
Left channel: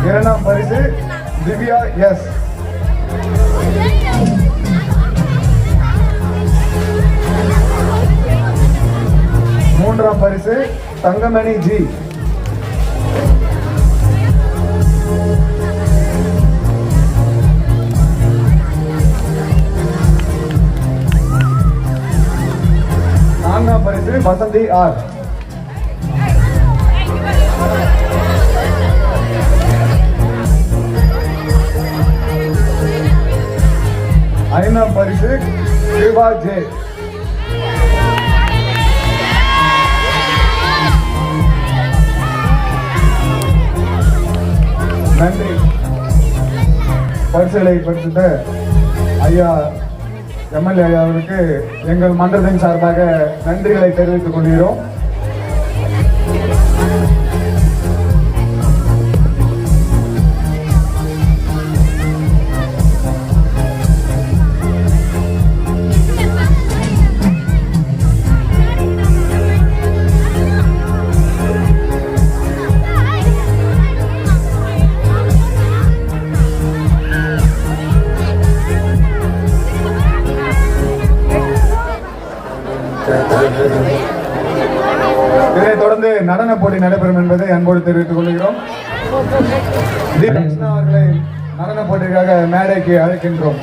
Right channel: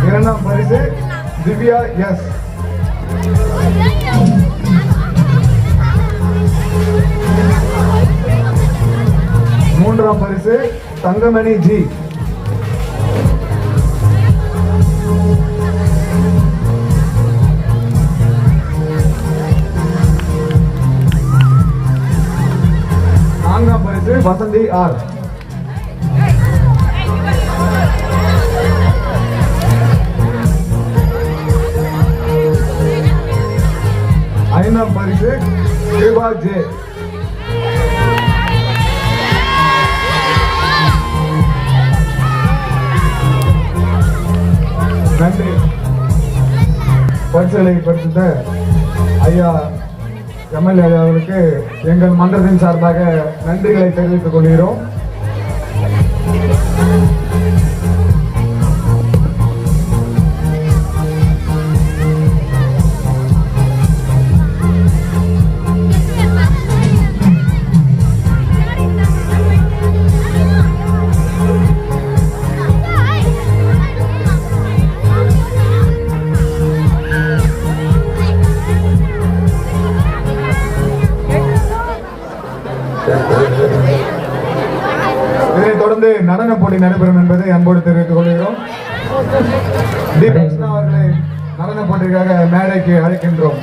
இரண்டாம் பரிசு திவ்யா எஸ். மூன்றாம் பரிசு தங்கமணி ஜி. நான்காம் பரிசு வசந்தி ஆர். ஐந்தாம் பரிசு கிருபா ஜே. நன்றி. பரிசுகளை பரிசுத்த ஐயா எம்எல்ஏ அவர்களுக்கு எங்கள் மன்றத்தின் சார்பாக நன்றிகளை தெரிவித்துக் கொள்கிறோம். இதைத் தொடர்ந்து நடன போட்டி நடைபெறும் என்பதை அன்போடு தெரிவித்துக் கொள்கிறோம். கிருஷ்ணா அவர்களை நடன போட்டிக்காக மேடைக்கு அழைக்கின்றோம்.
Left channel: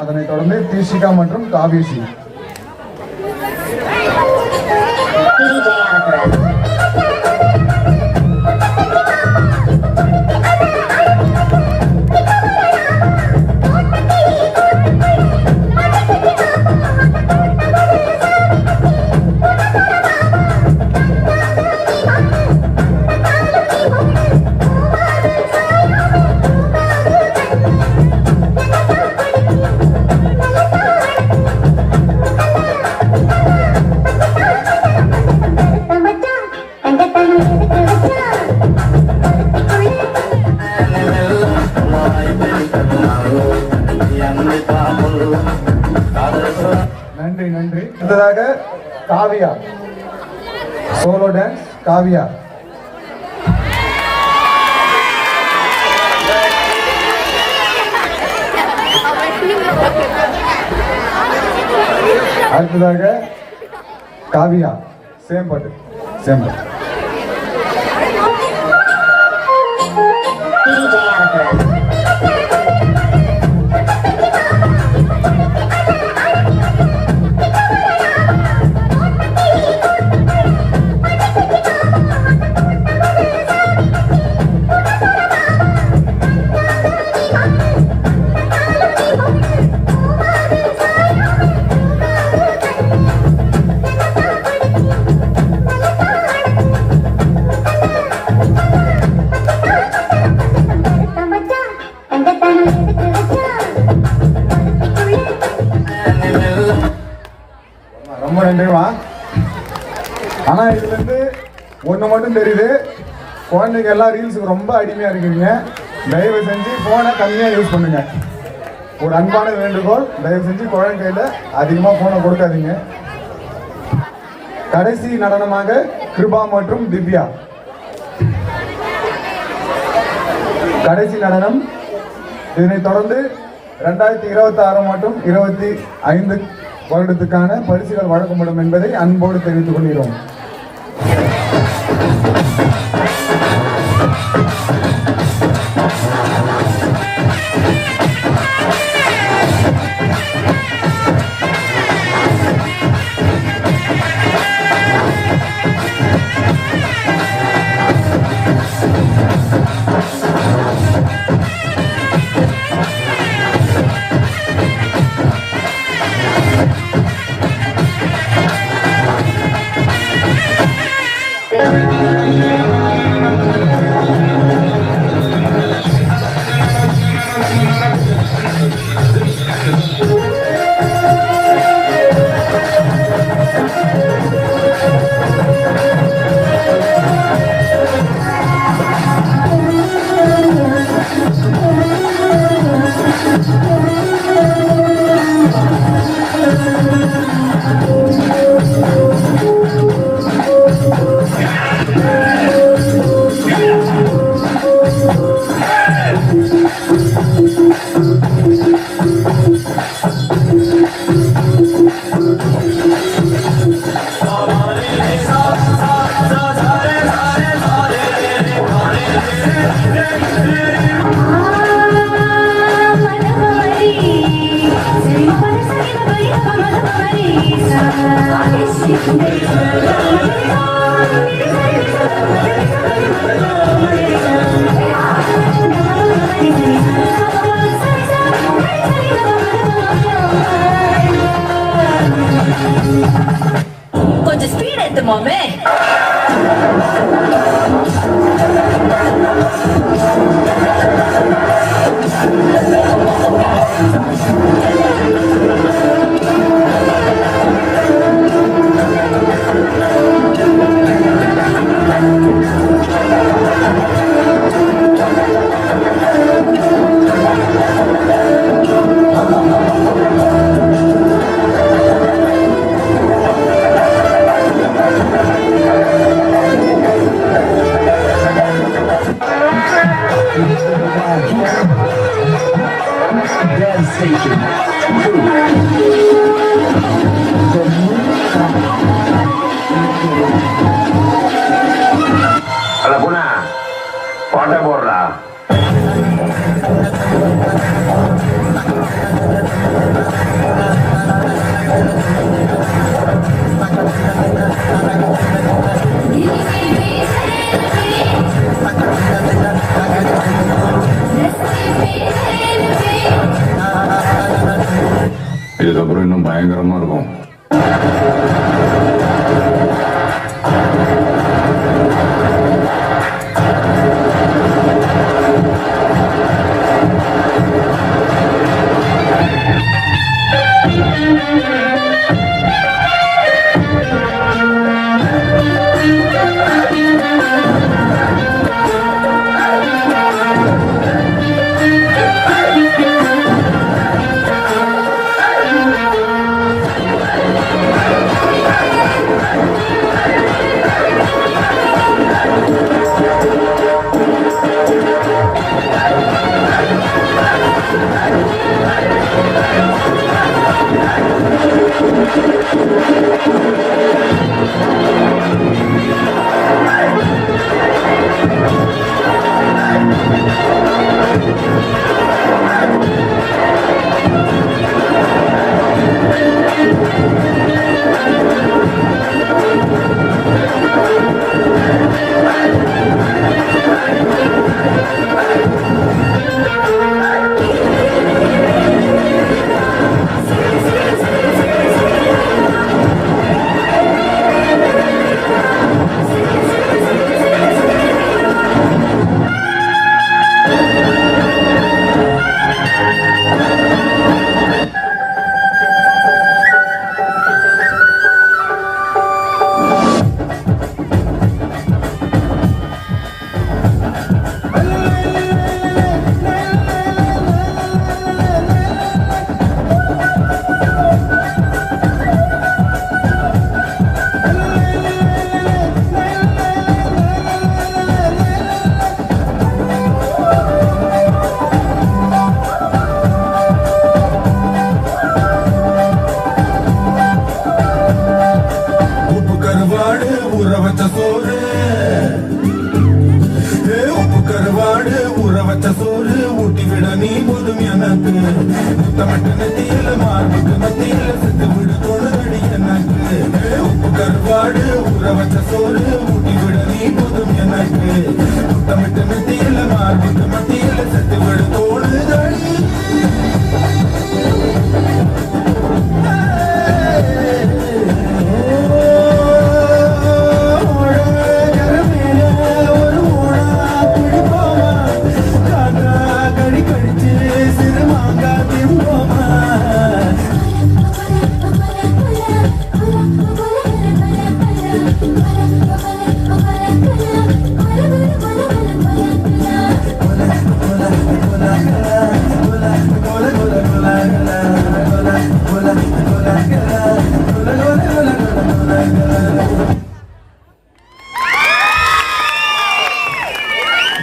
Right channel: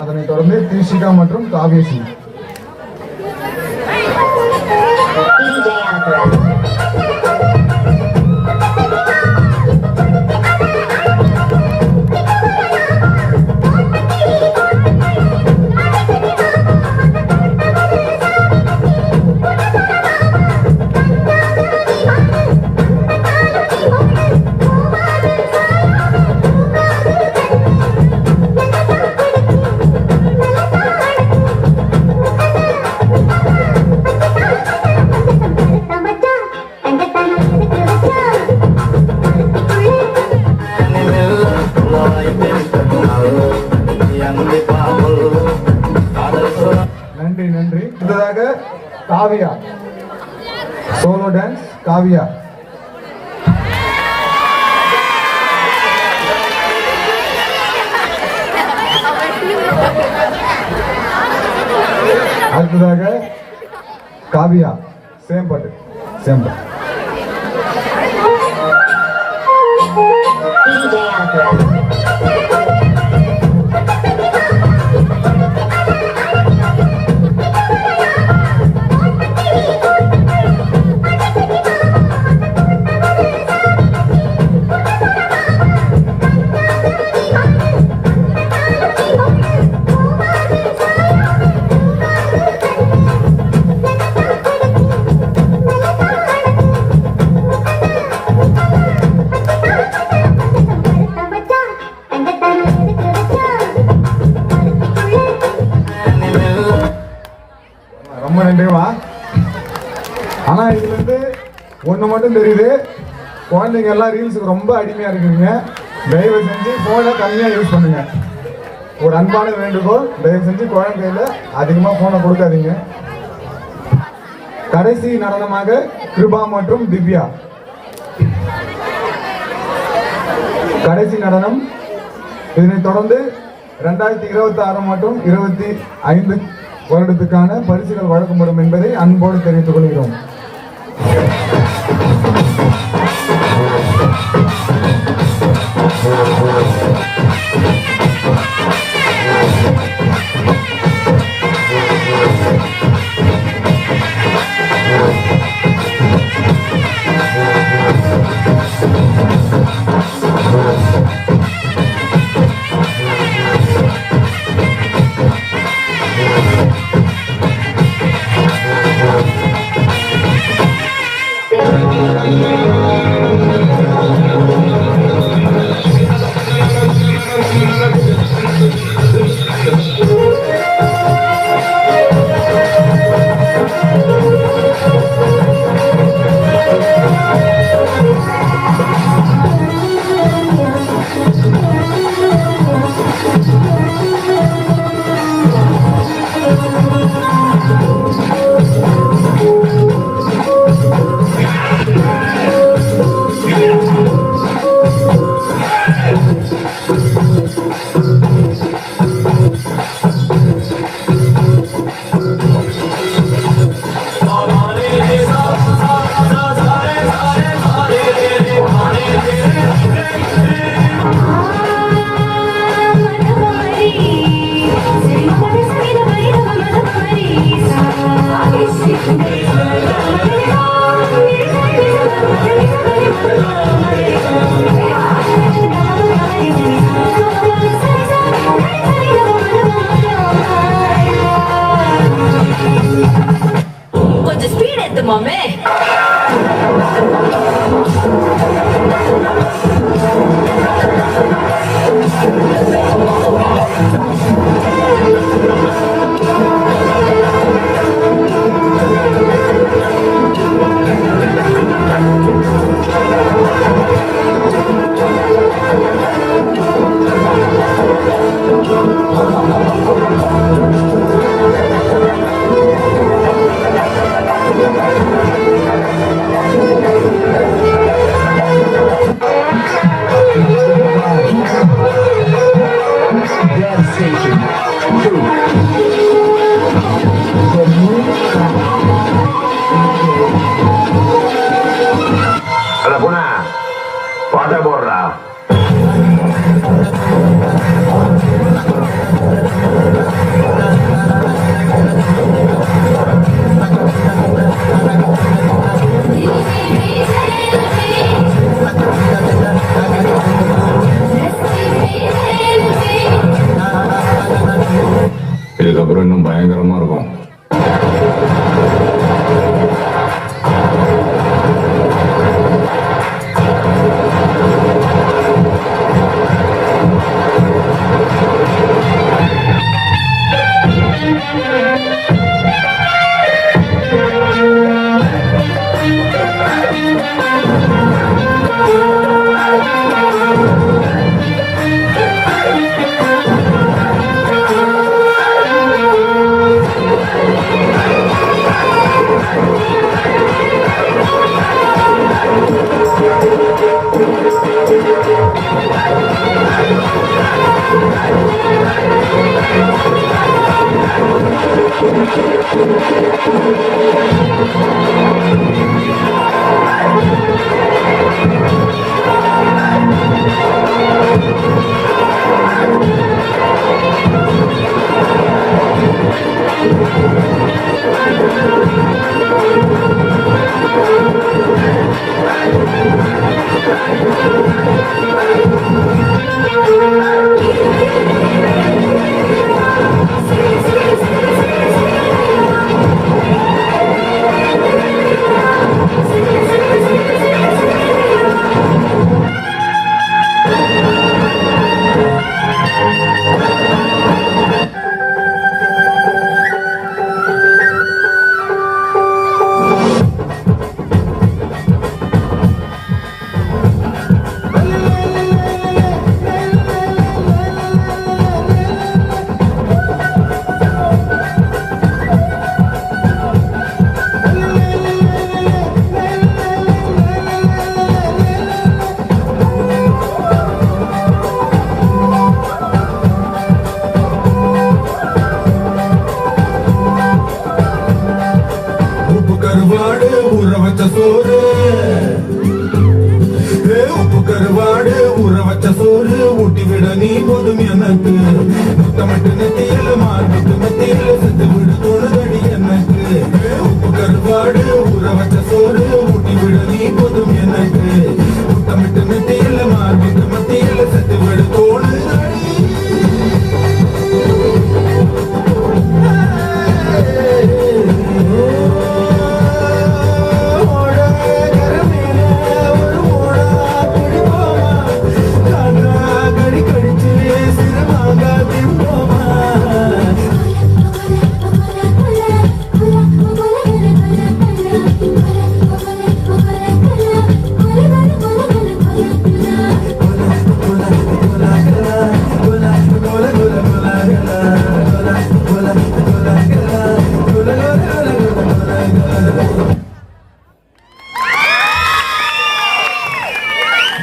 அதனைத் தொடர்ந்து தீஷிகா மற்றும் காவேசி. நன்றி நன்றி. அடுத்ததாக காவியா, சோலோ டான்ஸ் காவியா. அடுத்ததாக காவியா, சேம் பாட்டு சேம் பாட்டு. ரொம்ப நன்றிமா. ஆனா இதுல இருந்து ஒண்ணு மட்டும் தெரியுது, குழந்தைங்க எல்லாம் ரீல்ஸுக்கு ரொம்ப அடிமையா இருக்கீங்க. தயவு செஞ்சு போனை கம்மியா யூஸ் பண்ணுங்க. ஒரு அன்பான வேண்டுகோள், தயவு செஞ்சு குழந்தைகள அதிகமா போனை கொடுக்காதீங்க. கடைசி நடனமாக கிருபா மற்றும் திவ்யா. கடைசி நடனம். இதனைத் தொடர்ந்து 2026 மற்றும் 25 வருடத்துக்கான பரிசுகள் வழங்கப்படும் என்பதை அன்போடு தெரிவித்துக் கொள்கிறோம். பாட்டை போடுறா. இதுக்கப்புறம் இன்னும் பயங்கரமா இருக்கும்.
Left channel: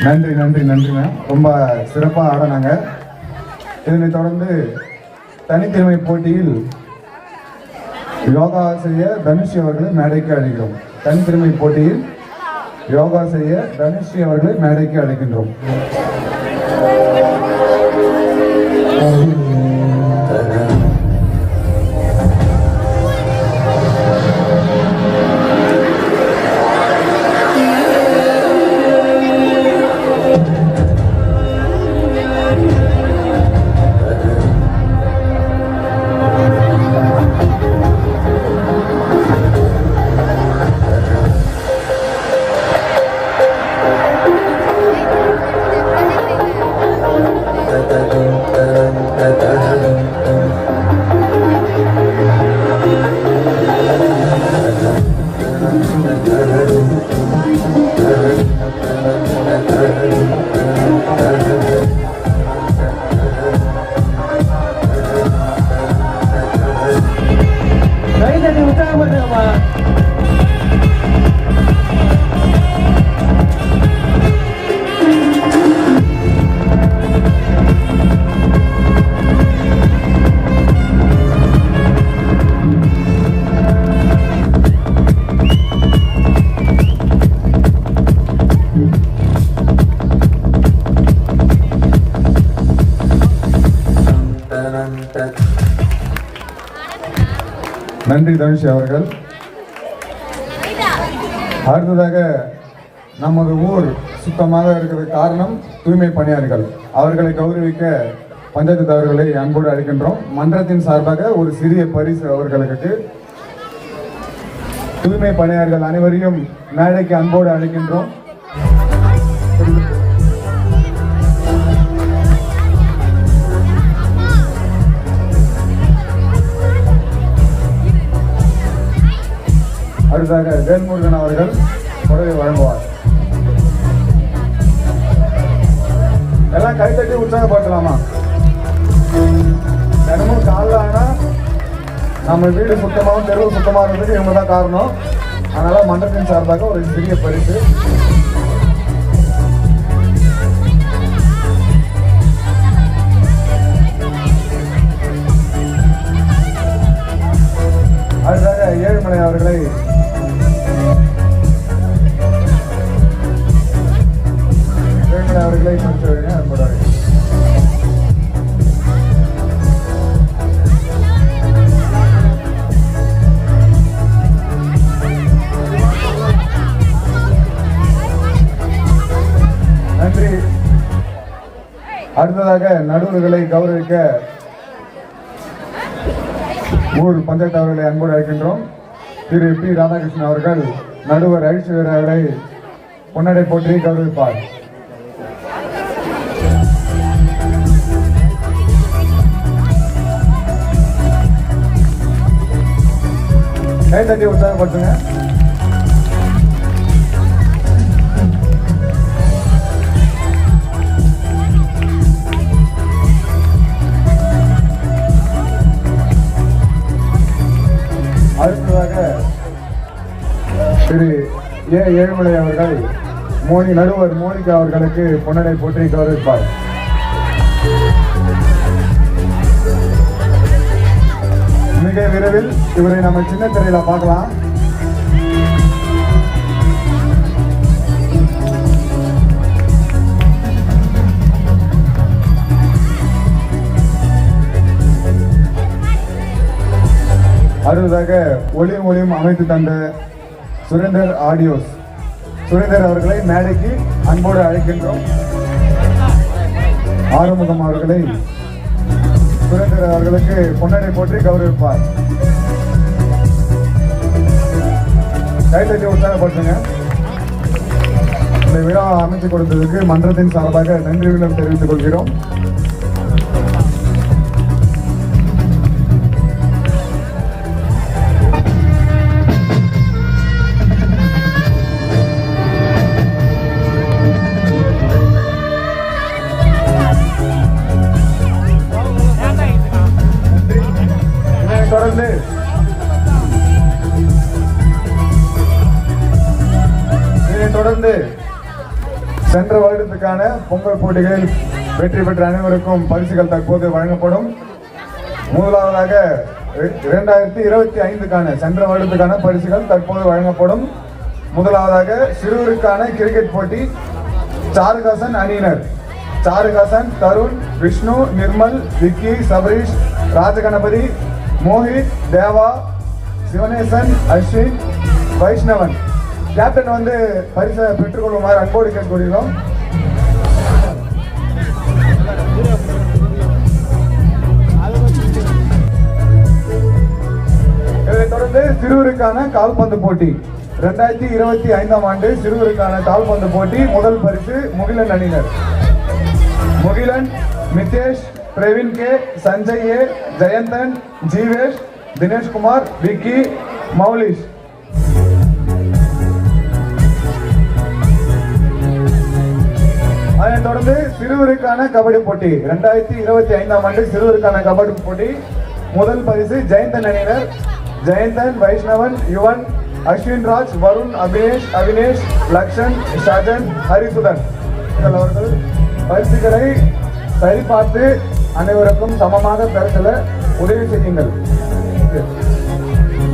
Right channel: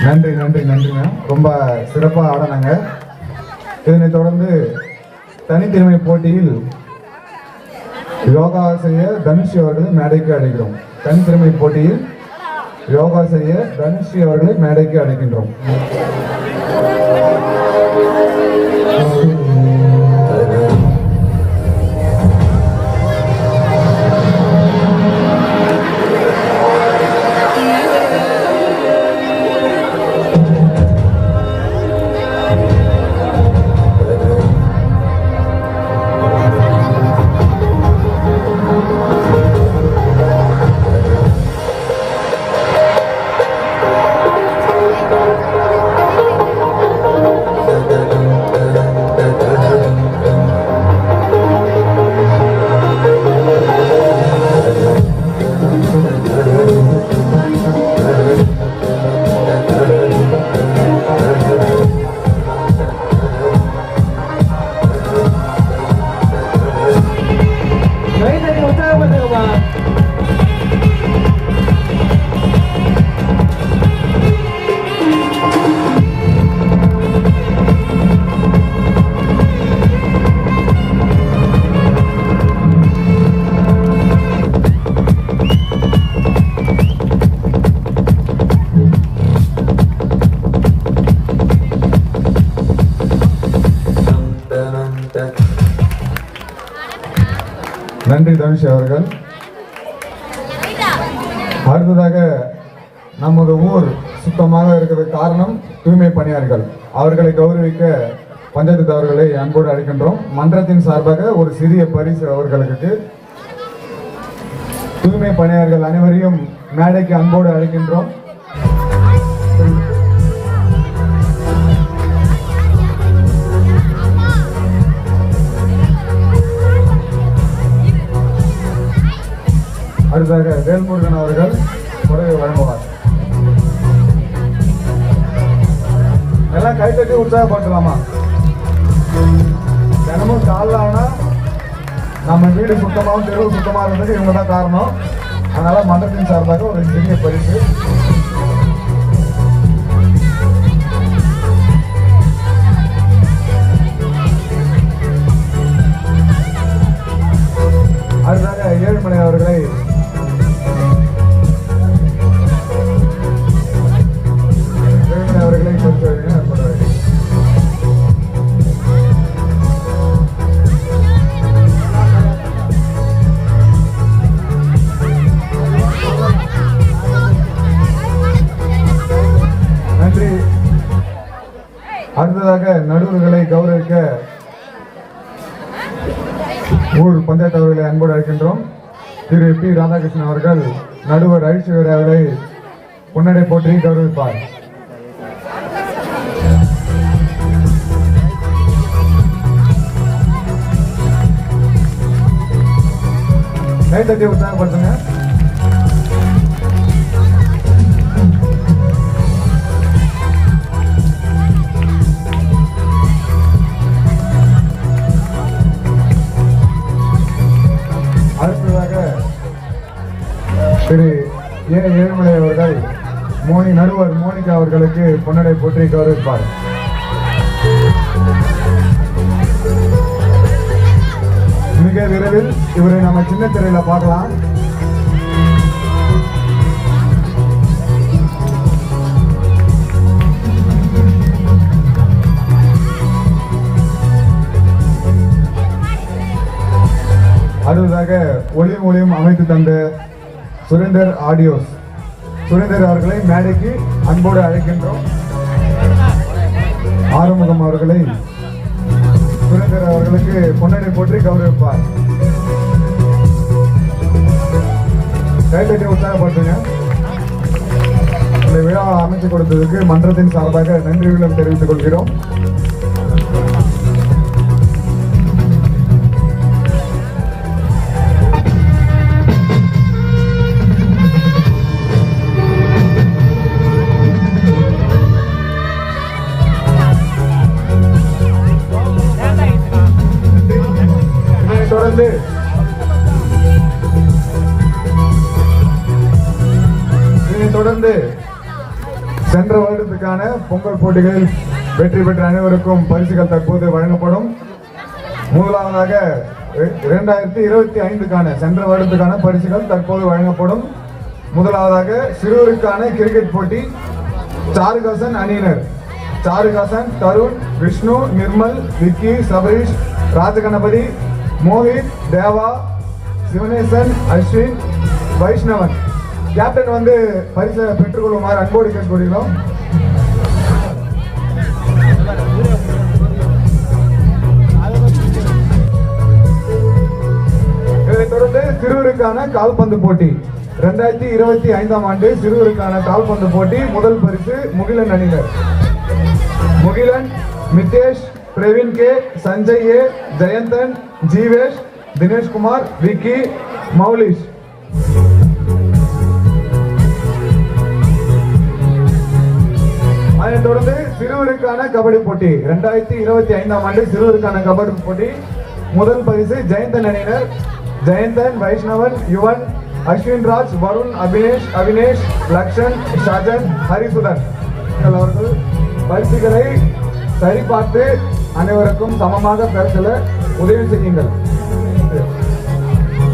நன்றி நன்றி நன்றிங்க. ரொம்ப சிறப்பாக ஆடினாங்க. இதனைத் தொடர்ந்து தனித்திறமை போட்டியில் யோகாசிரியர் தனுஷி அவர்களை மேடைக்கு அழைக்கிறோம். தனித்திறமை போட்டியில் யோகாசிரியர் தனுஷி அவர்களை மேடைக்கு அழைக்கின்றோம். நன்றி தனுஷ் அவர்கள். அடுத்ததாக நமது ஊர் சுத்தமாக இருக்கிறது காரணம் தூய்மை பணியாளர்கள். அவர்களை கௌரவிக்க பஞ்சாயத்து தலைவர்களை அன்போடு அழைக்கின்றோம். மன்றத்தின் சார்பாக ஒரு சிறிய பரிசு அவர்களுக்கு. தூய்மை பணியாளர்கள் அனைவரையும் மேடைக்கு அன்போடு அழைக்கின்றோம். அடுத்ததாக வேல்முருகன் அவர்கள் புடவை வழங்குவார். எல்லாம் கை தட்டி உற்சாகப்படுத்தலாமா? தினமும் காலைல ஆனா நம்ம வீடு சுத்தமாகவும் தெருவு சுத்தமாக இருந்ததுக்கு இவங்க தான் காரணம். அதனால மன்றத்தின் சார்பாக ஒரு சிறிய பரிசு. அடுத்ததாக ஏழுமலை அவர்களை கொடுத்து என்பதாக. நன்றி. அடுத்ததாக நடுவர்களை கௌரவிக்க ஊர் பஞ்சாயத்து அவர்களை அன்போடு அழைக்கின்றோம். திரு பி ராதாகிருஷ்ணன் அவர்கள் நடுவர் ஐஸ்வர் அவர்களை பொன்னடை போற்றி கௌரவிப்பார். கை தட்டி உற்சாகப்படுத்துங்க. அடுத்ததாக திரு ஏழுமலை அவர்கள் நடுவர் மோனிகா அவர்களுக்கு பொன்னடை போற்றி கௌரவிப்பார். மிக விரைவில் இவரை நம்ம சின்ன திரையில பார்க்கலாம். அடுத்ததாக ஒளியும் அமைத்து தந்த சுரேந்தர் ஆடியோஸ் சுரேந்தர் அவர்களை மேடைக்கு அன்போடு அழைக்கின்றோம். ஆறுமுகம் அவர்களை சுரேந்தர் அவர்களுக்கு பொன்னடை போற்றி கௌரவிப்பார். கைத்தட்டி உற்சாகப்படுத்துங்க. இந்த விழாவை அமைச்சு கொடுத்ததற்கு மன்றத்தின் சார்பாக நன்றியுடன் தெரிவித்துக் கொள்கிறோம். தொடர்ந்து சென்ற வருடத்துக்கான பொங்கல் போட்டிகளில் வெற்றி பெற்ற அனைவருக்கும் பரிசுகள் தற்போது வழங்கப்படும். முதலாவதாக 2025க்கான சென்ற வருடத்துக்கான பரிசுகள் தற்போது வழங்கப்படும். முதலாவதாக சிறுவருக்கான கிரிக்கெட் போட்டி சாருகாசன் அணியினர் சாருகாசன், தருண், விஷ்ணு, நிர்மல், விக்கி, சபரீஷ், ராஜகணபதி, மோஹித், தேவா, சிவனேசன், அஸ்வின், வைஷ்ணவன். கேப்டன் வந்து பரிசை பெற்றுக்கொள்ளுமாறு அன்போடு கேட்டுக்கொள்கிறோம். இதைத் தொடர்ந்து சிறுவருக்கான கால்பந்து போட்டி 2025ஆம் ஆண்டு சிறுவருக்கான கால்பந்து போட்டி முதல் பரிசு முகிலன் அணியினர். முகிலன், மித்தேஷ், பிரவீன் கே, சஞ்சய் ஏ, ஜெயந்தன், ஜீவேஷ், தினேஷ்குமார், விக்கி, மௌலிஷ். அதைத் தொடர்ந்து சிறுவருக்கான கபடி போட்டி 2025ஆம் ஆண்டு சிறுவருக்கான கபடி போட்டி முதல் பரிசு ஜெயந்தன் அணியினர். ஜெயந்தன், வைஷ்ணவன், யுவன், அஸ்வின் ராஜ், வருண், அவினேஷ், லக்ஷன், ஷாஜன், ஹரிசுதன் அவர்கள் பரிசுகளை சரிபார்த்து அனைவருக்கும் சமமாக பெறச்சல உதவி செய்யுங்கள்.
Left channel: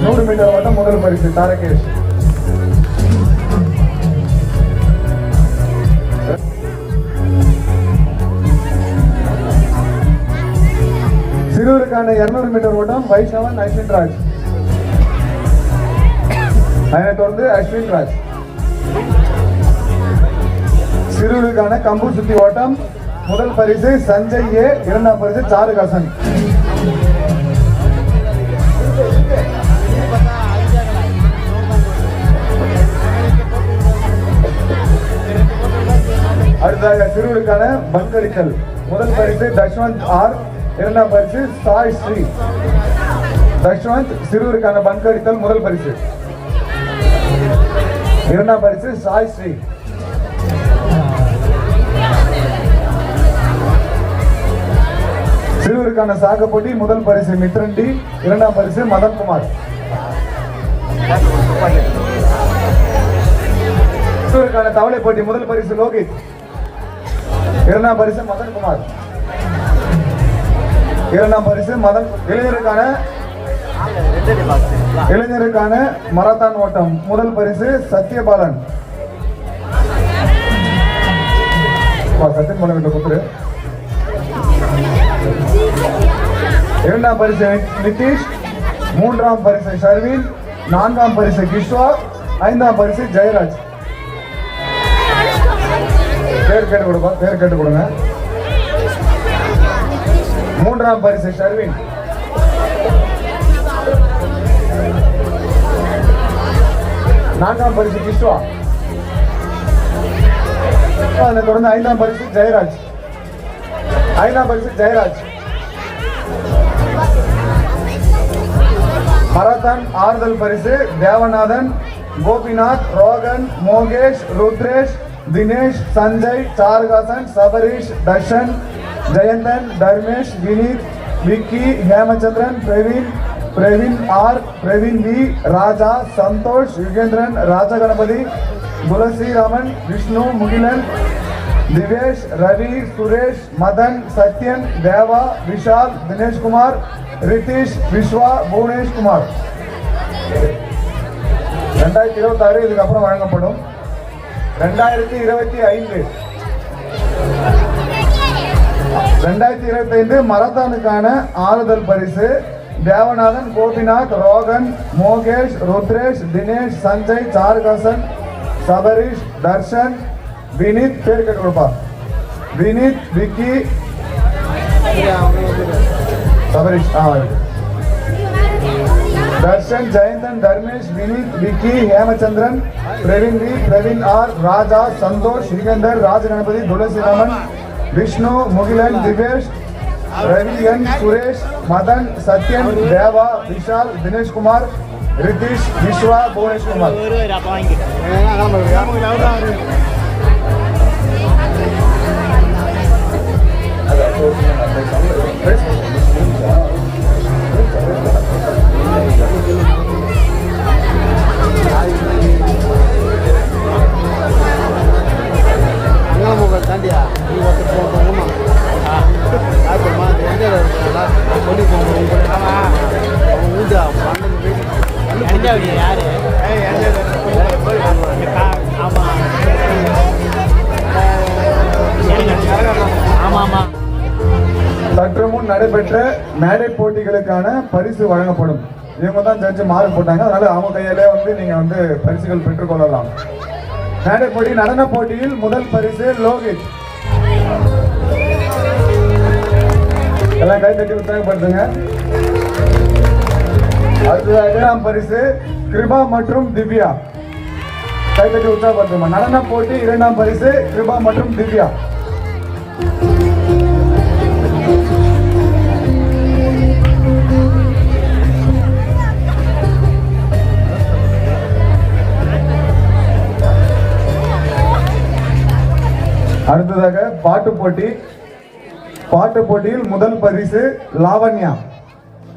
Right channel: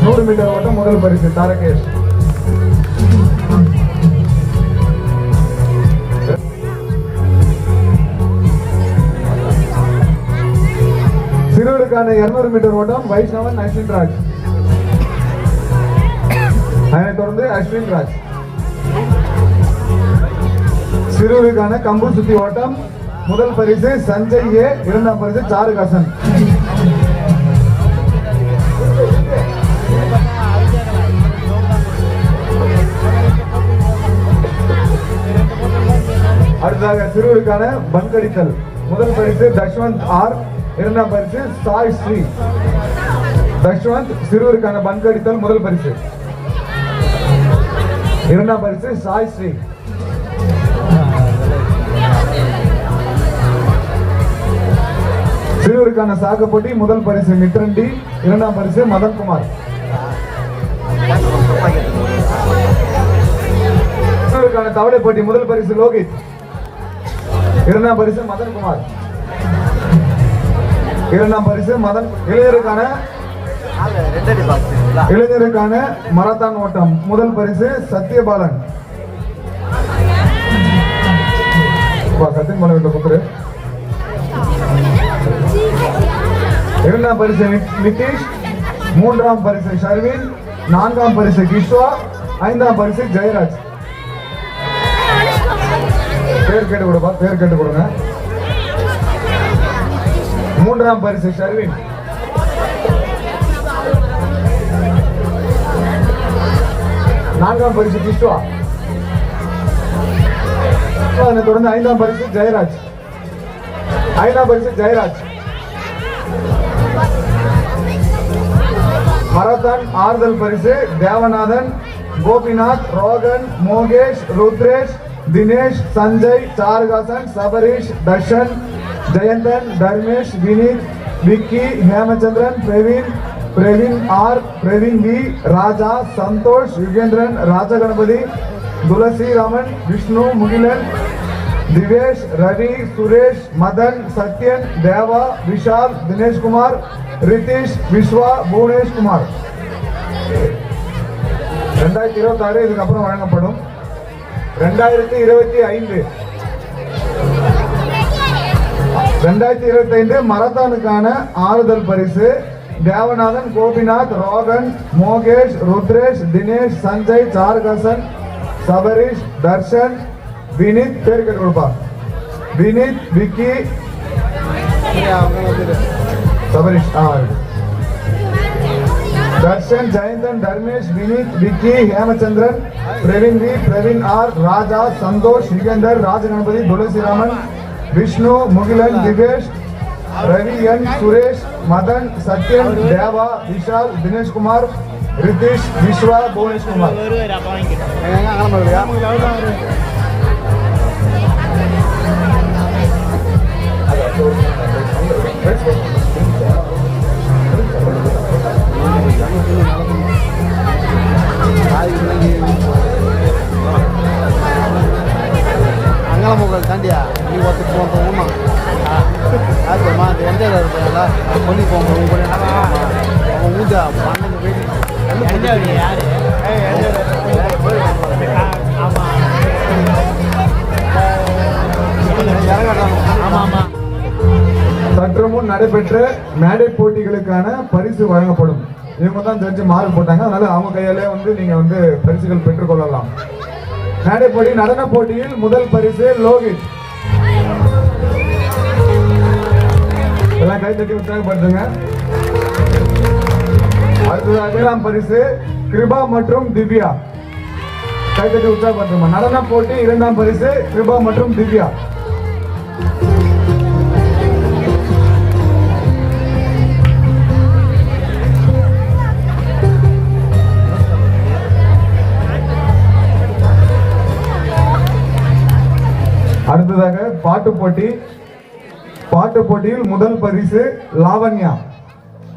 100 மீட்டர் ஓட்டம் முதல் பரிசு தாரகேஷ். சிறுவருக்கான 200 மீட்டர் ஓட்டம் வைஷ்ணவன், அஸ்வின் ராஜ். அதனைத் தொடர்ந்து அஸ்வின் ராஜ். சிறுவருக்கான கம்பு சுத்தி ஓட்டம் முதல் பரிசு சஞ்சய் ஏ, இரண்டாம் பரிசு சாருகாசன். அடுத்ததாக சிறுவருக்கான பங்கடித்தல் முதல் பரிசு தஷ்வந்த் ஆர், இரண்டாம் பரிசு சாய் ஸ்ரீ. தஷ்வந்த் சிறுவருக்கான பங்கடித்தல் முதல் பரிசு, இரண்டாம் பரிசு சாய் ஸ்ரீ. சிறுவருக்கான சாக்கு போட்டி முதல் பரிசு மித்ரண்டி, இரண்டாம் பரிசு மதன்குமார். சிறுவருக்கான தவளை போட்டி முதல் பரிசு லோகித், இரண்டாம் பரிசு மதன்குமார். இரண்டாம் பரிசு மதன். இளைஞருக்கான மராத்தான் ஓட்டம் முதல் பரிசு சத்யபாலன். சத்யபாலன் கூப்பிடு. இரண்டாம் பரிசு நிதிஷ், மூன்றாம் பரிசு ஷர்வின், நான்காம் பரிசு கிஷ்வா, ஐந்தாம் பரிசு ஜெயராஜ். பேர் கேட்டு கொடுப்பா, பேர் கேட்டு கொடுங்க. மூன்றாம் பரிசு ஷர்வின், நான்காம் பரிசு கிஷ்வா, தொடர்ந்து ஐந்தாம் பரிசு ஜெயராஜ். ஐந்தாம் பரிசு ஜெயராஜ். மராத்தான் ஆறுதல் பரிசு தேவநாதன், கோபிநாத், ரோகன், மோகேஷ், ருத்ரேஷ், தினேஷ், சஞ்சய், சாருகாசன், சபரீஷ், தர்ஷன், ஜெயந்தன், தர்மேஷ், வினீத், விக்கி, ஹேமச்சந்திரன், பிரவீன் ஆர், பிரவீன் வி, ராஜா, சந்தோஷ், யுகேந்திரன், ராஜகணபதி, துளசி ராமன், விஷ்ணு, முகிலன், திவேஷ், ரவி, சுரேஷ், மதன், சத்யன், தேவா, விஷால், தினேஷ் குமார், ரிதீஷ், விஸ்வா, புவனேஷ் குமார். 2026 இதுக்கப்புறம் வழங்கப்படும். 2025 மராத்தானுக்கான ஆறுதல் பரிசு தேவநாதன், கோபிநாத், ரோகன், மோகேஷ், ருத்ரேஷ், தினேஷ், சஞ்சய், சாருகாசன், சபரீஷ், தர்ஷன், வினீத். பேர் கேட்டு கொடுப்பா. வினீத், விக்கி, சபரீஷ், தர்ஷன், ஜெயந்தன், தர்மேஷ், வினீத், விக்கி, ஹேமச்சந்திரன், பிரவீன் வி, பிரவீன் ஆர், ராஜா, சந்தோஷ், யுகேந்தர், ராஜகணபதி, துளசி ராமன், விஷ்ணு, முகிலன், திவேஷ், ரவி என், சுரேஷ், மதன், சத்யன், தேவா, விஷால், தினேஷ் குமார், ரிதீஷ், விஸ்வா, புவனேஷ் குமார். தாண்டியா நீ ஒருத்தர் போகிறோமா அது நான் வந்து சொல்லி போங்க அவங்க ஊஞ்சா பன்னெண்டு யாரு சற்று முன் நடைபெற்ற மேடை போட்டிகளுக்கான பரிசு வழங்கப்படும். இவங்க தான் ஜட்ஜி மார்க் போட்டாங்க, அதனால அவங்க கையிலே வந்து நீங்க வந்து பரிசுகள் பெற்றுக்கொள்ளலாம். மேடை போட்டி நடன போட்டியில் முதல் பரிசு லோகித். எல்லாம் கை தட்டி உற்சாகப்படுத்துங்க. அடுத்ததாக இரண்டாம் பரிசு கிருபா மற்றும் திவ்யா. கை தட்டி உற்சாகப்படுத்துங்க. நடன போட்டி இரண்டாம் பரிசு கிருபா மற்றும் திவ்யா. அடுத்ததாக பாட்டு போட்டி. பாட்டு போட்டியில் முதல் பரிசு லாவண்யா.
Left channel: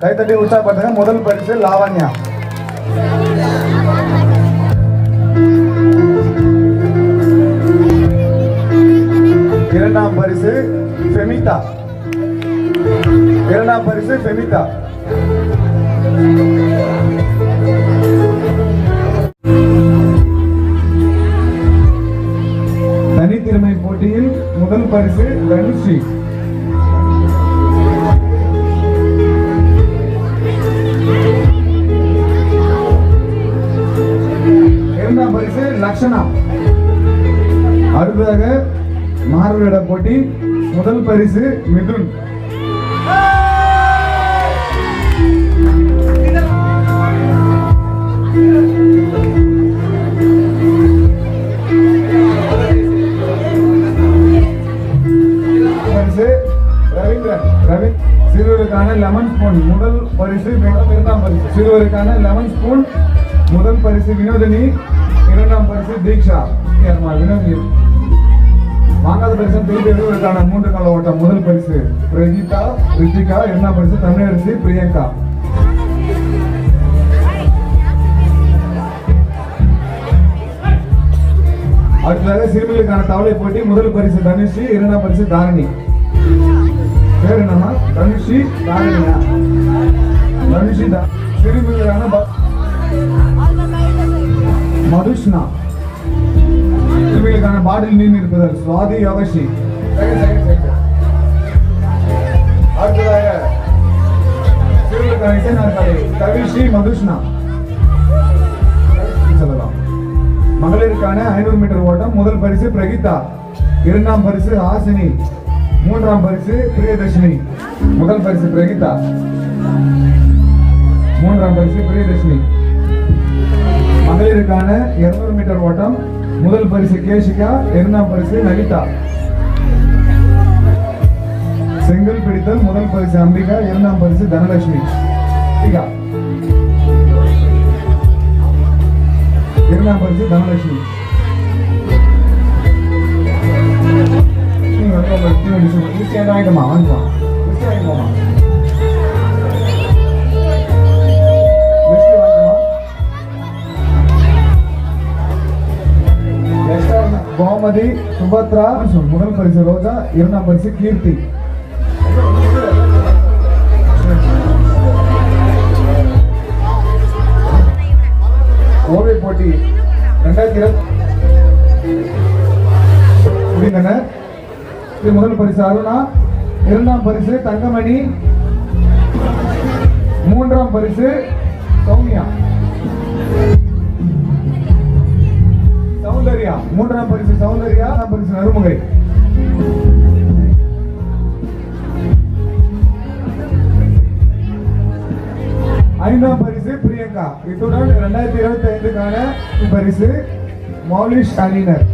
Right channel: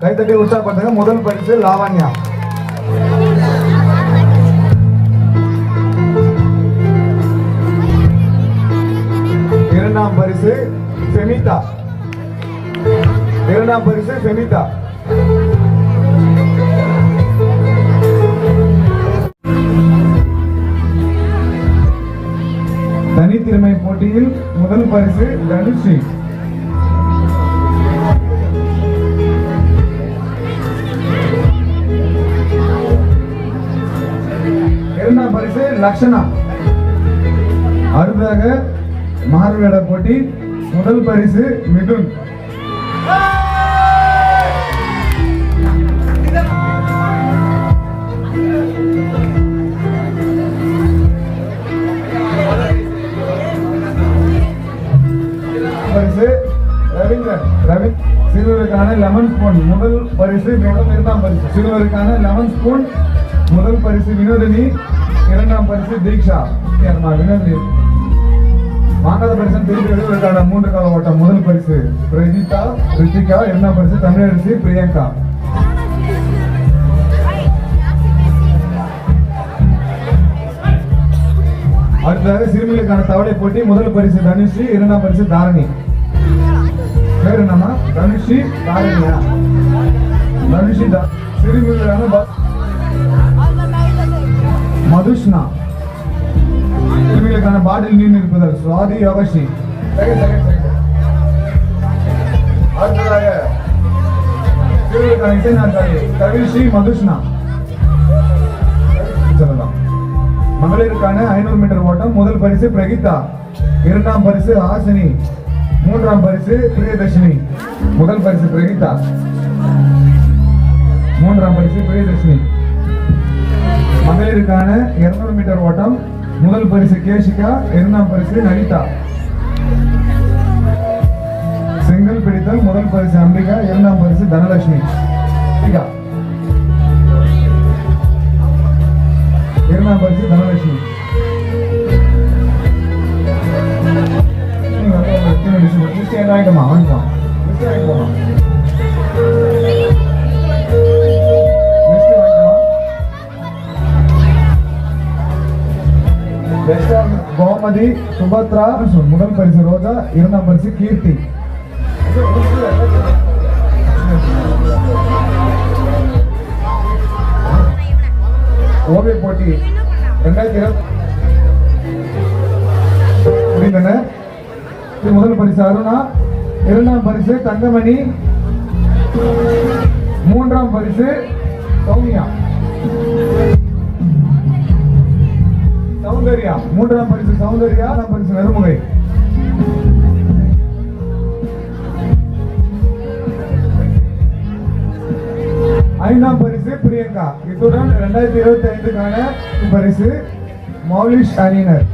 கைத்தட்டி உற்சாகப்படுத்துங்க. முதல் பரிசு லாவண்யா. இரண்டாம் பரிசு ஃபெமிதா. இரண்டாம் பரிசு ஃபெமிதா. தனித்திறமை போட்டியில் முதல் பரிசு தனுஷி. தக்ஷணா. அடுத்ததாக மாறுவேட போட்டி முதல் பரிசு மிதுன். பரிசு ரவீந்திரன். சிறுவருக்கான லெமன் ஸ்பூன் முதல் பரிசு இரண்டாம் பரிசு. சிறுவருக்கான லெமன் ஸ்பூன் முதல் பரிசு வினோதினி, இரண்டாம் பரிசு தீக்ஷா. வினோதினி மாணவர் பரிசு தேர்தலுக்கான 3 கால ஓட்டம் முதல் பரிசு பிரகீதா ரித்திகா, இரண்டாம் பரிசு தமிழரசி பிரியங்கா. அடுத்ததாக சிறுமிகளுக்கான தவளை போட்டி முதல் பரிசு தனுஷி, இரண்டாம் பரிசு தாரணி. பேர் என்னமா? தனுஷி தாரணியா? தனுஷி சிறுமிகளுக்கான மதுஷ்னா. சிறுமிகளுக்கான பாட்டில் நீர் இருப்பதல் சுவாதி அவசி. அடுத்ததாக சிறுமிகளுக்கான இசைநாற்காலி தனுஷி மதுஷ்னா சொல்லலாம். மகளிருக்கான 500 மீட்டர் ஓட்டம் முதல் பரிசு பிரகீதா, இரண்டாம் பரிசு ஹாசினி, மூன்றாம் பரிசு பிரியதர்ஷினி. முதல் பரிசு பிரகீதா, மூன்றாம் பரிசு பிரியதர்ஷினி. மகளிருக்கான 200 மீட்டர் ஓட்டம் முதல் பரிசு கேஷிகா, இரண்டாம் பரிசு லலிதா. செங்கல் பிடித்தல் முதல் பரிசு அம்பிகா, இரண்டாம் பரிசு தனலட்சுமி. இரண்டாம் பரிசு தனலட்சுமி. வாங்கிக்கமா வாங்கிக்கலாம். கோமதி சுபத்ரா முதல் பரிசு ரோஜா, இரண்டாம் பரிசு கீர்த்தி. ஓவிய போட்டி 2020 முடிந்தன. முதல் பரிசு அருணா, இரண்டாம் பரிசு தங்கமணி, மூன்றாம் பரிசு சௌமியா. சௌந்தர்யா மூன்றாம் பரிசு சௌந்தர்யா, பரிசு நறுமுகை. ஐந்தாம் பரிசு பிரியங்கா. இத்துடன் 2025க்கான பரிசு மௌலிஷ் அணியினர்.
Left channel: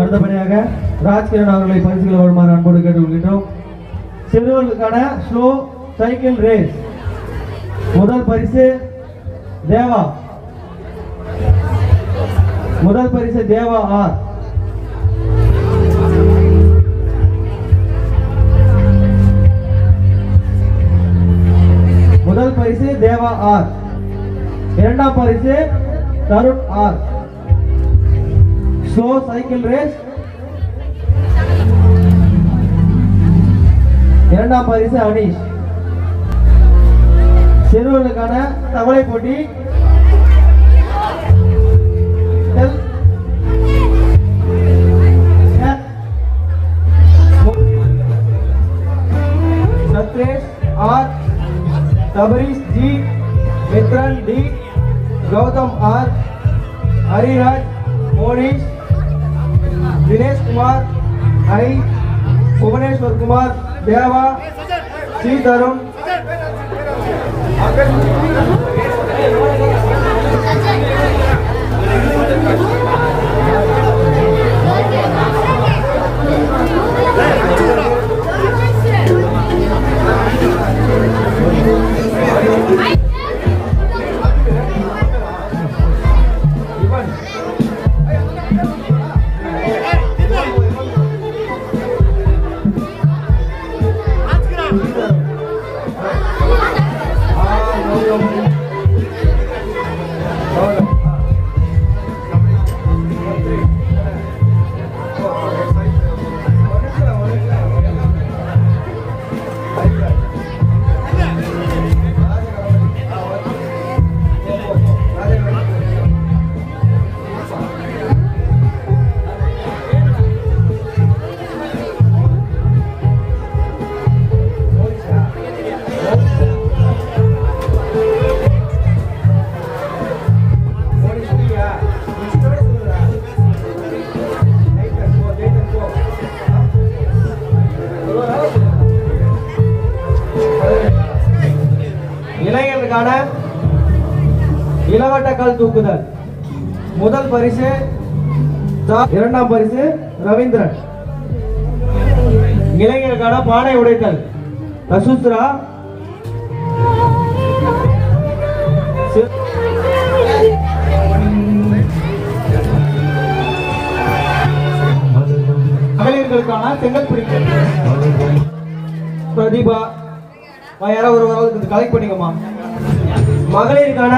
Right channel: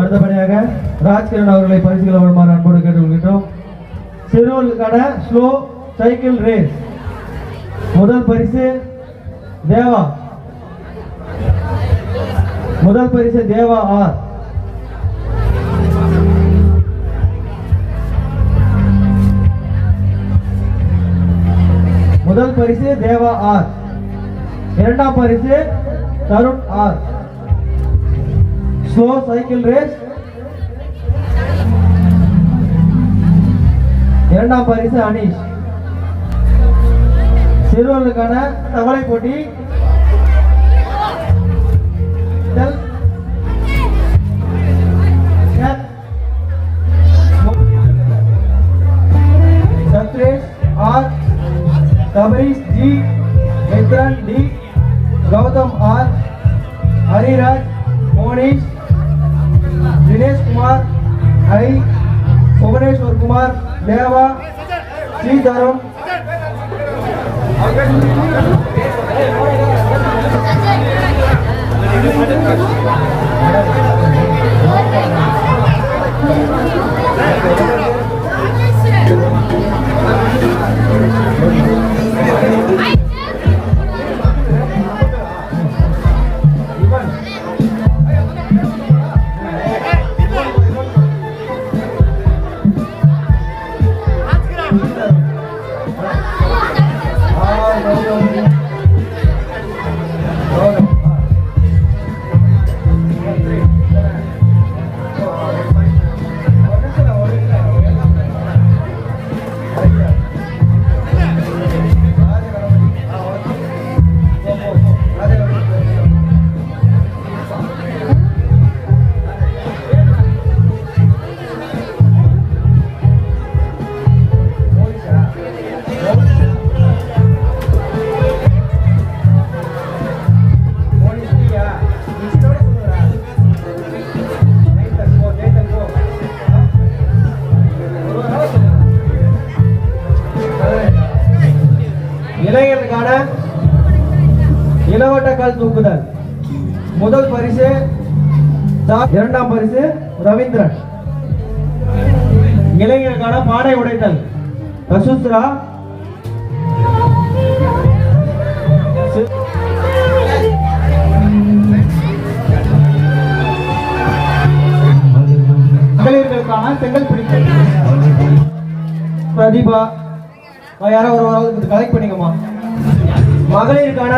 அடுத்தபடியாக ராஜ்கிரண் அவர்களை பரிசுகளை வழங்குமாறு அன்போடு கேட்டுக்கொள்கின்றோம். சிறுவர்களுக்கான ஸ்லோ சைக்கிள் ரேஸ் முதல் பரிசு தேவா, முதல் பரிசு தேவா ஆர். முதல் பரிசு தேவா ஆர், இரண்டாம் பரிசு Tarun R. Slow cycle race இரண்டாம் பரிசு அனீஷ். சிறுவர்களுக்கான தவளை போட்டி Sathresh R, Thabareesh G, Mithran D, Gautham R, Hariraj, Monish, Dinesh Kumar I, Bhuvaneswar Kumar, Deva, Sri Tarun. முதல் பரிசு இரண்டாம் பரிசு ரவீந்திரன். இளைஞருக்கான பானை உடைத்தல் ரசுத்ரா. மகளிர்களுக்கான செங்கல் பிடித்தல் பிரதீபா. யாரோ ஒரு கலெக்ட் பண்ணிக்கோமா. மகளிருக்கான